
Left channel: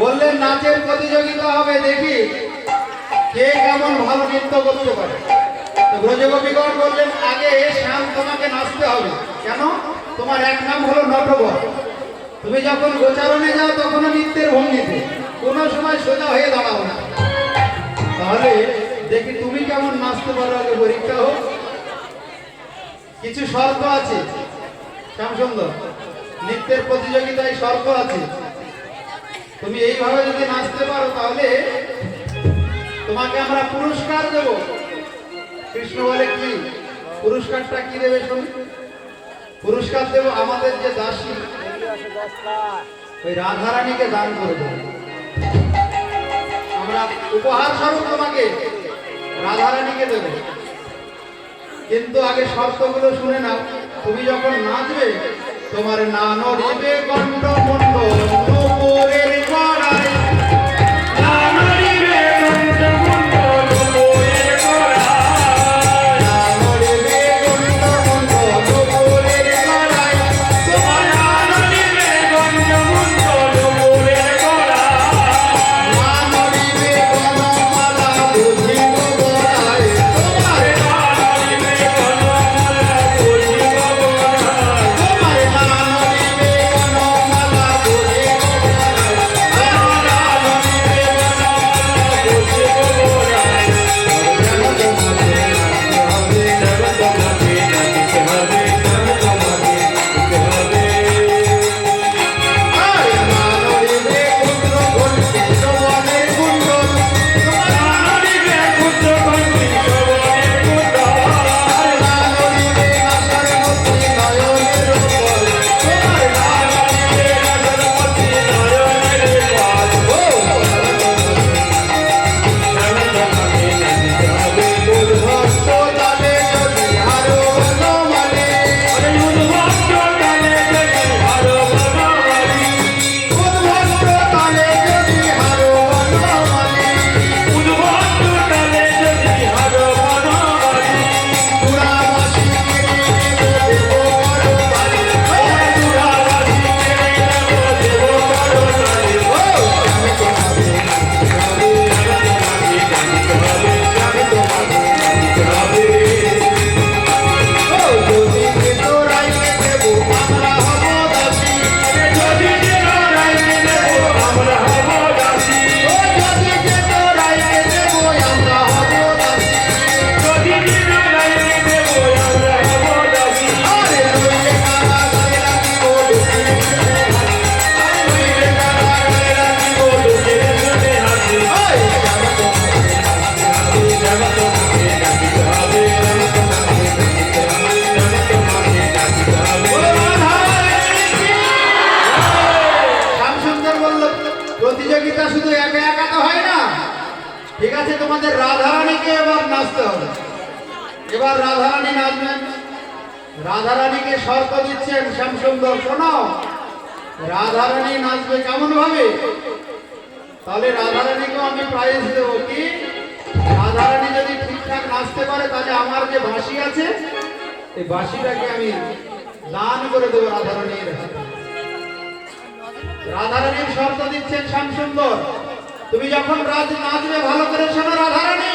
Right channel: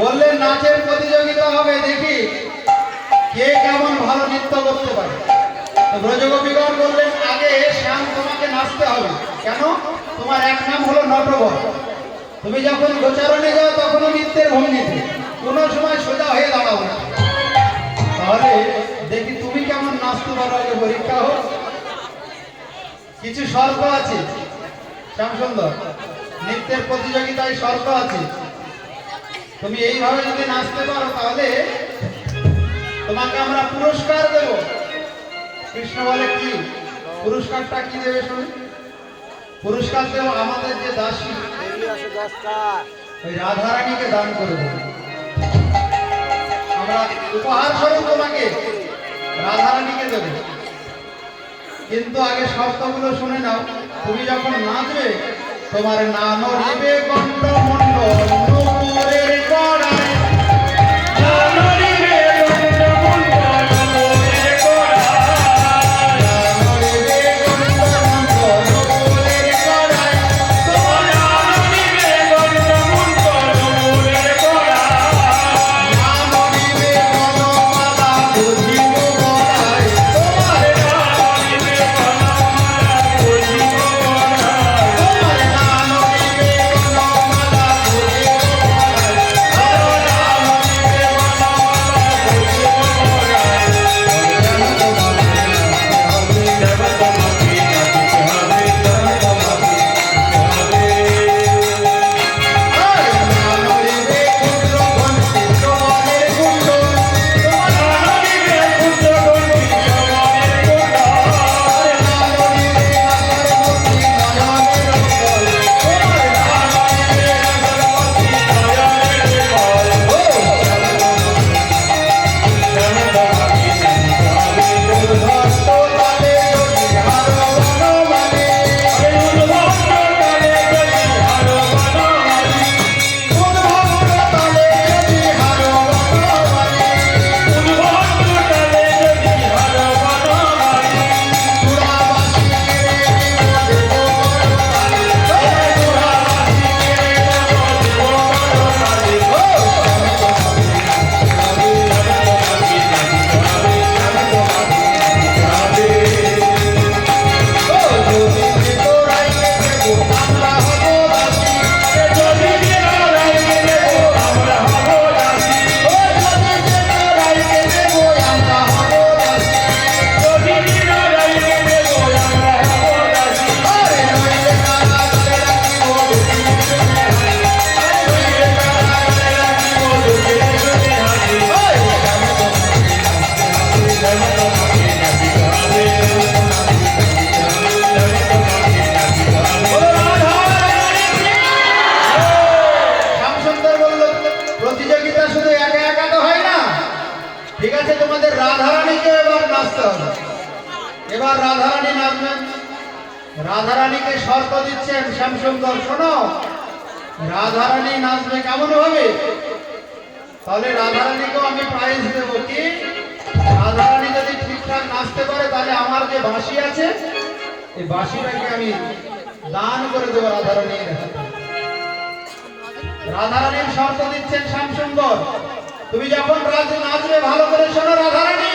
বললেন নাচের প্রতিযোগিতা হবে, দেখি কে কেমন ভালো নৃত্য করতে পারে। তো ব্রজগোপীগণ বললেন আগে শ্যাম তোমাকে নাচতে হবে। কেন? তোমার এক নাম হলো নটবর। তুমি যখন গোচারণে যাও তখনও নৃত্যের ভঙ্গিতে, কোনো সময় সোজা হয়ে দাঁড়াও না। তাহলে দেখি তুমি কেমন নাচতে পারো, আগে পরীক্ষা হোক। কিছু শর্ত আছে শ্যামসুন্দর, নৃত্যের প্রতিযোগিতায় শর্ত আছে। তুমি এইভাবে যদি নাচতে পারো তাহলে তোমাকে আমরা পুরস্কার দেব। কৃষ্ণ বলে কি পুরস্কারটা কি দেবে শুনি? পুরস্কার দেব আমাদের যে দাসী ওই রাধারানীকে দান করে দেব। আমরা উপহার স্বরূপ তোমাকে রাধারানীকে দেব। কিন্তু আগে শর্তগুলো শুনে নাও। তুমি যখন নাচবে তোমার নাম নিবে কণ্ঠমণ্ডল নুপুরের গড়ায়। প্রতিযোগিতা শুধু একা একা তো হয় না। ঠিক আছে, তোমাদের রাধারানীকে এবার নাচতে হবে। এবার রাধারানী নাচবেন। রাধারানীকে শর্ত দিচ্ছেন শ্যামসুন্দর, শোনো, রাধারানী নাচবে কেমন ভাবে? তাহলে রাধারানীকেও আমি প্রাইজ দেবো। কি? রাধারানী যদি ঠিকঠাক নাচতে পারে তাহলে আমার যে বাঁশি আছে এই বাঁশিটাকে আমি দান করে দেবো রাধারানীর হাতে। রাধারানীর শর্ত দিচ্ছেন শ্যামসুন্দর, তুমি যখন নাচবে ভালো করে শোনো রাধারানী,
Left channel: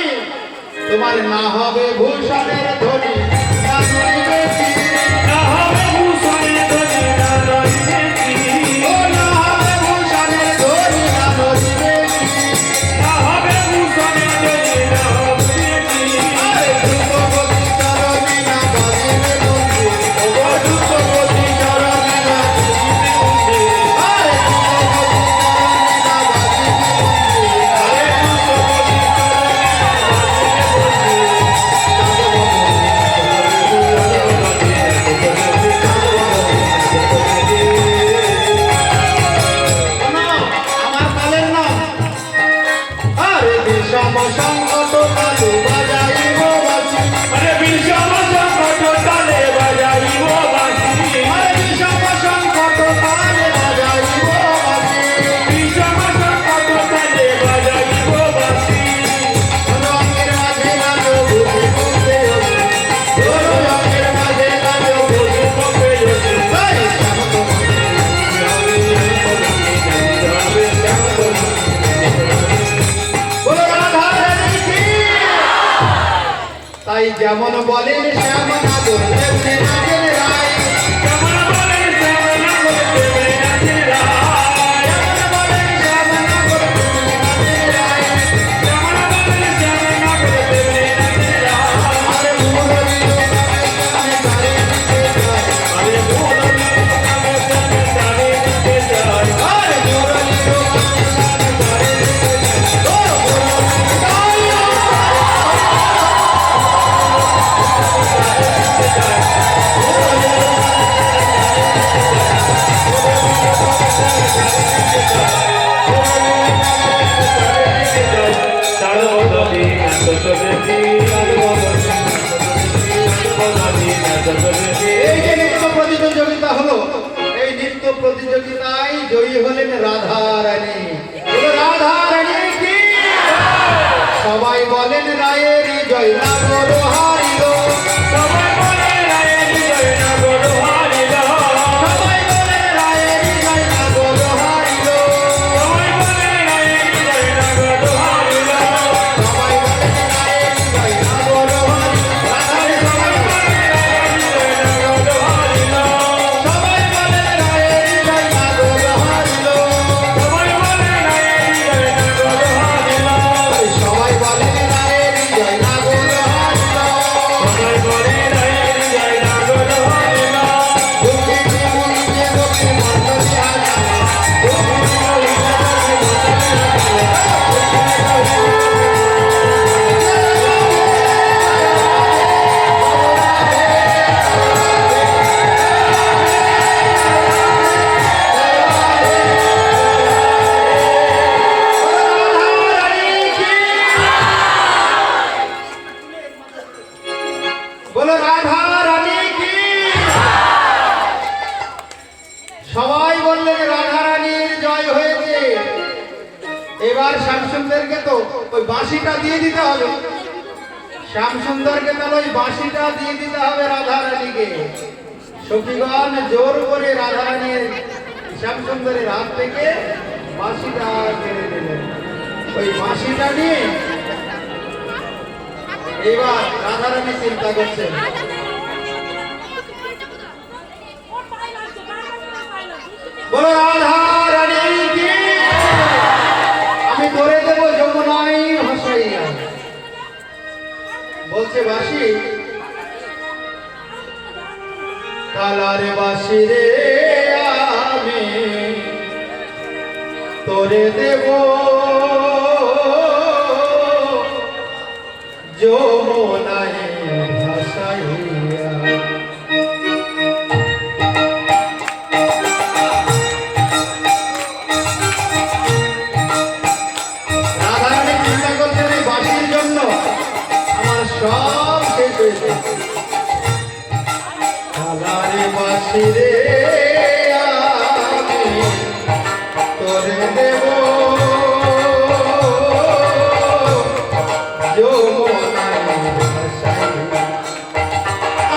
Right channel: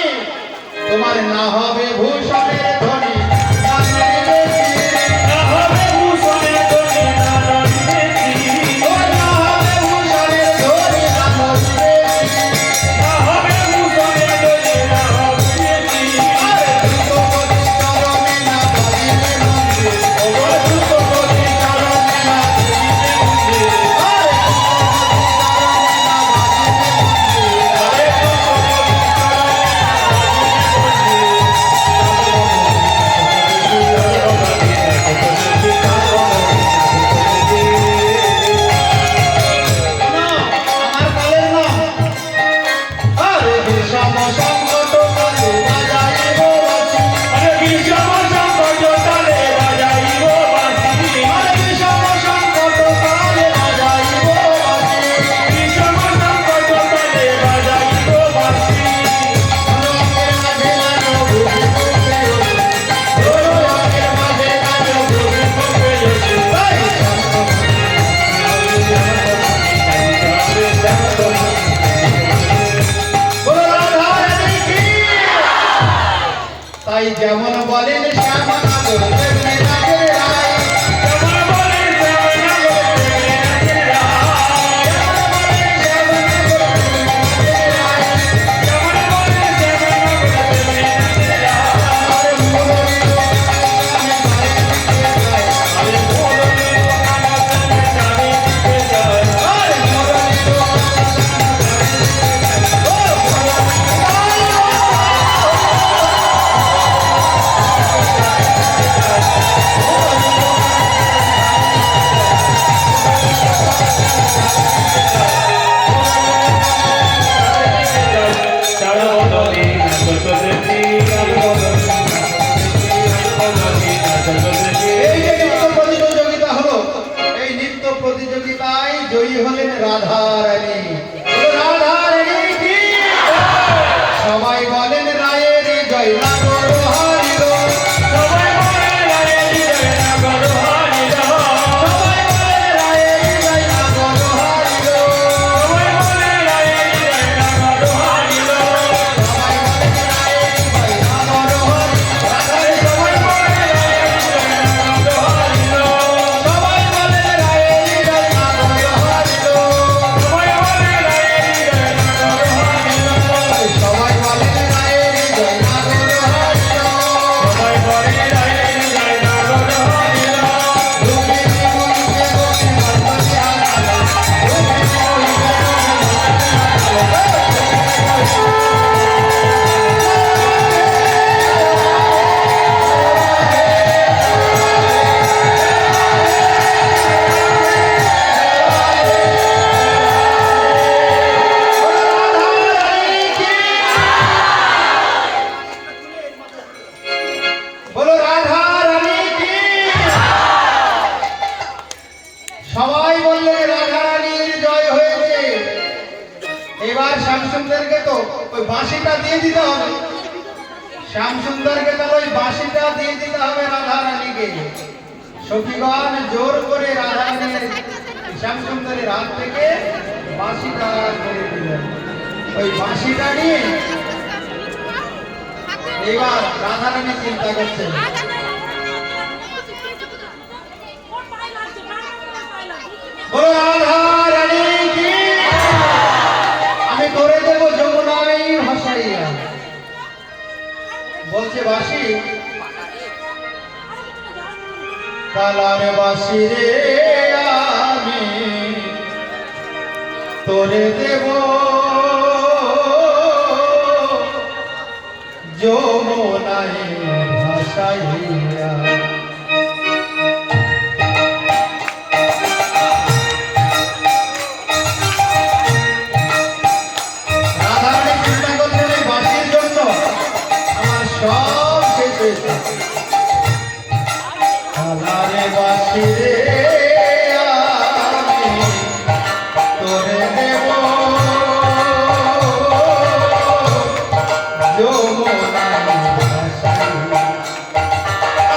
তোমার না হবে ভূষণের ধ্বনি, না নড়িবে চিরে, না হবে ভূষণের ধ্বনি, না নড়িবে চিরে। ও না হবে ভূষণের ধ্বনি, না নড়িবে চিরে। না হবে ভূষণের ধ্বনি, না নড়িবে চিরে। আরে ধ্রুপদী করবি না বাজিবে মন্দির, ও গো ধ্রুপদী করবি না বাজিবে মন্দির। আরে ধ্রুপদী করবি না বাজিবে মন্দির। আরে ধ্রুপদী করবি না বাজিবে মন্দির। তাই যেমন বলেন শ্যামনগর তেমনি রাজের রায়। যেমন বলে শ্যামনগর তেমনি রাজের রায়। যেমন বলেন শ্যামনগর তেমনি রাজের রায়। যেমন বলে শ্যামনগর তেমনি রাজের রায়। আর মুরলী আরে মুরলী গানে তারে দিতে চায়। আর মুরলী এই যে নৃত্য প্রতিযোগিতা হলো, এই নৃত্য প্রতিযোগিতায় জয়ী হলেন রাধা রানী। রাধা রানী কি সবাই বলেন রায়ের জয় নাগর হারিল। সবাই বলে রায়ের জয় নাগর হারিল। সবাই বলে রায়ের জয় নাগর হারিল। সবাই বলে রায়ের জয় নাগর হারিল। সবাই বলে রায়ের জয় নাগর হারিল। সবাই বলে রায়ের জয় নাগর হারিল। সবাই বলে রায়ের জয় নাগর হারিল। সবাই বলে রায়ের জয় নাগর হারিল। সবাই বলে রায়ের জয় নাগর হারিল। সবাই বলে রায়ের জয় নাগর হারিল। দুঃখে জীবনকে দুঃখে মানতে আসা। দুঃখে বলো রাধা রানী কি। সবাই বললেন রাধা রানীর জয় হয়েছে। এবার শ্যামসুন্দরকে তো ওই বাঁশিটা দিয়ে দিতে হবে। শ্যামসুন্দরকে তাহলে ওই বাঁশিটা দিয়ে দিতে হবে রাধা রানীকে। সখীগণ জোর করে রাধা রানীর শ্যামসুন্দরের হাত থেকে বাঁশিটা কেড়ে দিলেন। ওই বাঁশিটা নিয়ে এবার রাধা রানী চিন্তা করছেন, বলো রাধা রানী কি আমি করে দেব যমুনাই ভাসাইয়া। বলছে বাঁশি, কালারে বাঁশি রে আমি তোরে দেব যমুনাই ভাসাইয়া। রাধারানী চিন্তা করছেন এই বাঁশির জন্য আমার সব শেষ হয়েছে। কালারে বাঁশি রে আমি তোরে দেব যমুনাই ভাসাইয়া।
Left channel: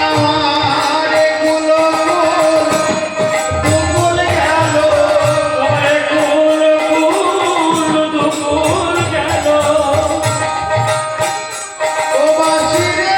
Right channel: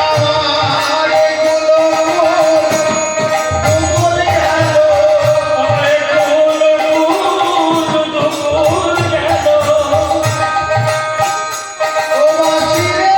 আমার এগুলো দুপুর গেল। ওই ফুল ফুল দুপুর গেল। ও বাঁশি রে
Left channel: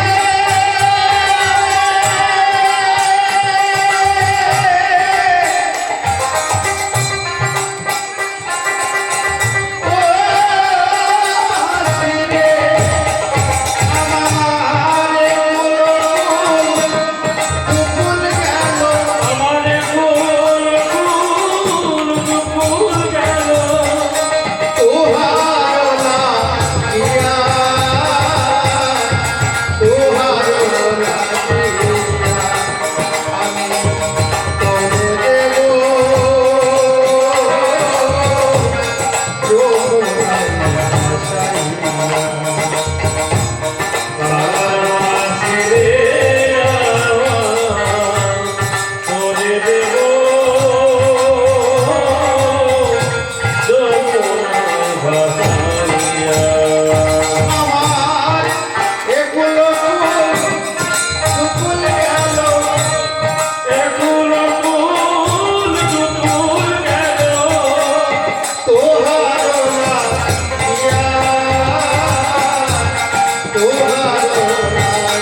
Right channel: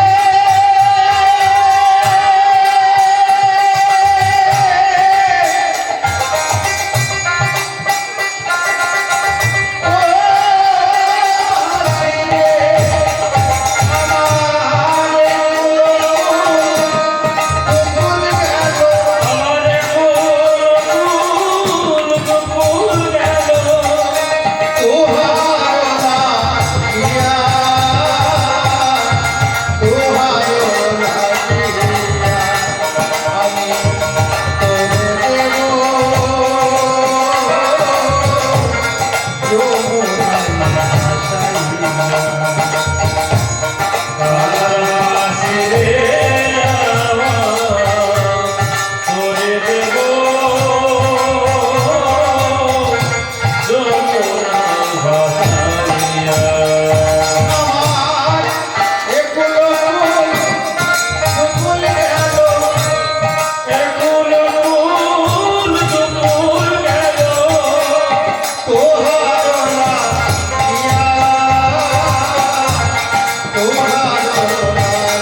তোহার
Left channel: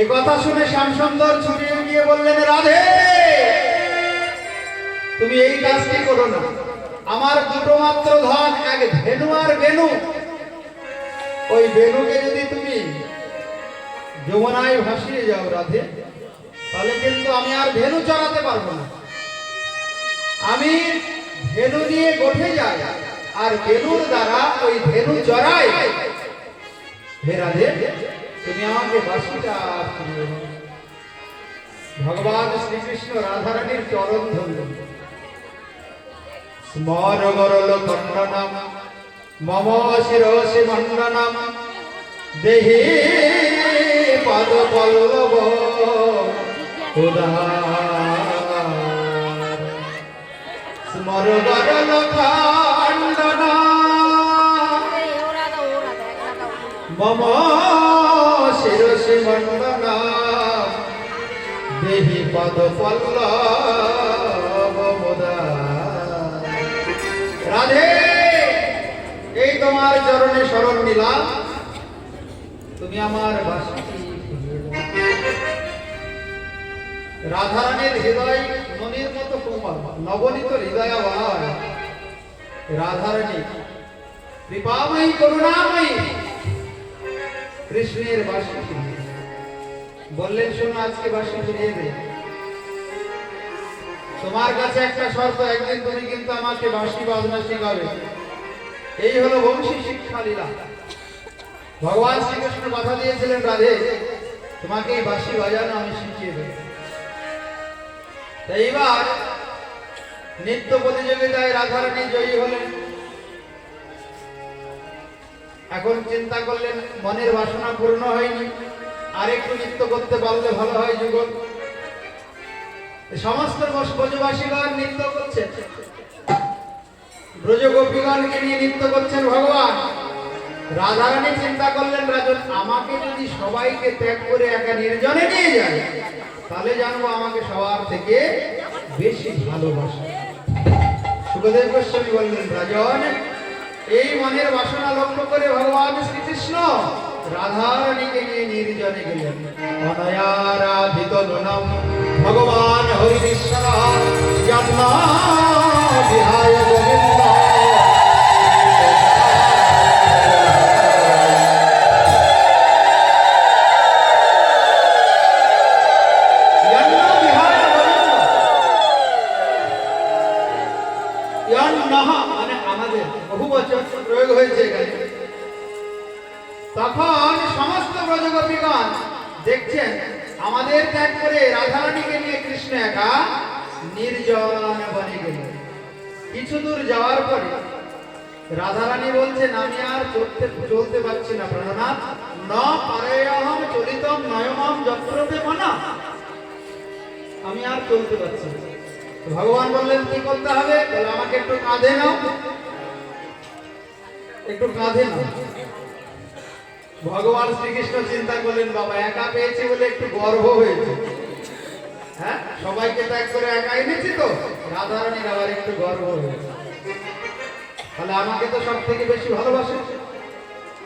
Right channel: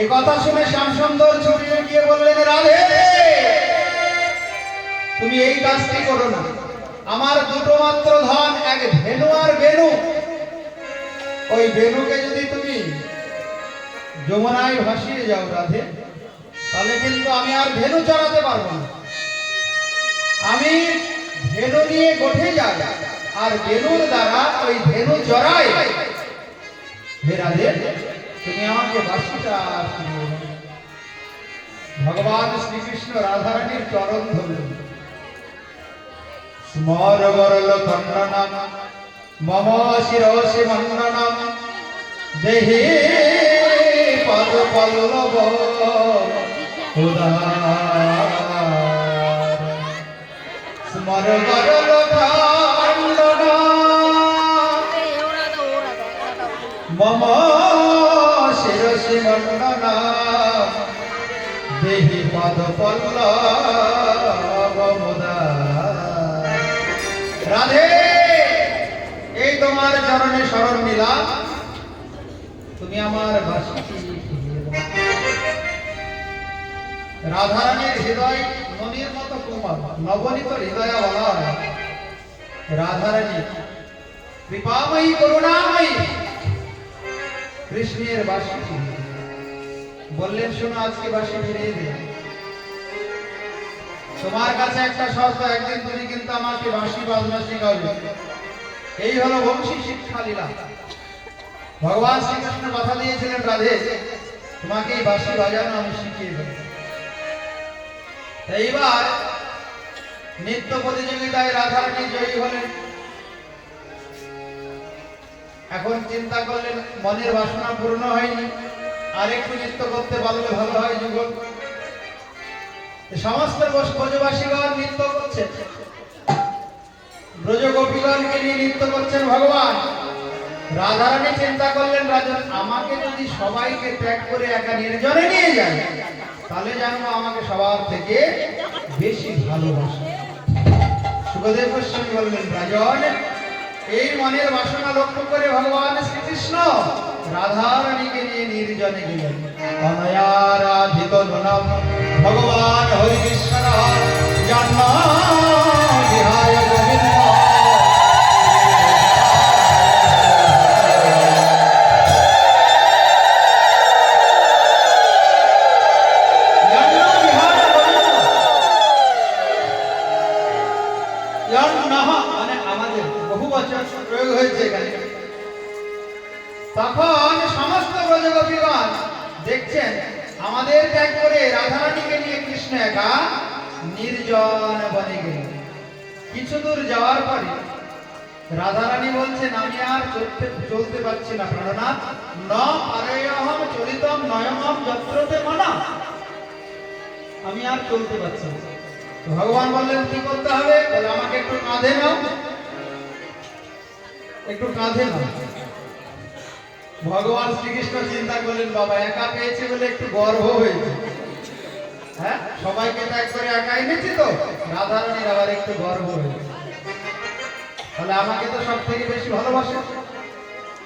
এই কথা শুনে শ্যামসুন্দর ছুটিয়ে গিয়ে বললেন, রাধে তুমি এই কাজটি করো না। আমার দুটো মাত্র ধন, এক ধেনু আর বেনু। ওই বেনুকে যদি তুমি যমুনায় ভাসিয়ে যাও রাধে, তাহলে কিন্তু আমি আর ধেনু চড়াতে পারবো না। আমি ধেনু নিয়ে গোঠে যাই আর বেনুর দ্বারা ওই ধেনু চড়াই। হে রাধে তুমি আমাকে বাসিটা ফিরিয়ে দাও। ভগবান শ্রীকৃষ্ণ রাধারানীর চরণ ধরলেন। স্মর বরল খণ্ডনম মম শিরসি মণ্ডনম দেহি পদ পল্লব উদার। স্মর বরল খণ্ডনম মম শিরসি মণ্ডনম দেহি পদ পল্লব উদার। রাধে এই তোমার চরণে শরণ নিলাম, তুমি আমার বাসিটি ফিরিয়ে দাও। রাধারানীর হৃদয় মনির মতো কোমল, নবনীত হৃদয়া বলা হয়। রাধারানী কৃপাময়ী করুণাময়ী কৃষ্ণের বাসি ফিরিয়ে দাও। বললেন, শোনো আজকে বাসি ফিরিয়ে দে। তোমার কাছে একটা শর্ত, একদিন তুমি কিন্তু আমাকে বাঁশি বাজনা শেখাবে। এই হলো বংশী শিক্ষা লীলা। ভগবান শ্রীকৃষ্ণ কথা দিয়েছিলেন, রাধে তোমাকে এই বাঁশি বাজানো আমি শিখিয়ে দেব। এইবার নৃত্য প্রতিযোগিতায় রাধারানী জয়ী হলেন। এখন চিন্তা করলেন, মনের বাসনা পূর্ণ হয়নি, আরেকটু নৃত্য করতে পারলে ভালো হয় যুগল। সমস্ত ব্রজবাসীগণ নৃত্য করছেন, ব্রজ গোপীগণকে নিয়ে নৃত্য করছেন ভগবান। রাধারানী চিন্তা করলেন, রাজন আমাকে যদি সবাইকে ত্যাগ করে একা নির্জনে নিয়ে যায়, তাহলে জানবো আমাকে সবার থেকে বেশি ভালোবাসে। সুখদেব গোস্বামী বললেন, রাজন এই মনের বাসনা লক্ষ্য করে ভগবান শ্রীকৃষ্ণ রাধারানীকে নিয়ে নির্জনে গেলেন। অনয়ারাধিত ননম ভগবান হরিশ্বর জান্না বিহায় গোবিন্দ। মানে আমাদের বহু বচন প্রয়োগ হয়েছে এখানে। তখন সমস্ত ব্রজগোপীগণ দেখছেন আমাদের ত্যাগ করে রাধারানীকে নিয়ে কৃষ্ণ একা নির্জন বনে গেলেন। কিছু দূর যাওয়ার পরে রাধারানী বলছেন, আমি আর চলতে পারছি না প্রাণনাথ, ন পারেয়হম চলিতম নয়মম যত্রতে মনা। আমি আর চলতে পারছি না। তো ভগবান বললেন, কি করতে হবে? বলে আমাকে একটু কাঁধে নাও, একটু কাঁধে নাও। ভগবান শ্রীকৃষ্ণ চিন্তা করলেন, বাবা একা পেয়েছে বলে একটু গর্ব হয়েছে। হ্যাঁ, সবাইকে ত্যাগ করে একা এনেছি, তো রাধারানীর আবার একটু গর্ব হয়েছে। তাহলে আমাকে তো সব থেকে বেশি ভালোবাসে।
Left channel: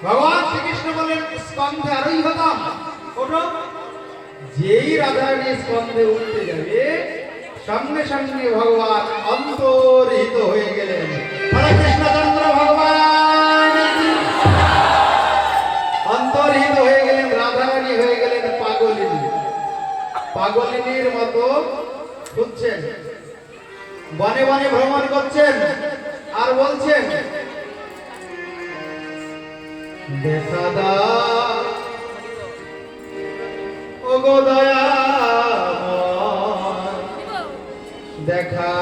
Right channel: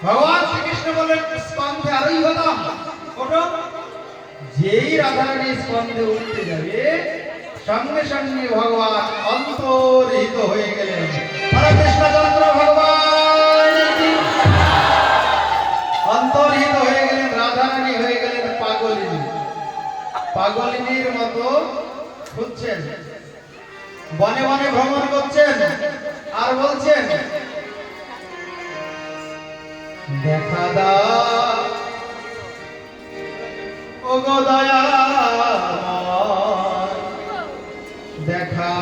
ভগবান শ্রীকৃষ্ণ বললেন, স্কন্ধে আরোহী হতাম, ওঠো। যেই রাধারানী স্কন্ধে উঠতে যাবে, সঙ্গে সঙ্গে ভগবান অন্তর্হিত হয়ে গেলেন। হরে কৃষ্ণচন্দ্র ভগবান অন্তর্হিত হয়ে গেলেন। রাধারানী হয়ে গেলেন পাগলিনী। পাগলিনীর মতো ঘুরছেন, বনে বনে ভ্রমণ করছেন আর বলছেন, দেখা দাও ও গো দয়াময়, দেখা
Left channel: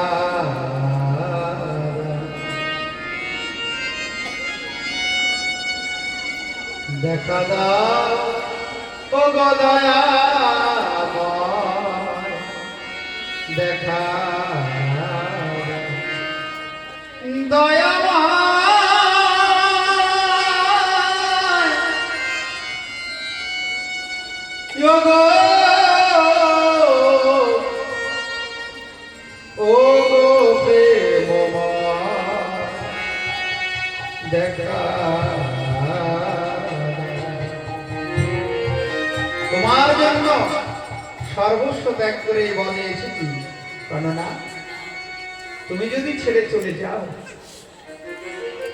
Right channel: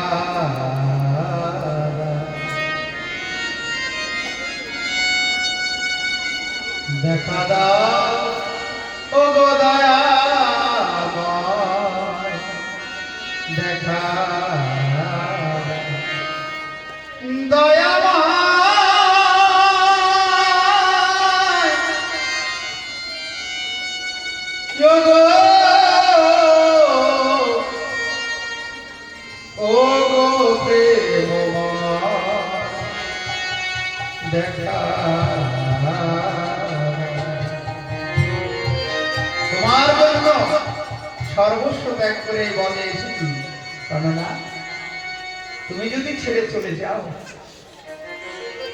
দেখা দাও ও গো দয়াময়, দেখা দয়াময় যোগো ও গো প্রেমময়, দেখা তোমার জন্য জন্য সর্বস্ব ত্যাগ করে এই বনে এসেছি। কেননা তুমি যদি ছেড়ে চলে যাও,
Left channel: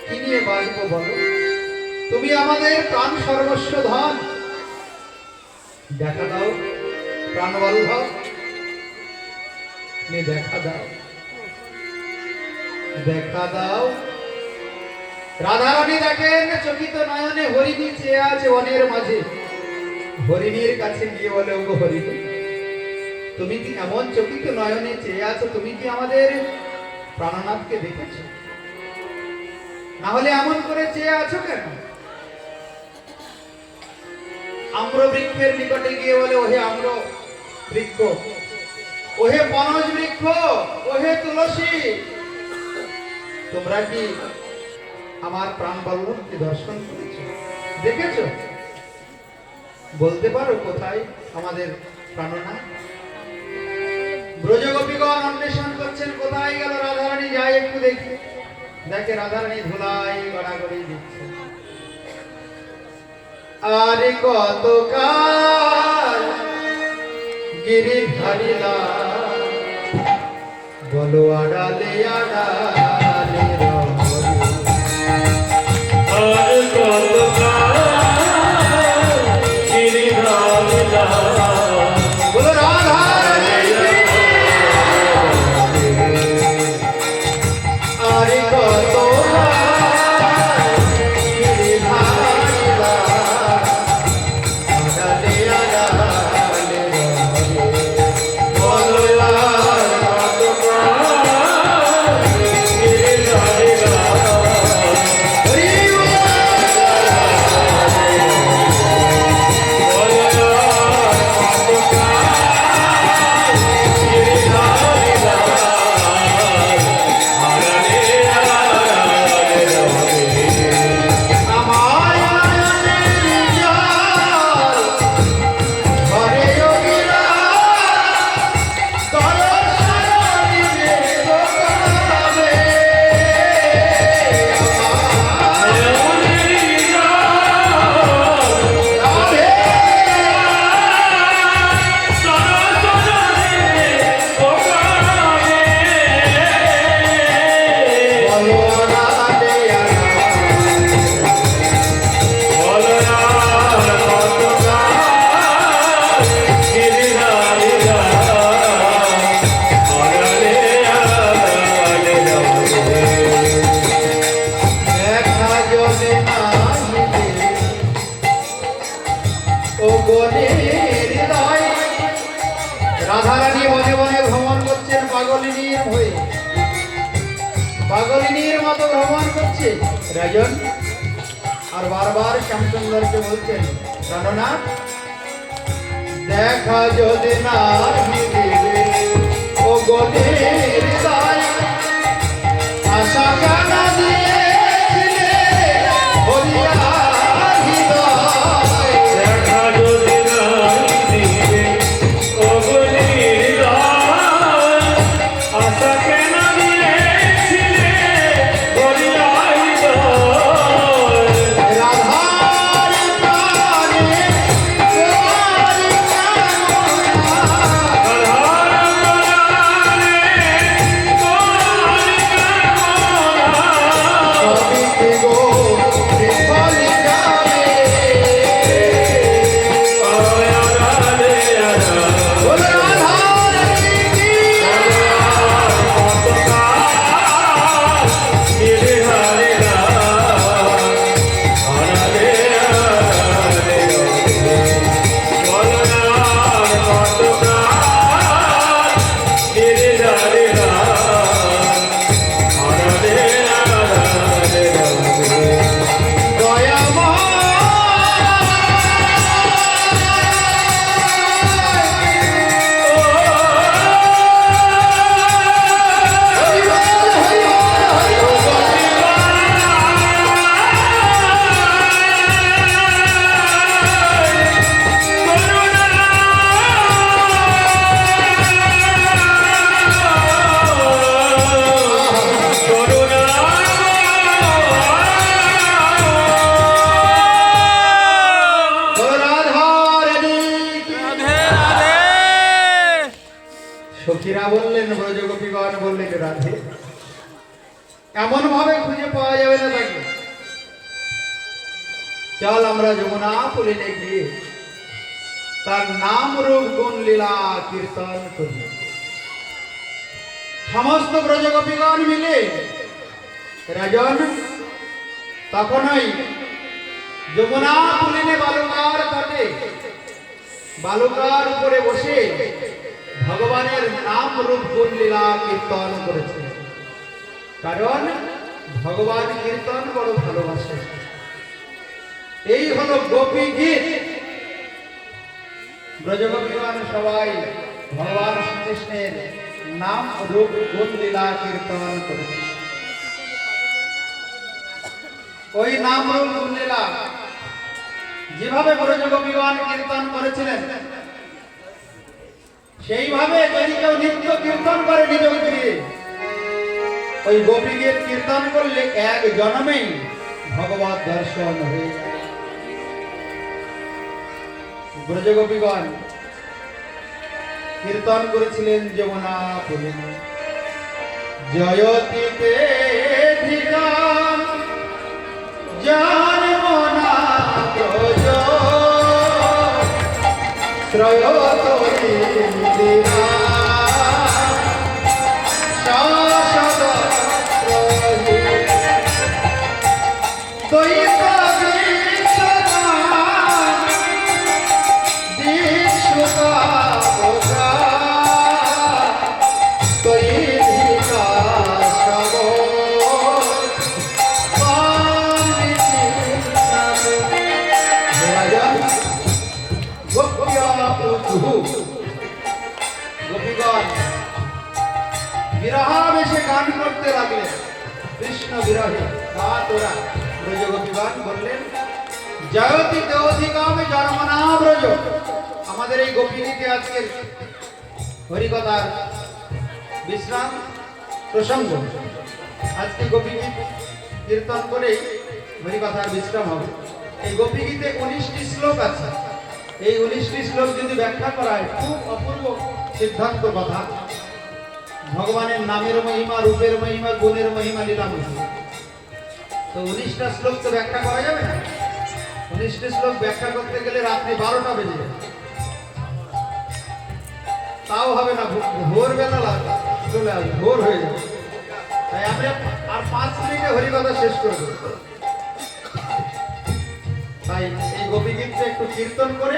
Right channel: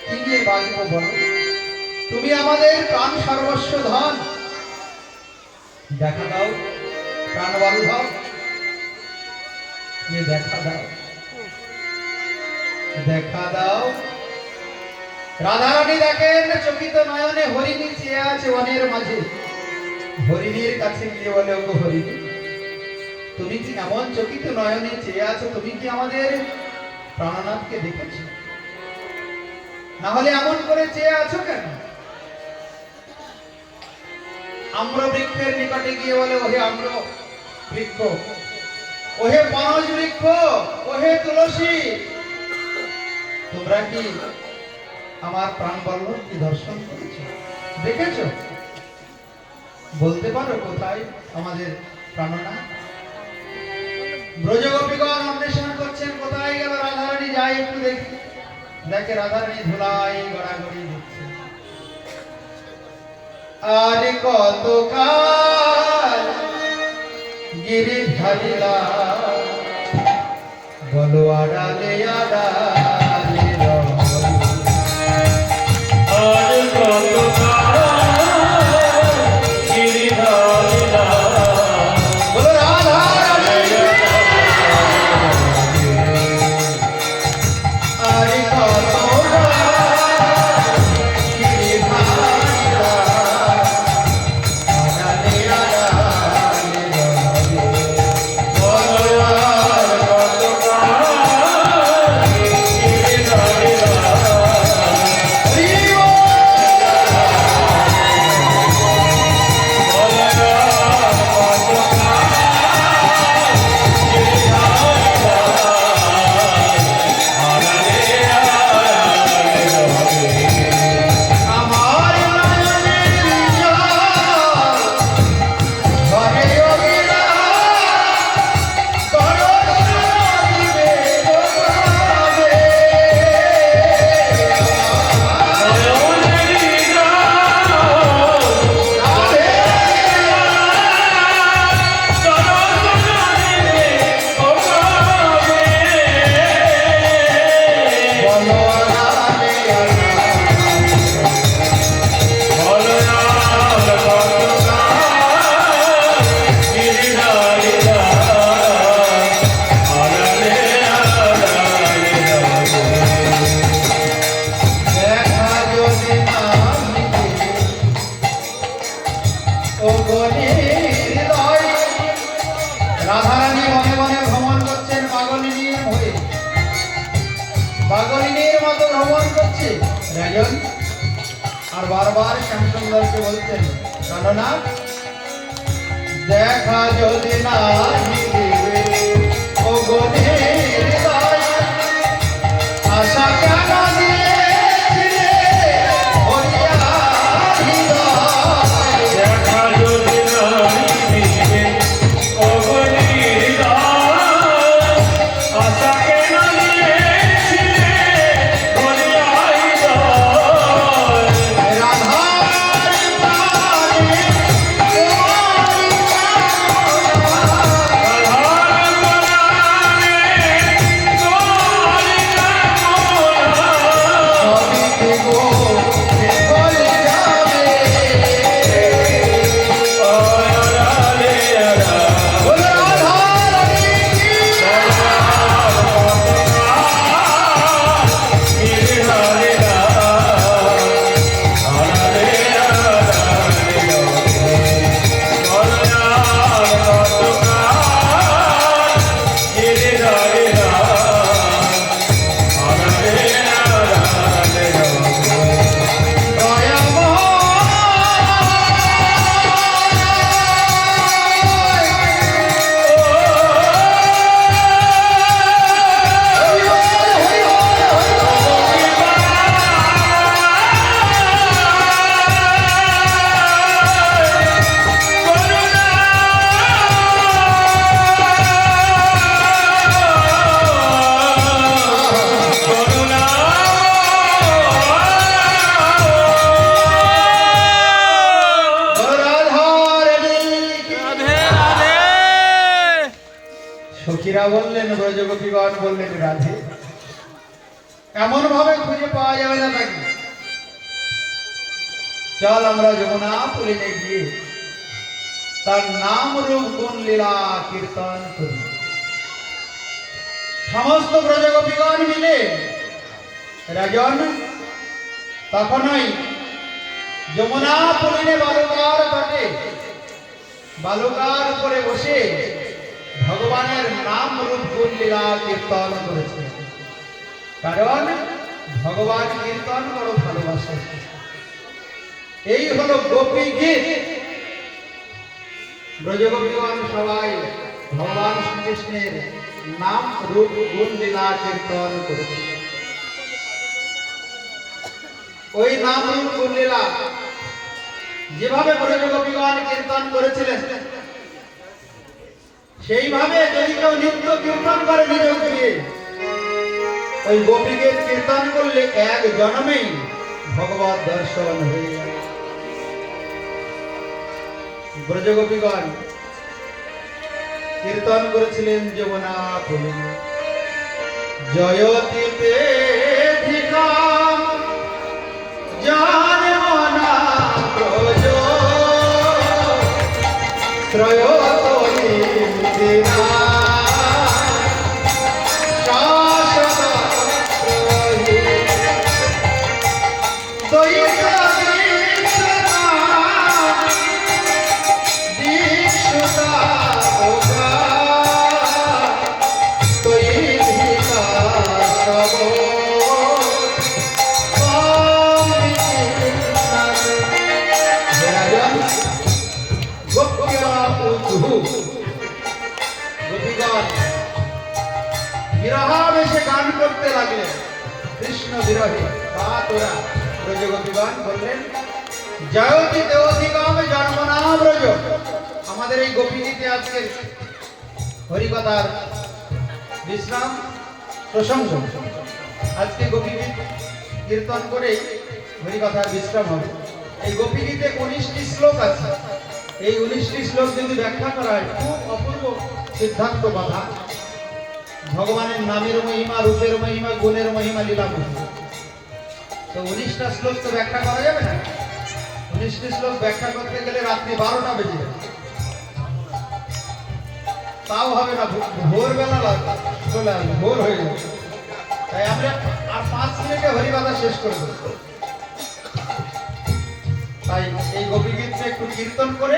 কি নিয়ে বাঁচবো বলো? তুমি আমাদের প্রাণ সর্বস্ব ধন। দেখা দাও প্রাণ বল্লভ, তুমি দেখা দাও, দেখা দাও। রাধারানী দেখেন চকিত নয়নে হরিণী চেয়ে আছে বনের মাঝে। হরিণীর কাছে গিয়ে বলে, ওগো হরিণী, তুমি কি এমন চকিত নয়নে চেয়ে আছো? তুমি কি আমাদের প্রাণনাথকে দেখেছো? না হলে এমন করে চেয়ে আছো কেন? আম্র বৃক্ষের নিকটে গিয়ে বলে, ওহে আম্র বৃক্ষ, ওহে বনজ বৃক্ষ, ওহে তুলসী, তোমরা কি আমার প্রাণ বল্লভকে দর্শন করেছো, দেখেছো? বলতে পারো কোথায় আমাদের প্রাণনাথ? ব্রজগোপীগণ অন্বেষণ করছেন, কোথায় গেল রাধারানী, যাই একটু দেখি। দেখে রাধারানী ধুলাই গড়াগড়ি দিচ্ছে। আর কতকাল গিরিধারীরা বলো আড়ালে আড়ালে রহরি। আর কতকাল গিরিধারীরা বলো রাধারানী। আর কতকাল গিরিধারীরা আড়ালে আড়ালে রহরি। বলো আর কতকাল গিরিধারীরা আমার নয়নের জল ভরে অবিরা দর্শন দিবে গোপালে। বলো আড়ালে দেখা যদি নাহিবে ও গণের হৃদয়। রাধারানী মনে মনে ভ্রমণ করছেন পাগলিনীর হয়ে, পাগলিনীর মতো ভ্রমণ করছে রাজন। আর বারবার শ্যামসুন্দরকে বলছেন, কেননা দেখা যদি নাহিবে ও গণের হৃদয়, আশা কেন দিয়েছিলে হরিয়া হৃদয়। দেখা যদি নাহিবে ও গরিদার, আশা কেন দিয়েছিলে বলিয়া হৃদয়। রাধার প্রাণে তোমার কামনা। রাধার প্রাণে মীরা বললেন, ব্রজগোপীগণ বললেন, রাধে এমন ভাবে খুঁজে পাওয়া যাবে না তাকে। চল আমরা যমুনা পুলিনে গিয়ে তার নাম রূপ গুণ লীলা কীর্তন করি। সমস্ত ব্রজগোপীগণ মিলে রাজন তখনই যমুনা পুলিনে বালুকার তটে বালুকার উপরে বসে ভগবানের নাম রূপ গুণ লীলা কীর্তন করেছে। কারণ ভগবান কীর্তন বড় ভালোবাসে। এই হলো গোপী গীত। ব্রজগোপীগণ সবাই ভগবান শ্রীকৃষ্ণের নাম রূপ গুণ লীলা কীর্তন করেছে। ওই নাম রূপ গুণ লীলা যেভাবে ব্রজগোপীগণ কীর্তন করেছিলেন, সেইভাবে যদি কেউ নিত্য কীর্তন করে নিরোগ দিয়ে, ওই গোপীগীত কীর্তন করলে এক জন্মেই ভগবত দর্শন হয়ে যায়। ব্রজগোপীগণ কীর্তন করেছিলেন যমুনা পুলিনে। জয়তীতে ধিকাম জানমনা ব্রজ ত্রয়োতয়ী দিনা শাশ্বত প্রভু দৈত দীক্ষতা দীক্ষতা ভোগা দৈধিকা সব গোপীগণ বিরহাবেশে গান করতে লাগলেন, কৃষ্ণ বিরহে। তোরা ব্রজগোপীগণ বললেন, জয়তি দেওধিকাম জন্মনা ব্রজ। আমাদের এই গোপীগীতে আজকের হরিকথার বিশ্রাম প্রসঙ্গ। আজকে গোপীগীত কীর্তন করে হরিকথার বিশ্রাম হবে। এই গোপীগীতে 19টি শ্লোক আছে। এই 19টি শ্লোক যদি ব্যাখ্যা করা হয়, খুব অপূর্ব সিদ্ধান্ত কথা। ভগবানের নামের মহিমা, রূপের মহিমা, গুণের মহিমা, লীলা মহিমা। তো 19টা শ্লোক তো ব্যাখ্যা করা যাবে না। 19টি শ্লোক ব্যাখ্যা করতে গেলে রাত্রি 12টা বেজে যাবে, তাও হবে না। ভোরবেলা চলে আসবে, ভোর হয়ে যাবে। তাই আমরা আর 5 মিনিটে হরিকথা শেষ করবো। তাই এই গোপীগীতটা একটু কীর্তন করে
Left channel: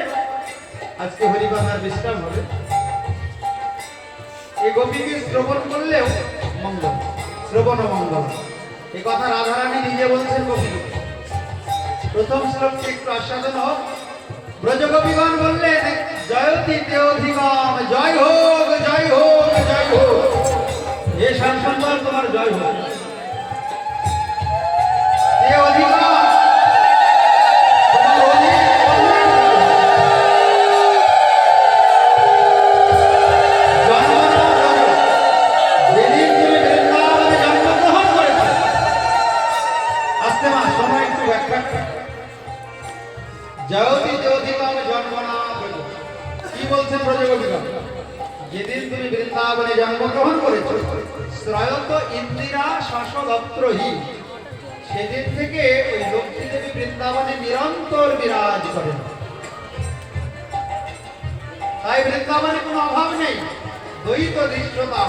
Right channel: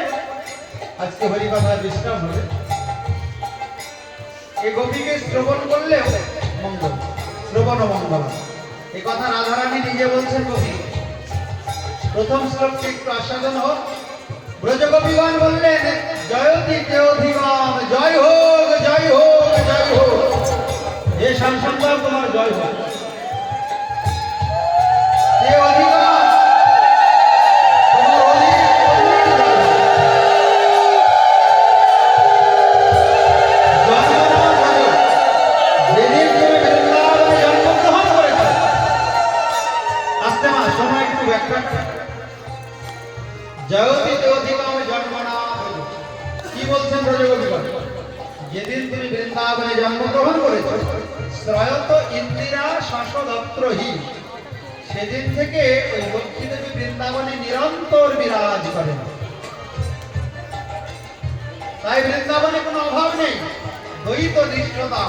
আজকে হরিকথার বিশ্রাম হবে। এই গোপীগীত শ্রবণ করলেও মঙ্গল, শ্রবণ মঙ্গল। এই কথা রাধারানী নিজে বলছেন কবি। প্রথম শ্লোকটি একটু আস্বাদন হোক। ব্রজগোপীগণ বললেন, জয়তি দেওধিগণ, জয় হোক, জয় হোক, জয় হোক। হে শ্যামসুন্দর, তোমার জয় হোক। দেওধিগণ কি বলছেন ব্রজগোপীগণ? যেদিন তুমি বৃন্দাবনে জন্মগ্রহণ করেছ, শ্রয়ত ইন্দিরা শাশ্বদত্রহি, সেদিন থেকে ওই লক্ষ্মী দেবী বৃন্দাবনে নিরন্তর বিরাজ করেন। তাই বৃন্দাবনে কোনো অভাব নেই। দ্বৈত দৃষ্টতা।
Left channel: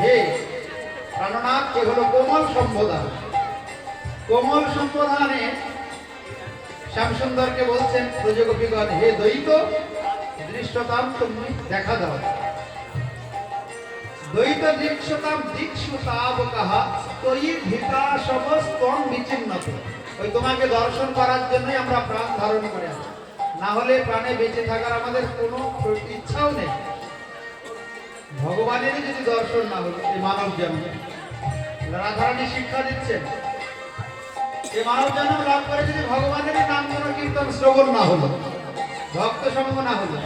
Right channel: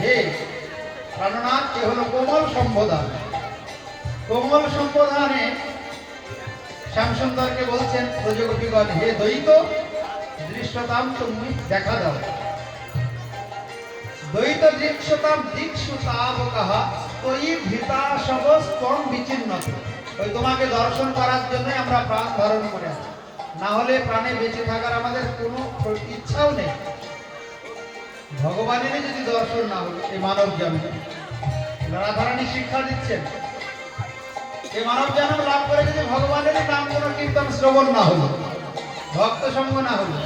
হে প্রাণনাথ, কে হলো কোমল সম্বোধন। কোমল সম্বোধনে শ্যামসুন্দরকে বলছেন ব্রজগোপীগণ, হে দ্বৈত দৃষ্টতাম, তুমি দেখা দাও। দ্বৈত দৃশ্যতাম দীক্ষুতাবকাহ তয়ি ভিতা সবস্তম বিচ্ছিন্নত। ওই তোমাকে দর্শন করার জন্য আমরা প্রাণ ধারণ করে আছি। না হলে প্রাণে বেঁচে থাকার আমাদের কোনো ইচ্ছাও নেই। ভগবানেরই যদি দর্শন না হতো এই মানব জন্ম, রাধারানী শিক্ষা দিচ্ছেন, এই মানব জন্ম লাভ করে যদি ভগবানের নাম কোনো কীর্তন শ্রবণ না হলো, ভক্ত সঙ্গ না হলো,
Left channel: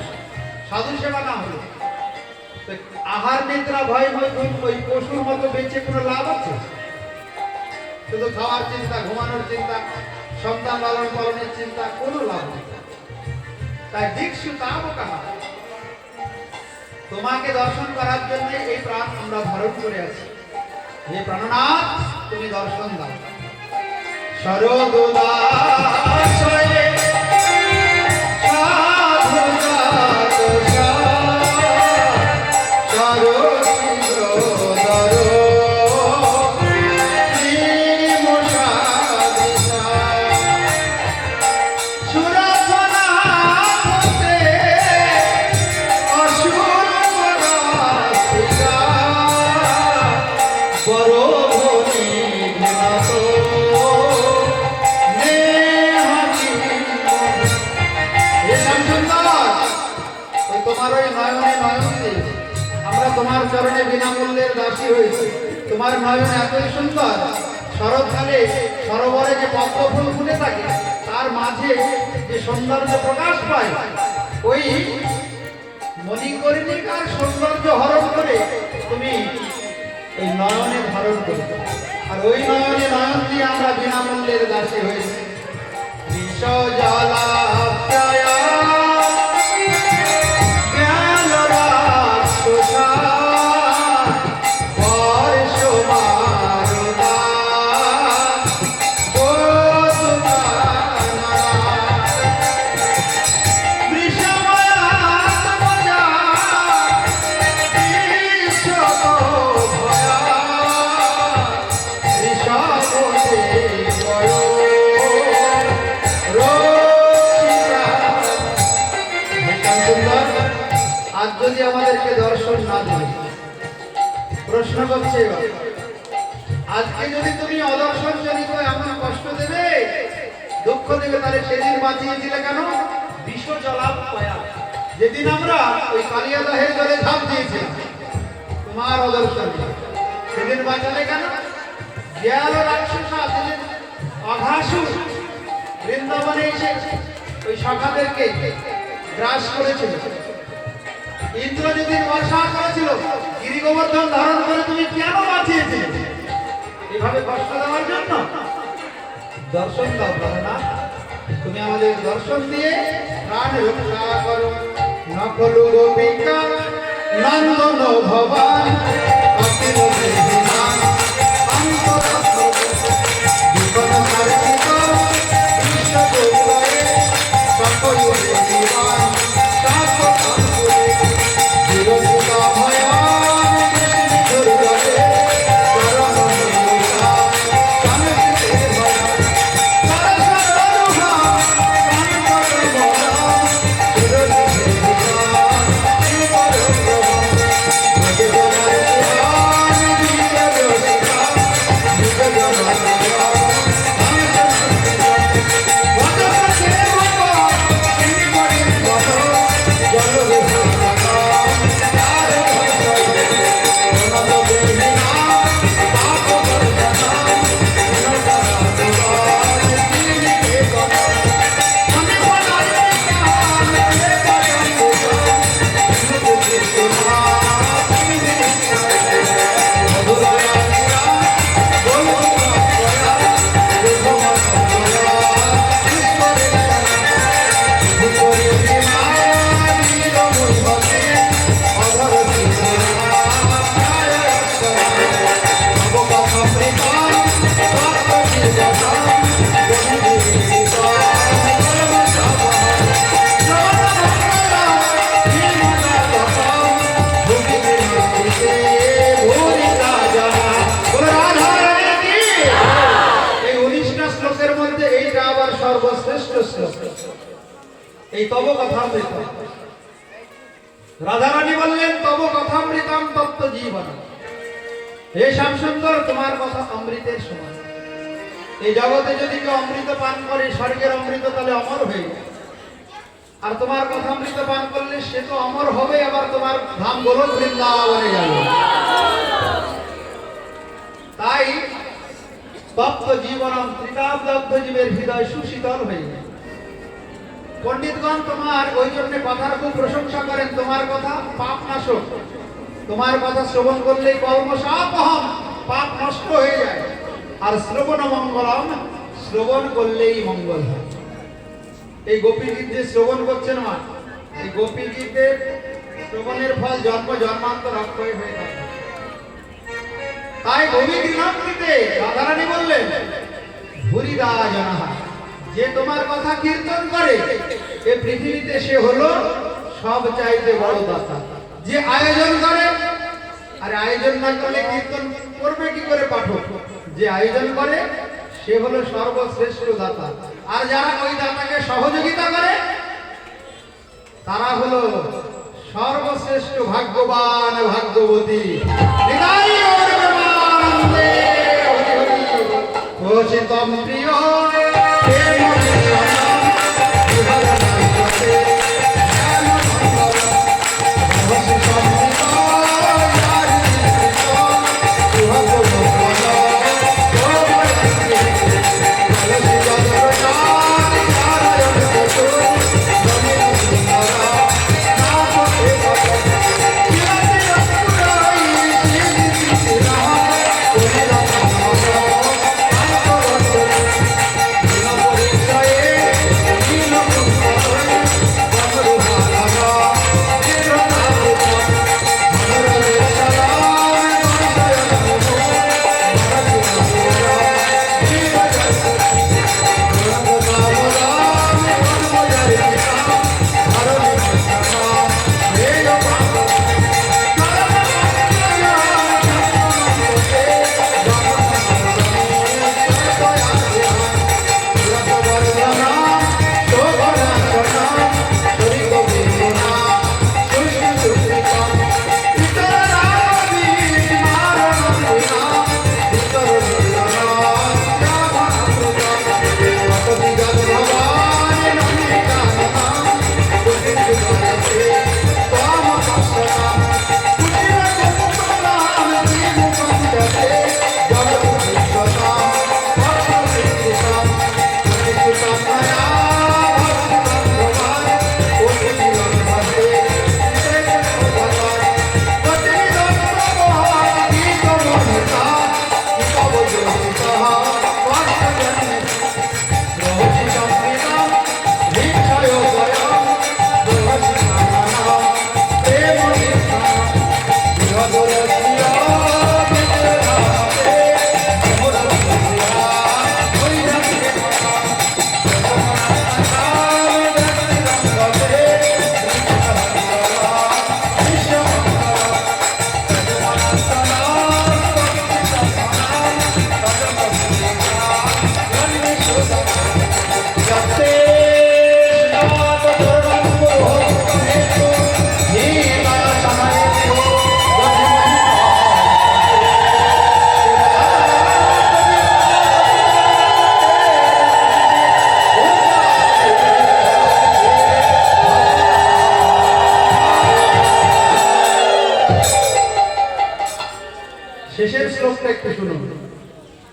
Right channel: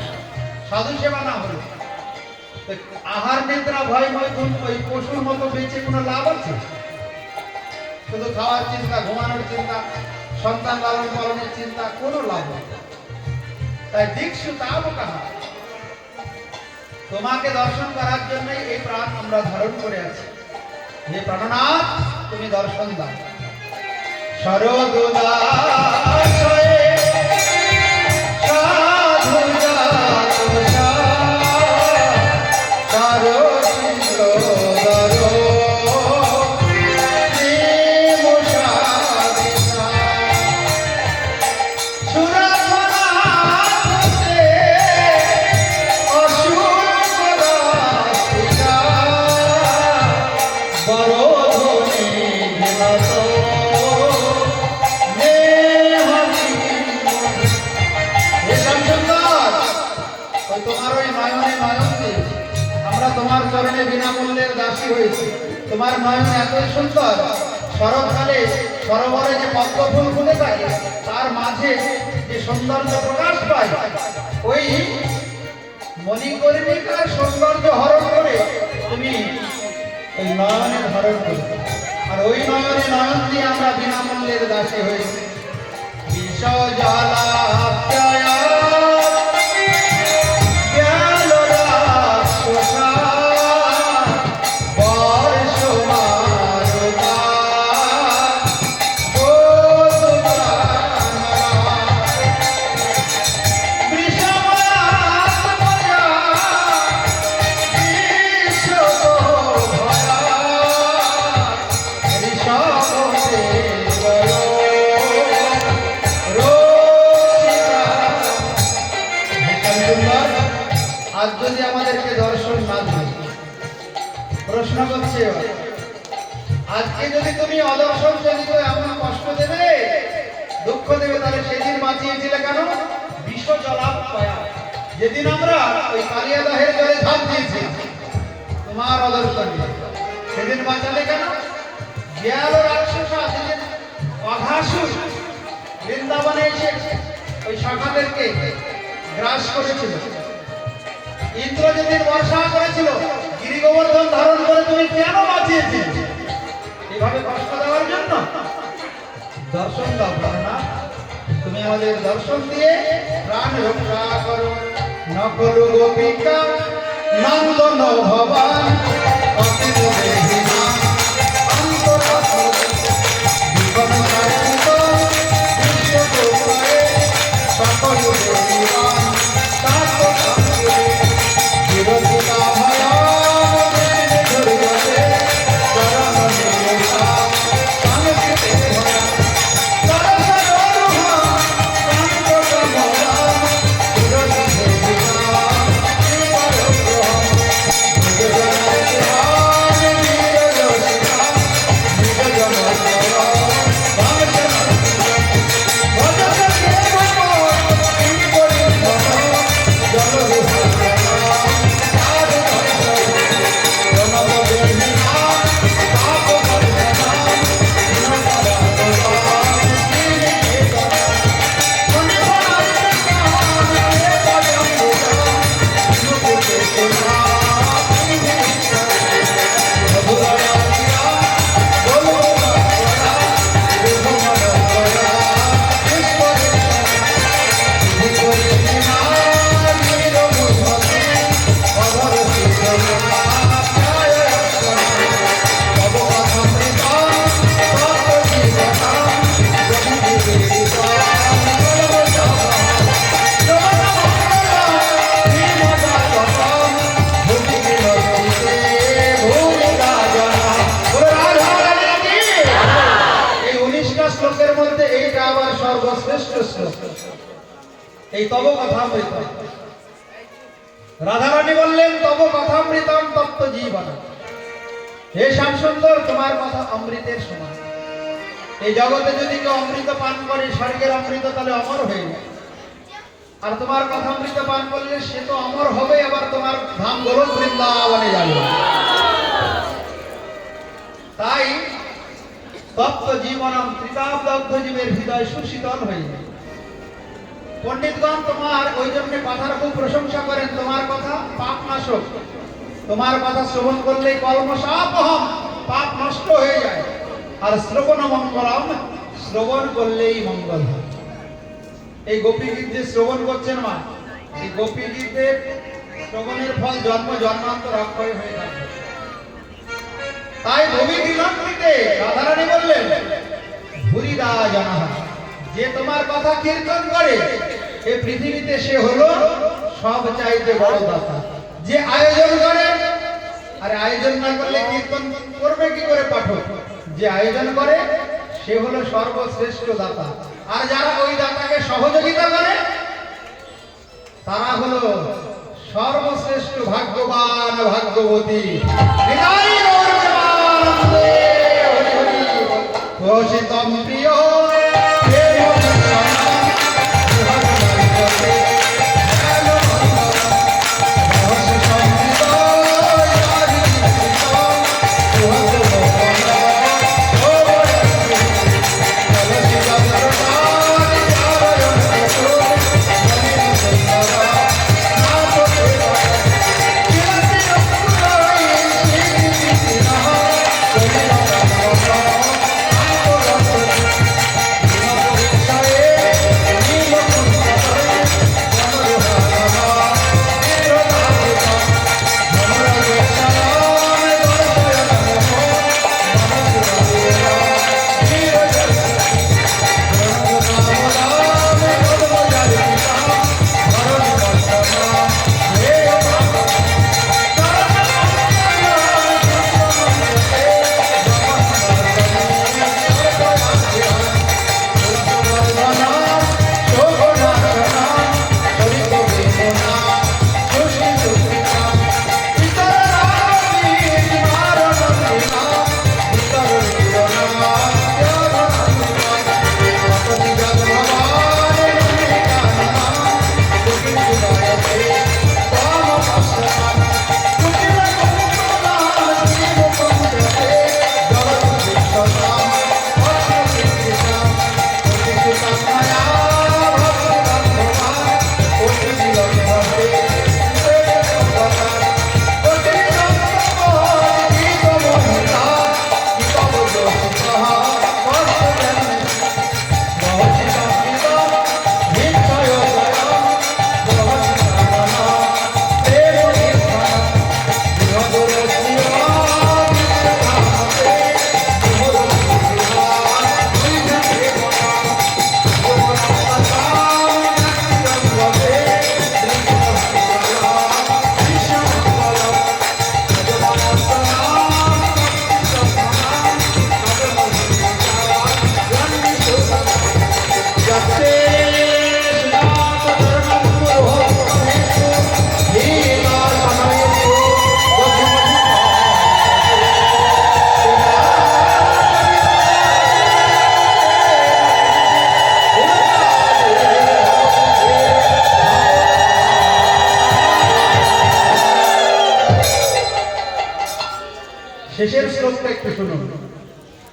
সাধু সেবা না হলো, আহার নিদ্রা ভয়ময় ওই পশুর মতো বেঁচে কোনো লাভ আছে? শুধু খাওয়ার চিন্তা, ঘুমানোর চিন্তা, সন্তান লালন পালনের চিন্তা, কোনো লাভ নেই। তাই দীক্ষু তাও কাহা। তো তোমাকে দর্শন করার জন্য এই প্রাণ আমরা ধারণ করে আছি। হে প্রাণনাথ, তুমি দর্শন দাও। শরদোদাসরে সাধুজাত চারণীন্দ্রধর শ্রীমুষাদিতা সুরধনাথে অসুরপরাস্তিকা বরধনে ঘেনত তোমার ওই নয়নে নয়ন দিয়ে আমরা তোমার চরণে বিনামূল্যের দাসী হয়েছি। তোমার নয়ন এতই সুন্দর, শরৎকালে সরোবরে যে পদ্ম ফুল ফুটে থাকে তার মাঝে যে সৌন্দর্য প্রকাশ পায়, ওই মণিকর্ণিকার সৌন্দর্য হরণ করে তুমি ওই নয়নের হরণ করো। আর ওই নয়নে নয়ন দিয়ে আমরা বিনামূল্যের দাসী হয়েছি। বিষ জ্বালা আজ যদি আমাদেরকে দর্শন না দেয়, প্রশ্ন করছে আজকে যদি তুমি অদর্শন চলিত এমন কষ্ট দেবে, দুঃখ দেবে, তাহলে সেদিন বাঁচিয়েছিলে কেন? বিষ জলাপয়া, যেদিন আমরা ওই কালিয়াদহের জলে ঝাঁপ দিয়েছি তোমার অদর্শন, সেদিন বাঁচালে কেন? দেয়াল রাক্ষসা যেদিন অঘাসুর বৃন্দাবনে এসে ওই শাখাদেরকে গ্রাস করেছিল, ইন্দ্র যেদিন বর্ষা করেছিল, গিরি গোবর্ধন ধারণ করে তুমি কেন বাঁচিয়েছিলে? এভাবে কষ্ট দেওয়ার জন্য? দর্শন দাও না, তুমি আমাদের দর্শন দিয়ে প্রাণ রক্ষা করো। নকলু গোপিকা নন্দন ভবান এই তব কথামৃত। রাধারানী বললেন তব কথামৃতম তপ্ত জীবন। হে শ্যাম সুন্দর, তোমার কথা অমৃতের সমান। এই জগতে যদি কেউ অমৃত পান করে স্বর্গের অমৃত, তাহলে অমর হয়ে যায়। আর তোমার কথা অমৃত পান করলে সে তো অমর হবে, আবার তোমার ধাম বলো বৃন্দাবনে যাবে। তাই তপ্ত জীবনম ত্রিকাব্দগ্ধ জীবের হৃদয় সুশীতল হয়ে যায়। পণ্ডিতগণ তোমার ওই জন্য কথার খুব প্রশংসা করেন। তোমার কথা পাপ নাশক, তোমার কথা শ্রবণ করলেই কর্মসাপহম, পাপ নষ্ট হয়ে যায়। আর শ্রবণ মঙ্গলম, শ্রবণ করলেই মঙ্গল হয়। এই গোপী গীত যে শ্রবণ করছেন মা, এই গোপী গীতের শ্রবণের ফল জন্ম জন্মান্তর অক্ষয় হয়ে থাকে। তাই ভূমি গৃহকৃতে রাধারানী বললেন, ভুরিদা জানাহা, যে তোমার কথা কীর্তন করে এ পৃথিবীতে সে হলো সব চাইতে বড় দাতা। যে আয়োজন করে, আরে আয়োজন না করলে কীর্তন করবে কি করে পাঠক? যে আয়োজন করে সে হলো সর্বশ্রেষ্ঠ দাতা। আর যারা ওই দাতাকে সহযোগিতা করে তারা হলো সর্বশ্রেষ্ঠ ভাগ্যবান ভাগ্যবতী। নিতাই গৌর প্রেমানন্দে হরি হরি। ঘোষিতম প্রিয় প্রেম নিরঞ্জন, বিহর নামকে প্রেম মন্ডল। ঘোষিতম প্রিয় হরি কৃষ্ণ, বিহর গোপন গোবর্ধন। কলসি জগন্নাথ নারায়ণ কেশু, জমিন সুন্দর নাথ দেবতা। বিরতি রত্নাই শ্রী কৃষ্ণ, কলির প্রাণ শেষের শ্লোকটা একটু শুনুন,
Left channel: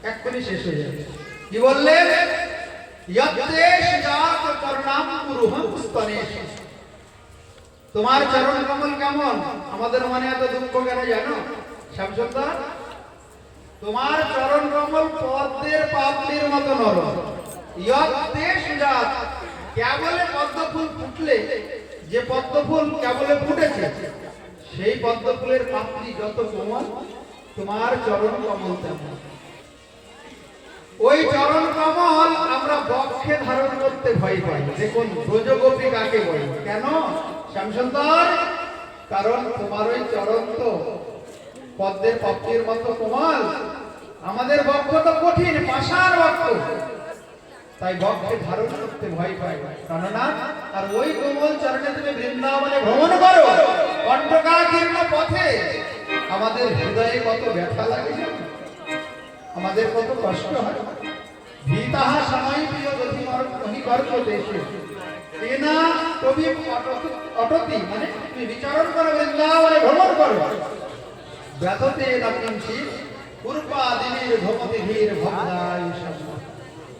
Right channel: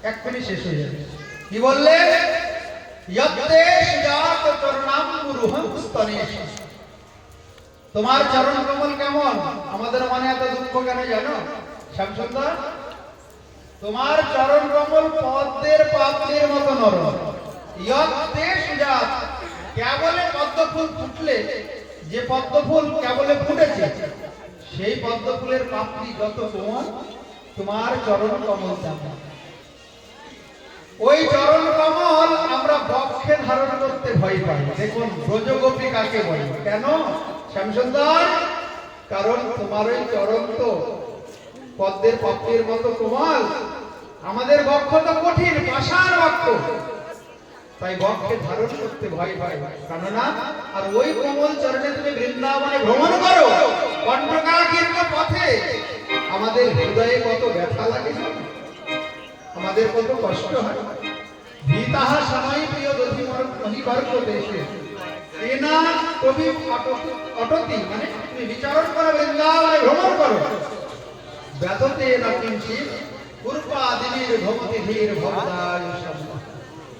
এক্ষুনি শেষ হয়ে যাবে। কি বললেন? ইয়ত্তে সুজাত চরণাম্বুরুহং স্তনেষু। তোমার চরণ কমল কেমন? আমাদের মনে এত দুঃখ কেন জানো শ্যামসুন্দর? তোমার চরণ কমল পদ্মের পাপড়ির মতো নরম। ইয়ত্তে সুজাত, কেবলে পদ্ম ফুল ফুটলে, যে পদ্ম ফুল কেবলে ফুটেছে সেই পদ্ম ফুলের পাপড়ি যত কোমল, তোমার চরণ কমল তেমন। ওই চরণ কমল আমরা বক্ষে ধারণ করতে ভয় পাই। দেখুন ব্রজগোপী কাকে বলে? কেন শ্যামসুন্দর? কারণ তোমার ওই চরণ তো পদ্মের পাপড়ির মতো কোমল, আমাদের বক্ষ তো কঠিন পাষাণ বক্ষ, তাই বক্ষে ধারণ করতে ভয় পাই। কেননা আর ওই কোমল চরণে তুমি বৃন্দাবনে ভ্রমণ করো, কণ্ঠকাকীর্ণ পথে আমাদের হৃদয়ে কত ব্যথা লাগে, আমাদের কত কষ্ট হয়। ভীতাহা সময় প্রিয় যদি মহিবর্গ দেশে এনা কবি অটতি, মানে তুমি বিচারণ করো, বৃন্দাবনে ভ্রমণ করো। ব্যথতে নকিঞ্চি পূর্বা দেবীর ভবতি ধীর ভবদায়ু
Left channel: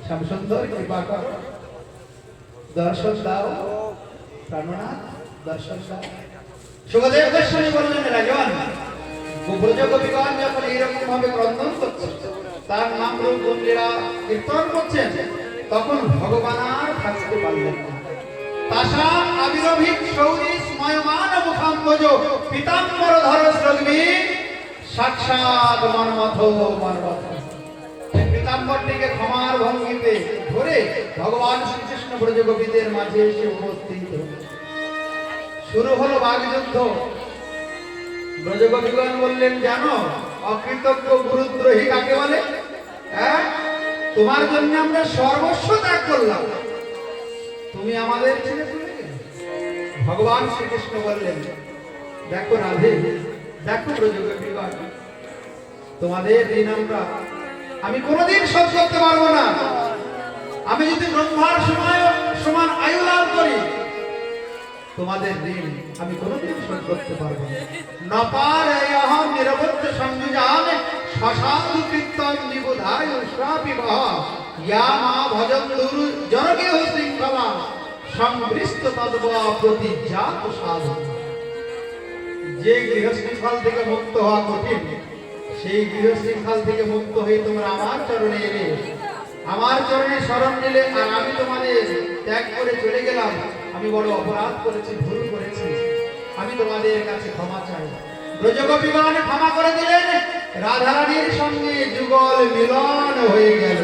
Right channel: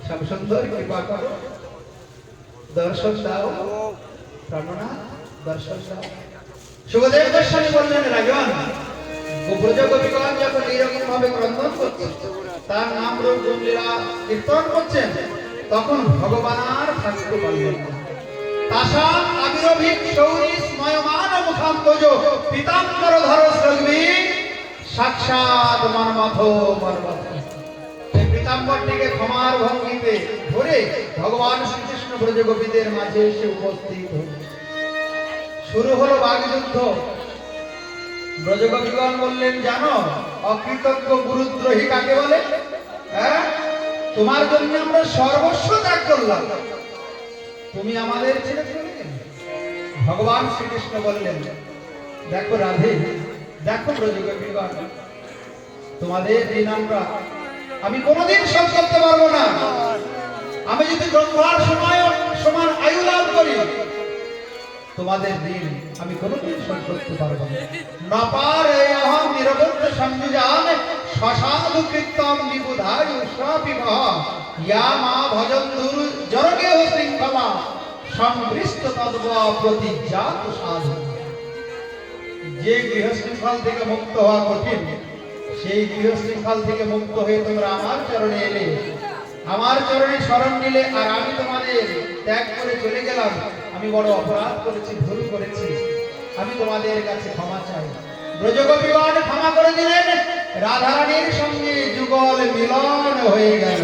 শ্যামসুন্দর কৃপা করো, দর্শন দাও প্রাণনাথ, দর্শন দাও। সুখদেব গোস্বামী বললেন, রাজন ব্রজগোপীগণ যখন এইরকম ভাবে ক্রন্দন করছে, তার নাম রূপ গুণ লীলা কীর্তন করছেন, তখন ভগবান আর থাকতে পারলেন না। তাসাম আবিরভিক শৌরি স্ময়মান মুখা সম্পজ পীতাম্বর ধর শ্রগ্বী সাক্ষাৎ মর্মথ মর্মথ। এই পীতাম্বরটিকে ক্ষমার ভঙ্গিতে ধরে ভগবান শ্রীকৃষ্ণ ব্রজগোপীদের মাঝে এসে উপস্থিত হলেন। শুরু হলো বাগযুদ্ধ। ব্রজগোপীগণ বললেন, জানো অকৃতজ্ঞ গুরুদ্রোহী কাকে বলে? হ্যাঁ, তোমার জন্য আমরা সর্বস্ব ত্যাগ করলাম, তুমি আমাদের ছেড়ে চলে গেলে। ভগবান শ্রীকৃষ্ণ বললেন, দেখো রাধে, দেখো ব্রজগোপীগণ, তোমাদের ঋণ আমি কোনোদিন শোধ করতে পারবো না। আমি যদি ব্রহ্মার সময় সমান আয়ু লাভ করি, তোমাদের ঋণ আমি কোনোদিন শোধ করতে পারবো না। নপার অহম নিরবচ্ছ সংযুজান সসাধু কীর্তন নিবুধায় শ্রাপিবহ ইয়া মা ভজন্দুর জরকেহ শৃঙ্খলা সংবৃষ্ট তদ্ব প্রতিজাত সাধু। যে গৃহশৃঙ্খল থেকে মুক্ত হওয়া কঠিন, সেই গৃহশৃঙ্খল থেকে মুক্ত হয়ে তোমরা আমার চরণে এলে, আমার চরণে শরণ নিলে, আর আমি তোমাদের ত্যাগ করে চলে গেলাম। আমি বড় অপরাধ করেছি, ভুল করেছি, আমি তোমাদের কাছে ক্ষমা চাই। ব্রজগোপীগণ ক্ষমা করে দিলেন, রাধারানীর সঙ্গে যুগল মিলন হয়ে গেল।